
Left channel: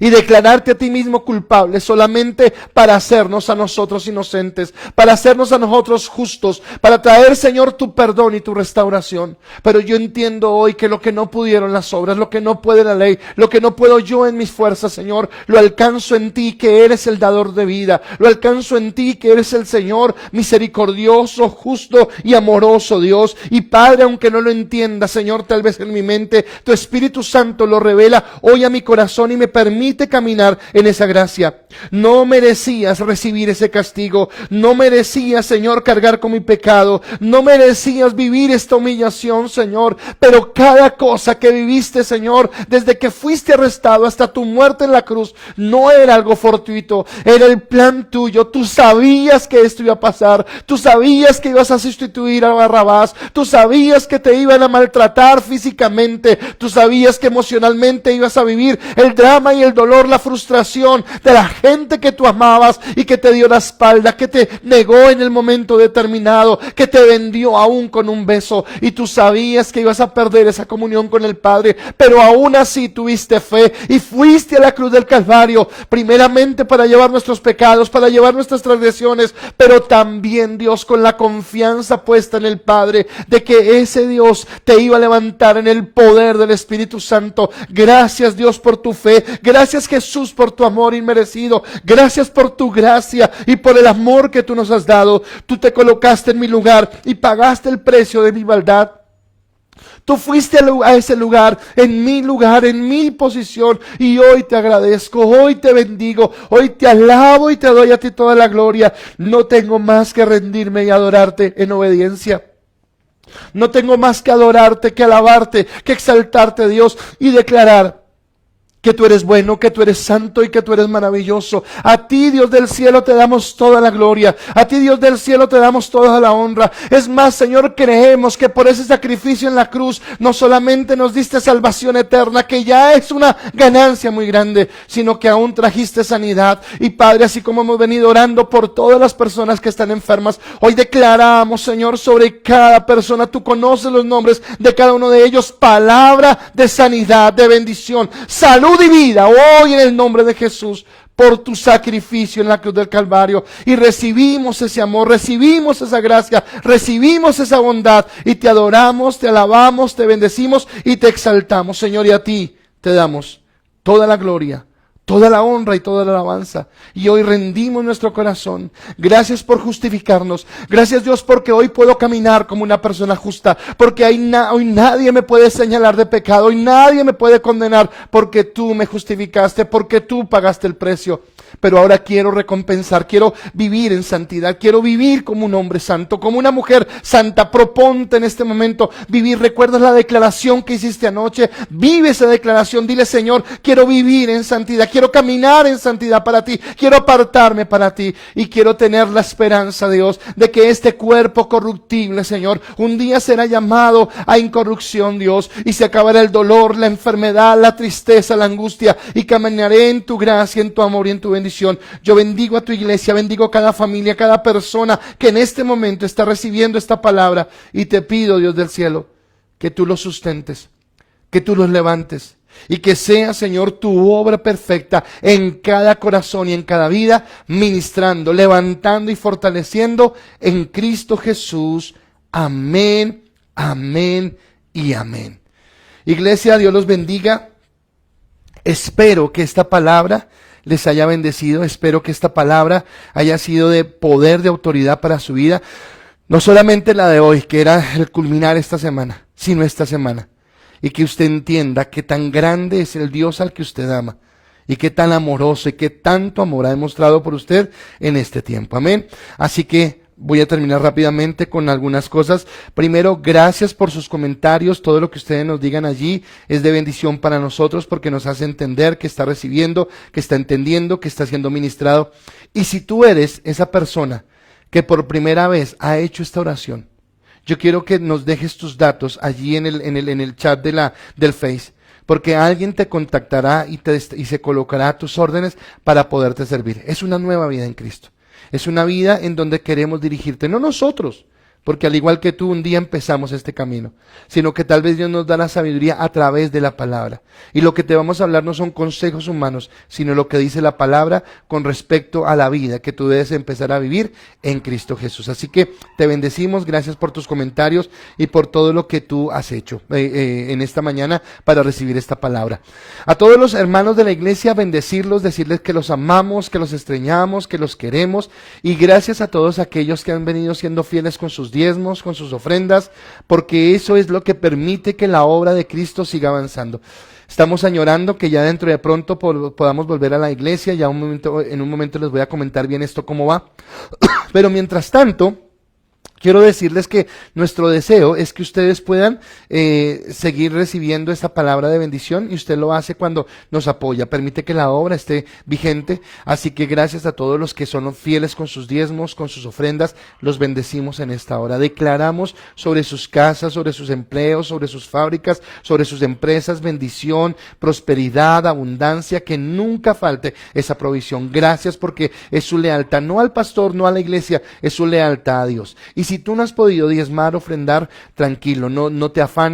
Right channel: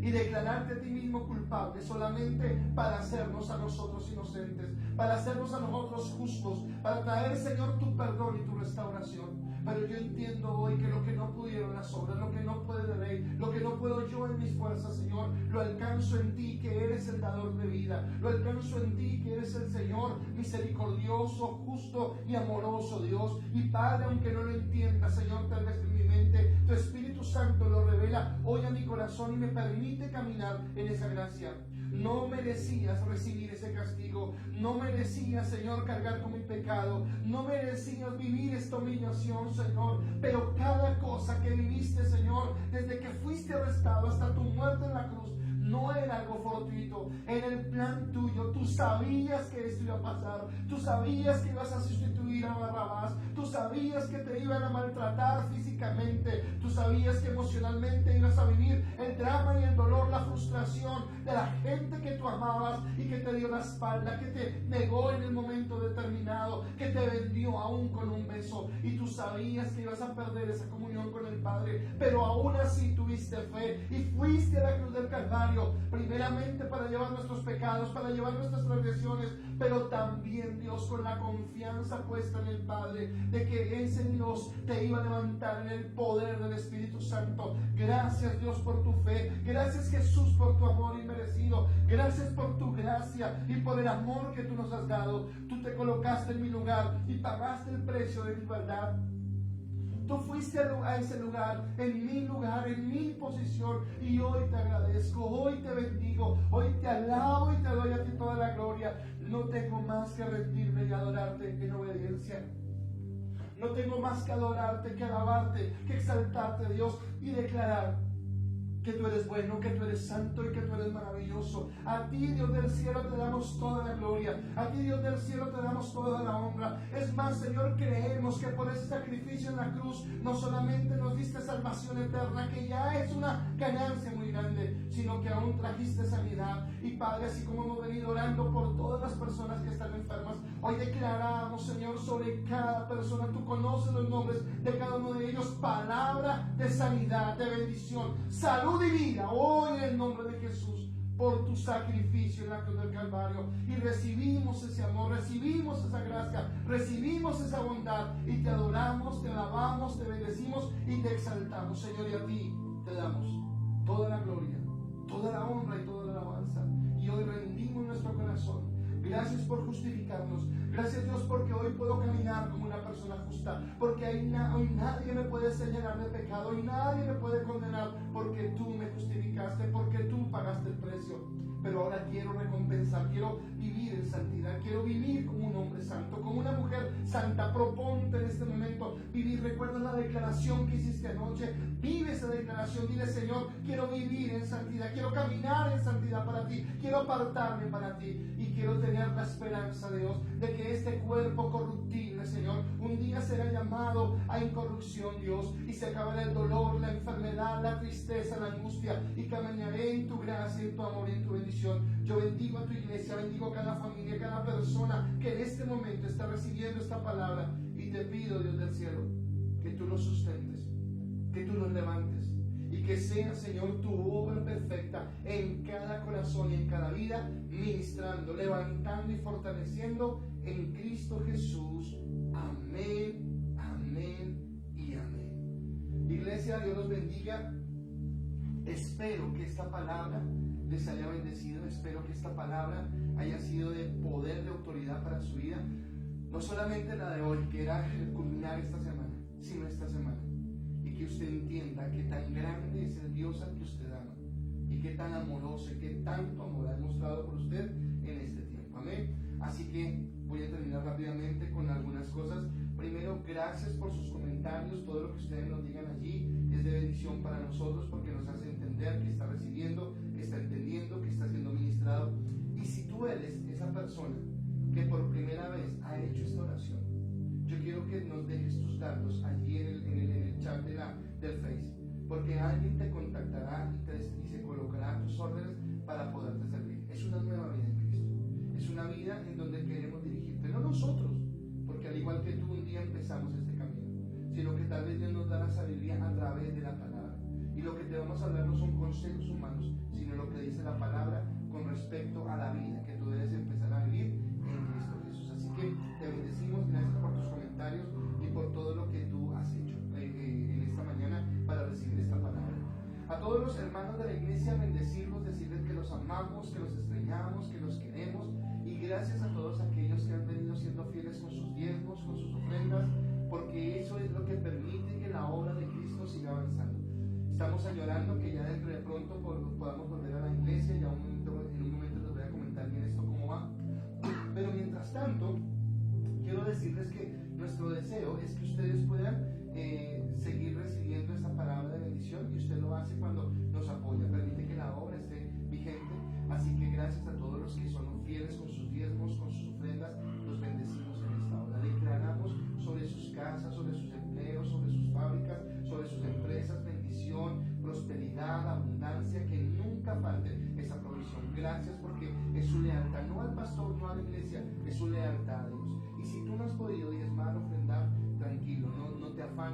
Y declararte a ti mismo culpable solamente para hacernos a nosotros inocentes, para hacernos a nosotros justos, para traer, Señor, tu perdón y tu restauración. Pero yo entiendo hoy que lo que no pudieron las obras, lo que no puede la ley, lo que no puedo yo en mis fuerzas, Señor, lo alcanzo en ti, que eres el dador de vida. Lo alcanzo en ti, que eres el Señor misericordioso, justo y amoroso, Dios. Y Padre, aunque no lo entienda, Señor, tal vez en mi mente, tu Espíritu Santo lo revela hoy a mi corazón y me permite caminar en esa gracia. No merecías recibir ese castigo, no merecías, Señor, cargar con mi pecado, no merecías vivir esta humillación, Señor, pero cada cosa que viviste, Señor, desde que fuiste arrestado hasta tu muerte en la cruz, no era algo fortuito, era el plan tuyo. Tú sabías que esto iba a pasar, tú sabías que ibas a sustituir a Barrabás, tú sabías que te iban a maltratar físicamente, tú sabías que emocionalmente ibas a vivir el drama y el dolor, la frustración de la gente que tú amabas y que te dio la espalda, que te negó en el momento determinado, que te vendió aún con un beso, y tú sabías que ibas a perder esa comunión con el Padre, pero aún así tuviste fe y fuiste a la cruz del Calvario, primeramente para llevar nuestros pecados, para llevar nuestras transgresiones, pero también, Dios, con la confianza puesta en el Padre, de que ese Dios te iba a levantar en el poder del Espíritu Santo. Gracias, Dios, por tu fe. Gracias, Jesús, por tu amor inmerecido. Gracias por tu gracia y por el amor que tú nos has dado. Tú te colocaste en mi lugar y pagaste el precio de mi maldad. Tú fuiste a ese lugar, en mi posición, y hoy te agradezco, hoy te bendigo, hoy te alabo y te doy a ti toda la gloria. No tengo más que rendirme y adorarte en obediencia. No tengo más que adorarte, que alabarte, que exaltarte, Dios, y declarar que tú eres bueno, que tú eres santo y que tú eres maravilloso. A ti, Dios del cielo, te damos toda la gloria. A ti, Dios del cielo, te damos toda la honra. Es más, Señor, creemos que por ese sacrificio en la cruz no solamente nos diste salvación eterna, que ya es una ganancia muy grande, sino que aún trajiste sanidad. Y Padre, así como hemos venido orando por todas las personas que están enfermas, hoy declaramos, Señor, sobre cada persona, tú conoces los nombres de cada uno de ellos, palabra de sanidad, de bendición, salud y vida, hoy en el nombre de Jesús, por tu sacrificio en la cruz del Calvario. Y recibimos ese amor, recibimos esa gracia, recibimos esa bondad y te adoramos, te alabamos, te bendecimos y te exaltamos, Señor, y a ti te damos toda la gloria, toda la honra y toda la alabanza. Y hoy rendimos nuestro corazón. Gracias por justificarnos. Gracias, Dios, porque hoy puedo caminar como una persona justa, porque hoy nadie me puede señalar de pecado, hoy nadie me puede condenar, porque tú me justificaste, porque tú pagaste el precio. Pero ahora quiero recompensar, quiero vivir en santidad, quiero vivir como un hombre santo, como una mujer santa. Proponte en este momento vivir. ¿Recuerdas la declaración que hiciste anoche? Vive esa declaración, dile: Señor, quiero vivir en santidad, quiero caminar en santidad para ti, quiero apartarme para ti y quiero tener la esperanza, Dios, de que este cuerpo corruptible, Señor, un día será llamado a incorrupción, Dios, y se acabará el dolor, la enfermedad, la tristeza, la angustia, y caminaré en tu gracia, en tu amor y en tu bendición. Yo bendigo a tu iglesia, bendigo a cada familia, cada persona que en este momento está recibiendo esta palabra, y te pido, Dios del cielo, que tú los sustentes, que tú los levantes, y que sea, Señor, tu obra perfecta en cada corazón y en cada vida, ministrando, levantando y fortaleciendo en Cristo Jesús. Amén, amén y amén. Iglesia, Dios los bendiga. Espero que esta palabra les haya bendecido. Espero que esta palabra haya sido de poder, de autoridad para su vida. No solamente la de hoy, que era el culminar esta semana, sino esta semana. Y que usted entienda que tan grande es el Dios al que usted ama, y que tan amoroso y que tanto amor ha demostrado por usted en este tiempo. Amén. Así que voy a terminar rápidamente con algunas cosas. Primero, gracias por sus comentarios. Todo lo que ustedes nos digan allí es de bendición para nosotros, porque nos hace entender que está recibiendo, que está entendiendo, que está siendo ministrado. Y si tú eres esa persona que por primera vez ha hecho esta oración, yo quiero que nos dejes tus datos allí en el chat del Face, porque alguien te contactará y se colocará a tus órdenes para poderte servir. Es una nueva vida en Cristo. Es una vida en donde queremos dirigirte, no nosotros, porque al igual que tú un día empezamos este camino, sino que tal vez Dios nos da la sabiduría a través de la palabra. Y lo que te vamos a hablar no son consejos humanos, sino lo que dice la palabra con respecto a la vida que tú debes empezar a vivir en Cristo Jesús. Así que te bendecimos, gracias por tus comentarios y por todo lo que tú has hecho en esta mañana para recibir esta palabra. A todos los hermanos de la iglesia, bendecirlos, decirles que los amamos, que los extrañamos, que los queremos, y gracias a todos aquellos que han venido siendo fieles con sus diezmos, con sus ofrendas, porque eso es lo que permite que la obra de Cristo siga avanzando. Estamos añorando que ya dentro de pronto podamos volver a la iglesia. Ya en un momento les voy a comentar bien esto cómo va. Pero mientras tanto, quiero decirles que nuestro deseo es que ustedes puedan seguir recibiendo esta palabra de bendición, y usted lo hace cuando nos apoya, permite que la obra esté vigente. Así que gracias a todos los que son fieles con sus diezmos, con sus ofrendas, los bendecimos en esta hora. Declaramos sobre sus casas, sobre sus empleos, sobre sus fábricas, sobre sus empresas, bendición, prosperidad, abundancia, que nunca falte esa provisión. Gracias, porque es su lealtad, no al pastor, no a la iglesia, es su lealtad a Dios. Y si tú no has podido diezmar, ofrendar, tranquilo, no te afanes,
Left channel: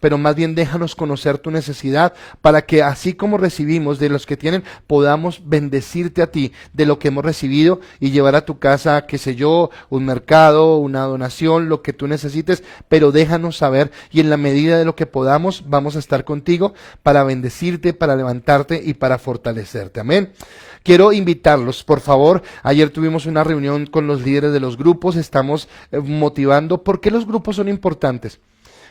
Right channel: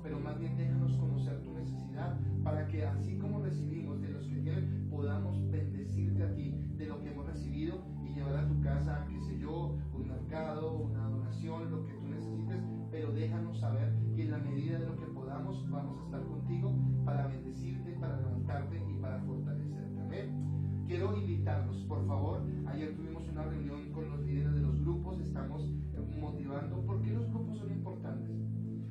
pero más bien déjanos conocer tu necesidad, para que así como recibimos de los que tienen, podamos bendecirte a ti de lo que hemos recibido y llevar a tu casa, qué sé yo, un mercado, una donación, lo que tú necesites. Pero déjanos saber, y en la medida de lo que podamos vamos a estar contigo para bendecirte, para levantarte y para fortalecerte. Amén. Quiero invitarlos, por favor. Ayer tuvimos una reunión con los líderes de los grupos. Estamos motivando. ¿Por qué los grupos son importantes?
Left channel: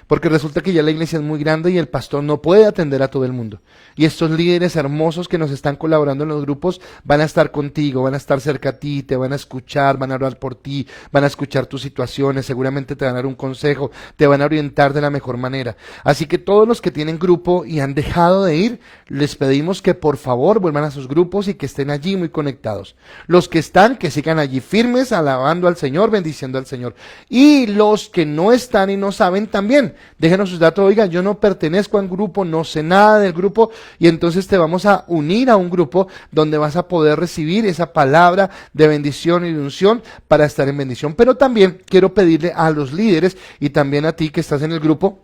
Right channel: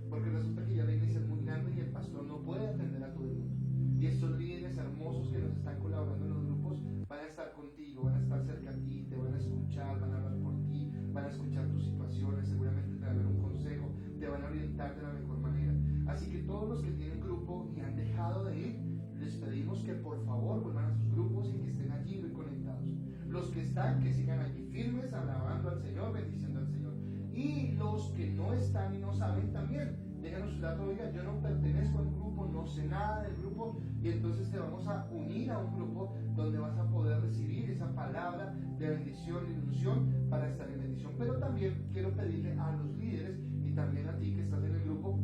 porque resulta que ya la iglesia es muy grande y el pastor no puede atender a todo el mundo. Y estos líderes hermosos que nos están colaborando en los grupos van a estar contigo, van a estar cerca a ti, te van a escuchar, van a orar por ti, van a escuchar tus situaciones, seguramente te van a dar un consejo, te van a orientar de la mejor manera. Así que todos los que tienen grupo y han dejado de ir, les pedimos que por favor vuelvan a sus grupos y que estén allí muy conectados. Los que están, que sigan allí firmes, alabando al Señor, bendiciendo al Señor. Y los que no están y no saben también, déjenos sus datos. Oiga, yo no pertenezco a un grupo, no sé nada del grupo, y entonces te vamos a unir a un grupo donde vas a poder recibir esa palabra de bendición y de unción para estar en bendición. Pero también quiero pedirle a los líderes y también a ti que estás en el grupo,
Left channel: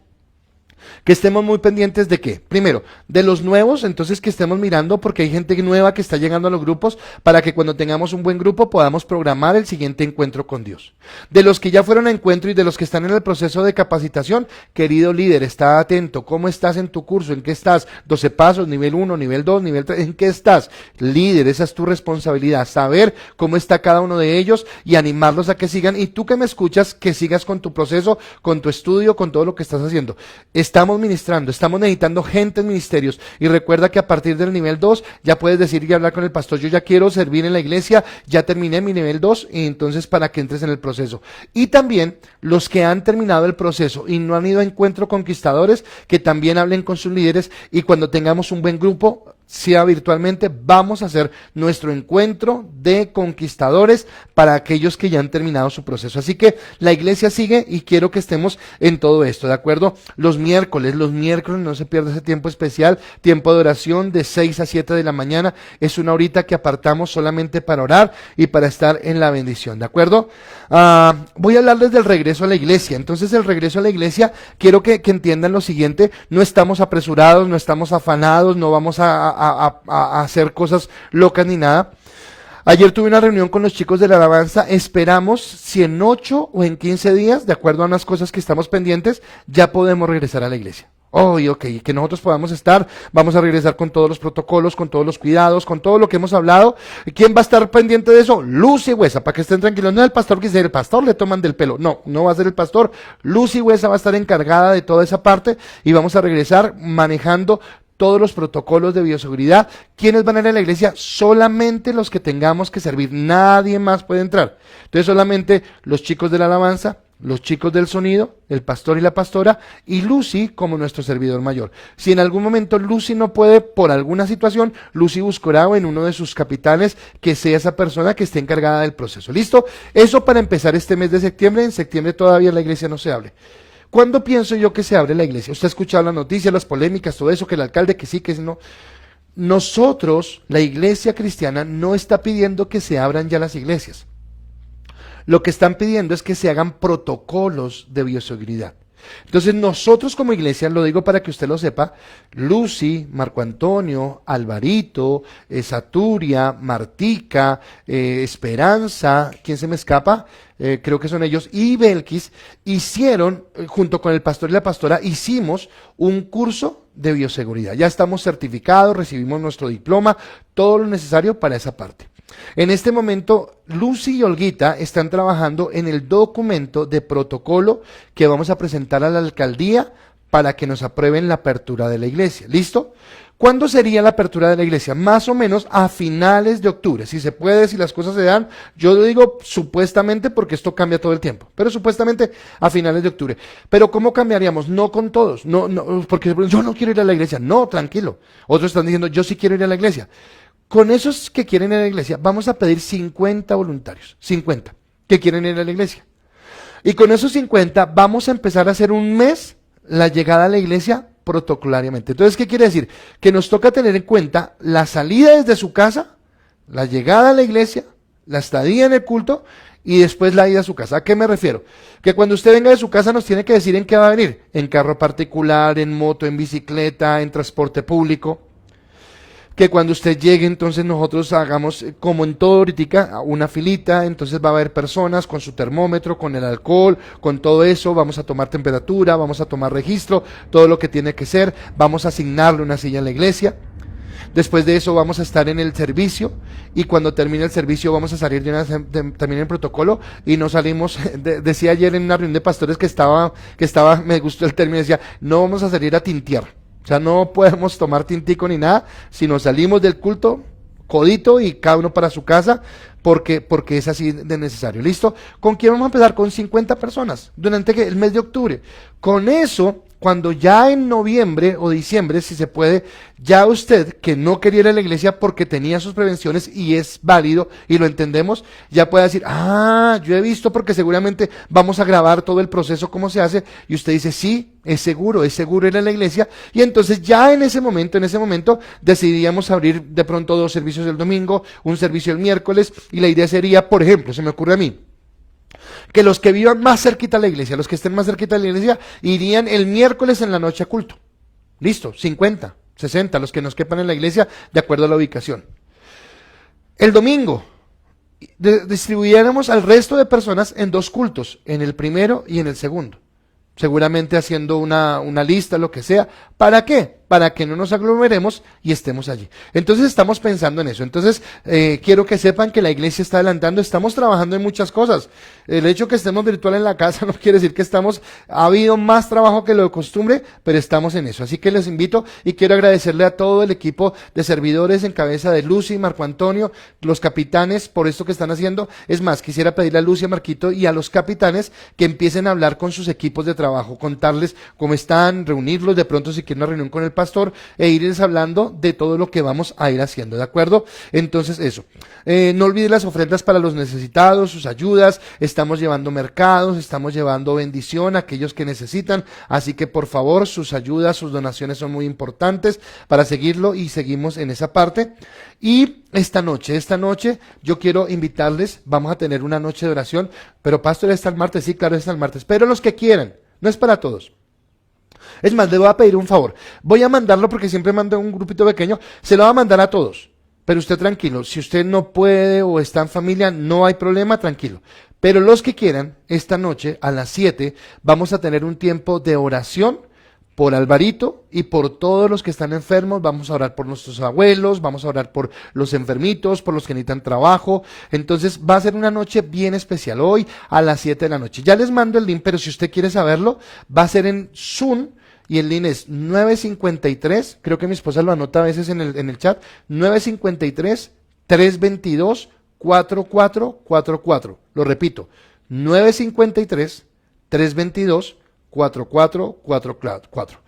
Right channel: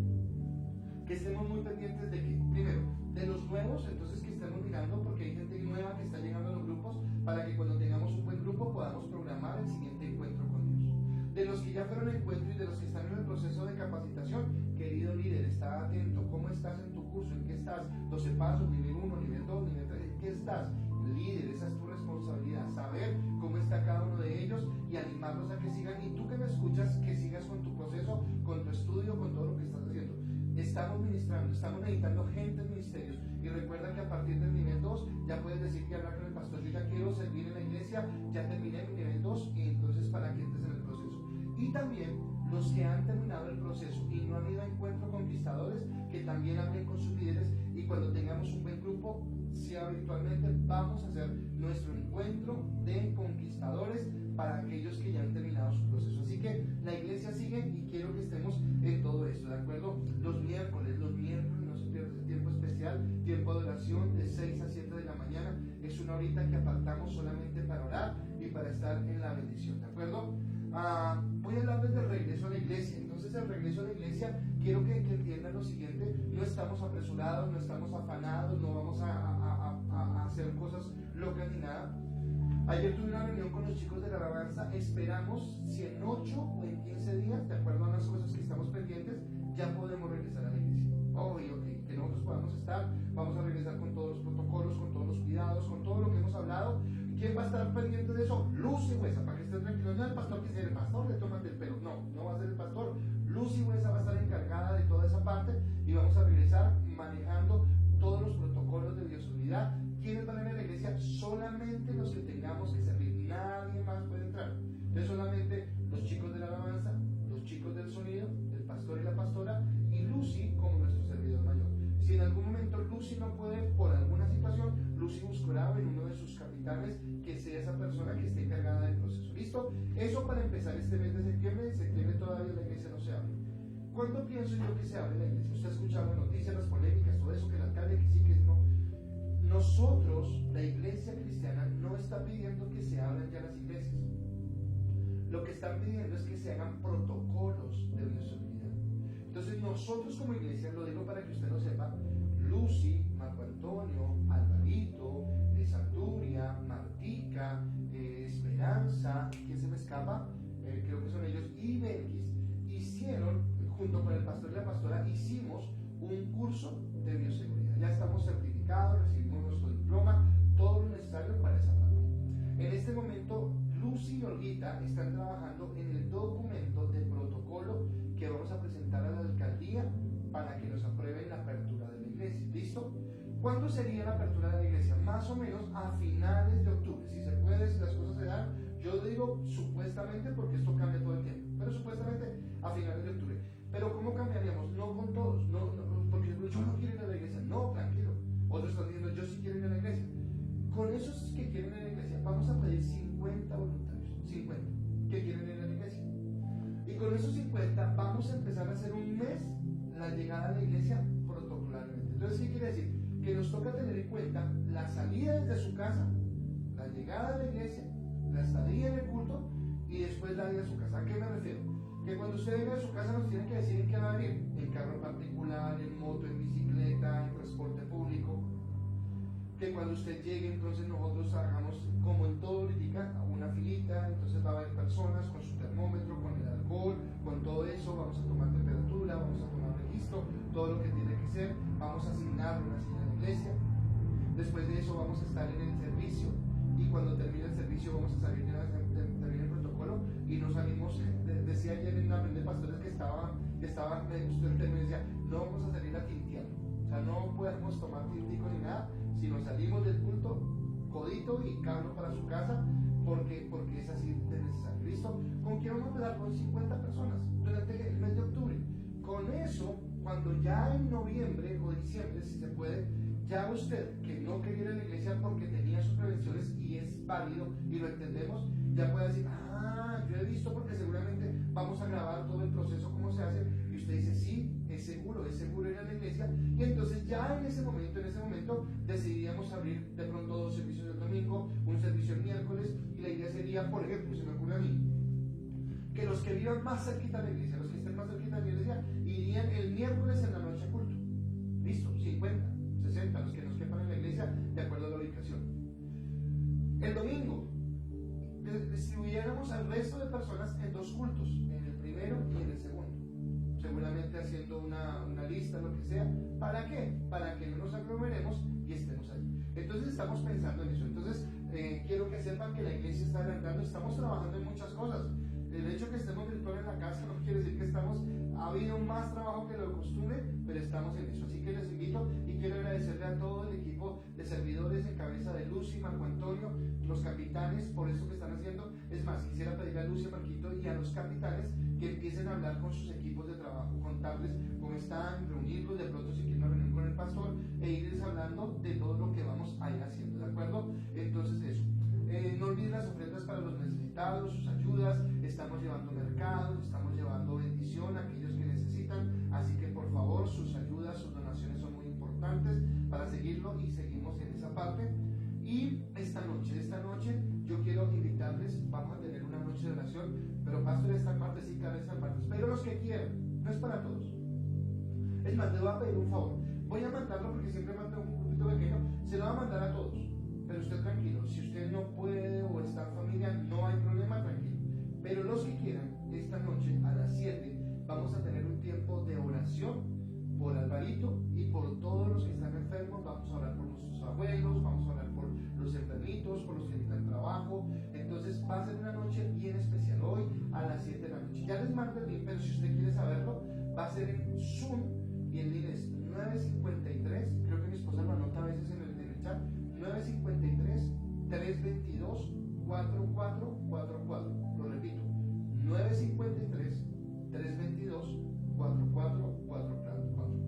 que estemos muy pendientes de qué, primero, de los nuevos, entonces que estemos mirando porque hay gente nueva que está llegando a los grupos para que cuando tengamos un buen grupo podamos programar el siguiente encuentro con Dios. De los que ya fueron a encuentro y de los que están en el proceso de capacitación, querido líder, está atento, ¿cómo estás en tu curso? ¿En qué estás? 12 pasos, nivel 1, nivel 2, nivel 3, ¿en qué estás? Líder, esa es tu responsabilidad, saber cómo está cada uno de ellos y animarlos a que sigan, y tú que me escuchas, que sigas con tu proceso, con tu estudio, con todo lo que estás haciendo. Estamos ministrando, estamos necesitando gente en ministerios, y recuerda que a partir del nivel 2 ya puedes decir y hablar con el pastor, yo ya quiero servir en la iglesia, ya terminé mi nivel 2, y entonces para que entres en el proceso. Y también los que han terminado el proceso y no han ido a encuentro conquistadores, que también hablen con sus líderes, y cuando tengamos un buen grupo, sea virtualmente, vamos a hacer nuestro encuentro de conquistadores para aquellos que ya han terminado su proceso. Así que la iglesia sigue y quiero que estemos en todo esto, ¿de acuerdo? Los miércoles no se pierda ese tiempo especial, tiempo de oración de 6 a 7 de la mañana, es una horita que apartamos solamente para orar y para estar en la bendición, ¿de acuerdo? Voy a hablarles del regreso a la iglesia. Entonces el regreso a la iglesia, quiero que entiendan lo siguiente, no estamos apresurados, no estamos afanados, no vamos a hacer cosas locas ni nada. Ayer tuve una reunión con los chicos de la alabanza, esperamos si en 8 o en 15 días, de acuerdo a unas cosas que estamos pendientes, ya podemos regresar a la iglesia. Ok, que nosotros podamos estar, vamos a regresar con todos los protocolos, con todos los cuidados, con todo lo que hemos hablado. ¿Quién va a estar pendiente de eso? Lucy Huesa, para que estén tranquilos, no es el pastor que dice, el pastor le toman del pelo, no va a ser el pastor, Lucy Huesa va a estar encargada de toda esa parte, y vamos a regresar manejando todos los protocolos de bioseguridad. ¿Quiénes van a ir a la iglesia? Solamente los que tengamos que servir, nadie más puede entrar. Entonces solamente los chicos de la alabanza, los chicos del sonido, el pastor y la pastora, y Lucy como nuestro servidor mayor. Si en algún momento Lucy no puede por alguna situación, Lucy buscará en uno de sus capitanes que sea esa persona que esté encargada del proceso. ¿Listo? Eso para empezar este mes de septiembre. En septiembre todavía la iglesia no se abre. ¿Cuándo pienso yo que se abre la iglesia? Usted ha escuchado las noticias, las polémicas, todo eso, que el alcalde que sí, que no. Nosotros, la iglesia cristiana, no está pidiendo que se abran ya las iglesias. Lo que están pidiendo es que se hagan protocolos de bioseguridad. Entonces nosotros como iglesia, lo digo para que usted lo sepa, Lucy, Marco Antonio, Alvarito, Saturia, Martica, Esperanza, ¿quién se me escapa? Creo que son ellos, y Belkis, hicieron, junto con el pastor y la pastora, hicimos un curso de bioseguridad. Ya estamos certificados, recibimos nuestro diploma, todo lo necesario para esa parte. En este momento, Lucy y Olguita están trabajando en el documento de protocolo que vamos a presentar a la alcaldía para que nos aprueben la apertura de la iglesia. ¿Listo? ¿Cuándo sería la apertura de la iglesia? Más o menos a finales de octubre. Si se puede, si las cosas se dan, yo lo digo supuestamente porque esto cambia todo el tiempo, pero supuestamente a finales de octubre. Pero ¿cómo cambiaríamos? No con todos, no, porque yo no quiero ir a la iglesia. No, tranquilo. Otros están diciendo, yo sí quiero ir a la iglesia. Con esos que quieren ir a la iglesia, vamos a pedir 50 voluntarios, 50 que quieren ir a la iglesia. Y con esos 50 vamos a empezar a hacer un mes la llegada a la iglesia protocolariamente. Entonces, ¿qué quiere decir? Que nos toca tener en cuenta la salida desde su casa, la llegada a la iglesia, la estadía en el culto y después la ida a su casa. ¿A qué me refiero? Que cuando usted venga de su casa nos tiene que decir en qué va a venir. En carro particular, en moto, en bicicleta, en transporte público. Que cuando usted llegue, entonces nosotros hagamos, como en todo ahorita, una filita, entonces va a haber personas con su termómetro, con el alcohol, con todo eso, vamos a tomar temperatura, vamos a tomar registro, todo lo que tiene que ser, vamos a asignarle una silla en la iglesia. Después de eso vamos a estar en el servicio, y cuando termine el servicio vamos a salir también en protocolo, y no salimos, decía ayer en una reunión de pastores que estaba, me gustó el término, decía, no vamos a salir a tintear, o sea, no podemos tomar tintico ni nada, sino salimos del culto, codito y cada uno para su casa, porque es así de necesario. ¿Listo? ¿Con quién vamos a empezar? Con 50 personas durante el mes de octubre. Con eso, cuando ya en noviembre o diciembre, si se puede, ya usted que no quería ir a la iglesia porque tenía sus prevenciones, y es válido y lo entendemos, ya puede decir, yo he visto, porque seguramente vamos a grabar todo el proceso, cómo se hace, y usted dice, sí, es seguro ir a la iglesia, y entonces ya en ese momento decidíamos abrir de pronto 2 servicios el domingo, un servicio el miércoles, y la idea sería, por ejemplo, se me ocurre a mí, que los que vivan más cerquita a la iglesia, los que estén más cerquita a la iglesia, irían el miércoles en la noche a culto. Listo, 50, 60, los que nos quepan en la iglesia, de acuerdo a la ubicación. El domingo distribuyéramos al resto de personas en 2 cultos, en el primero y en el segundo. Seguramente haciendo una lista, lo que sea. ¿Para qué? Para que no nos aglomeremos y estemos allí. Entonces estamos pensando en eso. Entonces quiero que sepan que la iglesia está adelantando, estamos trabajando en muchas cosas. El hecho que estemos virtual en la casa no quiere decir que ha habido más trabajo que lo de costumbre, pero estamos en eso. Así que les invito, y quiero agradecerle a todo el equipo de servidores en cabeza de Lucy, Marco Antonio, los capitanes, por esto que están haciendo. Es más, quisiera pedirle a Lucy, a Marquito y a los capitanes que empiecen a hablar con sus equipos de trabajo, contarles cómo están, reunirlos, de pronto si quieren una reunión con el pastor, e irles hablando de todo lo que vamos a ir haciendo, ¿de acuerdo? Entonces eso, no olviden las ofrendas para los necesitados, sus ayudas, estamos llevando mercados, estamos llevando bendición a aquellos que necesitan, así que por favor sus ayudas, sus donaciones son muy importantes para seguirlo, y seguimos en esa parte. Y esta noche yo quiero invitarles, vamos a tener una noche de oración, pero pastor, ¿está el martes? Sí, claro, está el martes, pero los que quieran, no es para todos. Es más, le voy a pedir un favor, voy a mandarlo, porque siempre mando un grupito pequeño, se lo va a mandar a todos, pero usted tranquilo, si usted no puede o está en familia, no hay problema, tranquilo. Pero los que quieran, esta noche a las 7 vamos a tener un tiempo de oración por Alvarito y por todos los que están enfermos. Vamos a orar por nuestros abuelos, vamos a orar por los enfermitos, por los que necesitan trabajo. Entonces va a ser una noche bien especial hoy a las 7 de la noche. Ya les mando el link, pero si usted quiere saberlo, va a ser en Zoom, y el link es 953, creo que mi esposa lo anota a veces en el chat, 953-322-4444. Lo repito, 953-322-4444.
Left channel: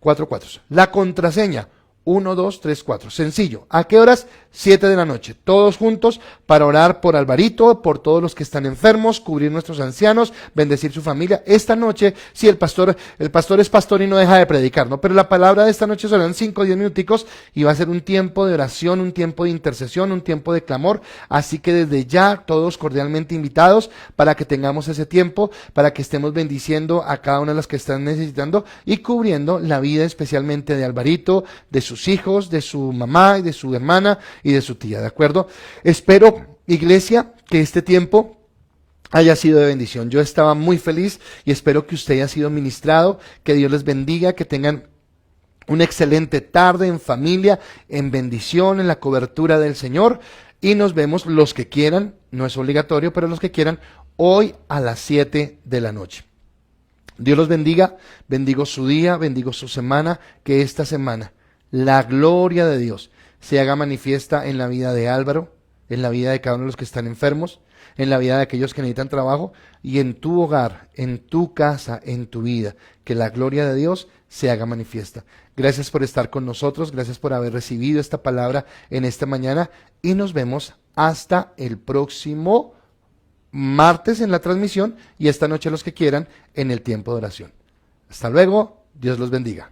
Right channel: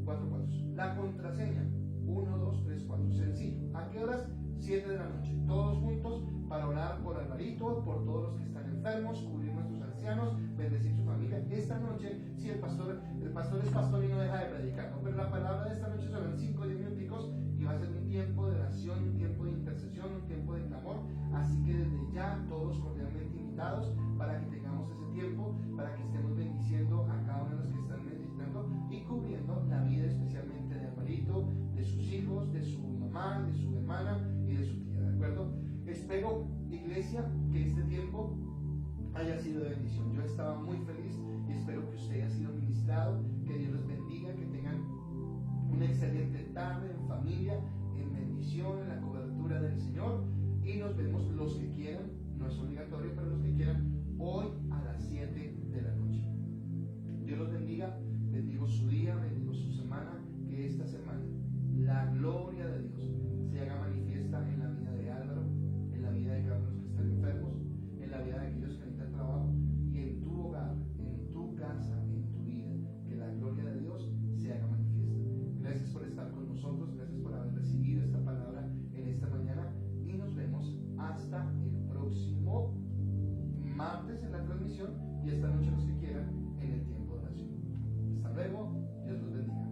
44. La contraseña 1234. Sencillo. ¿A qué horas? 7 de la noche. Todos juntos para orar por Alvarito, por todos los que están enfermos, cubrir nuestros ancianos, bendecir su familia. Esta noche, sí, el pastor es pastor y no deja de predicar, ¿no? Pero la palabra de esta noche serán 5 o 10 minuticos, y va a ser un tiempo de oración, un tiempo de intercesión, un tiempo de clamor. Así que desde ya, todos cordialmente invitados para que tengamos ese tiempo, para que estemos bendiciendo a cada una de las que están necesitando y cubriendo la vida especialmente de Alvarito, de sus hijos, de su mamá y de su hermana y de su tía, ¿de acuerdo? Espero, iglesia, que este tiempo haya sido de bendición. Yo estaba muy feliz y espero que usted haya sido ministrado, que Dios les bendiga, que tengan una excelente tarde en familia, en bendición, en la cobertura del Señor, y nos vemos los que quieran, no es obligatorio, pero los que quieran, hoy a las 7 de la noche. Dios los bendiga, bendigo su día, bendigo su semana, que esta semana la gloria de Dios se haga manifiesta en la vida de Álvaro, en la vida de cada uno de los que están enfermos, en la vida de aquellos que necesitan trabajo, y en tu hogar, en tu casa, en tu vida, que la gloria de Dios se haga manifiesta. Gracias por estar con nosotros, gracias por haber recibido esta palabra en esta mañana, y nos vemos hasta el próximo martes en la transmisión, y esta noche los que quieran en el tiempo de oración. Hasta luego, Dios los bendiga.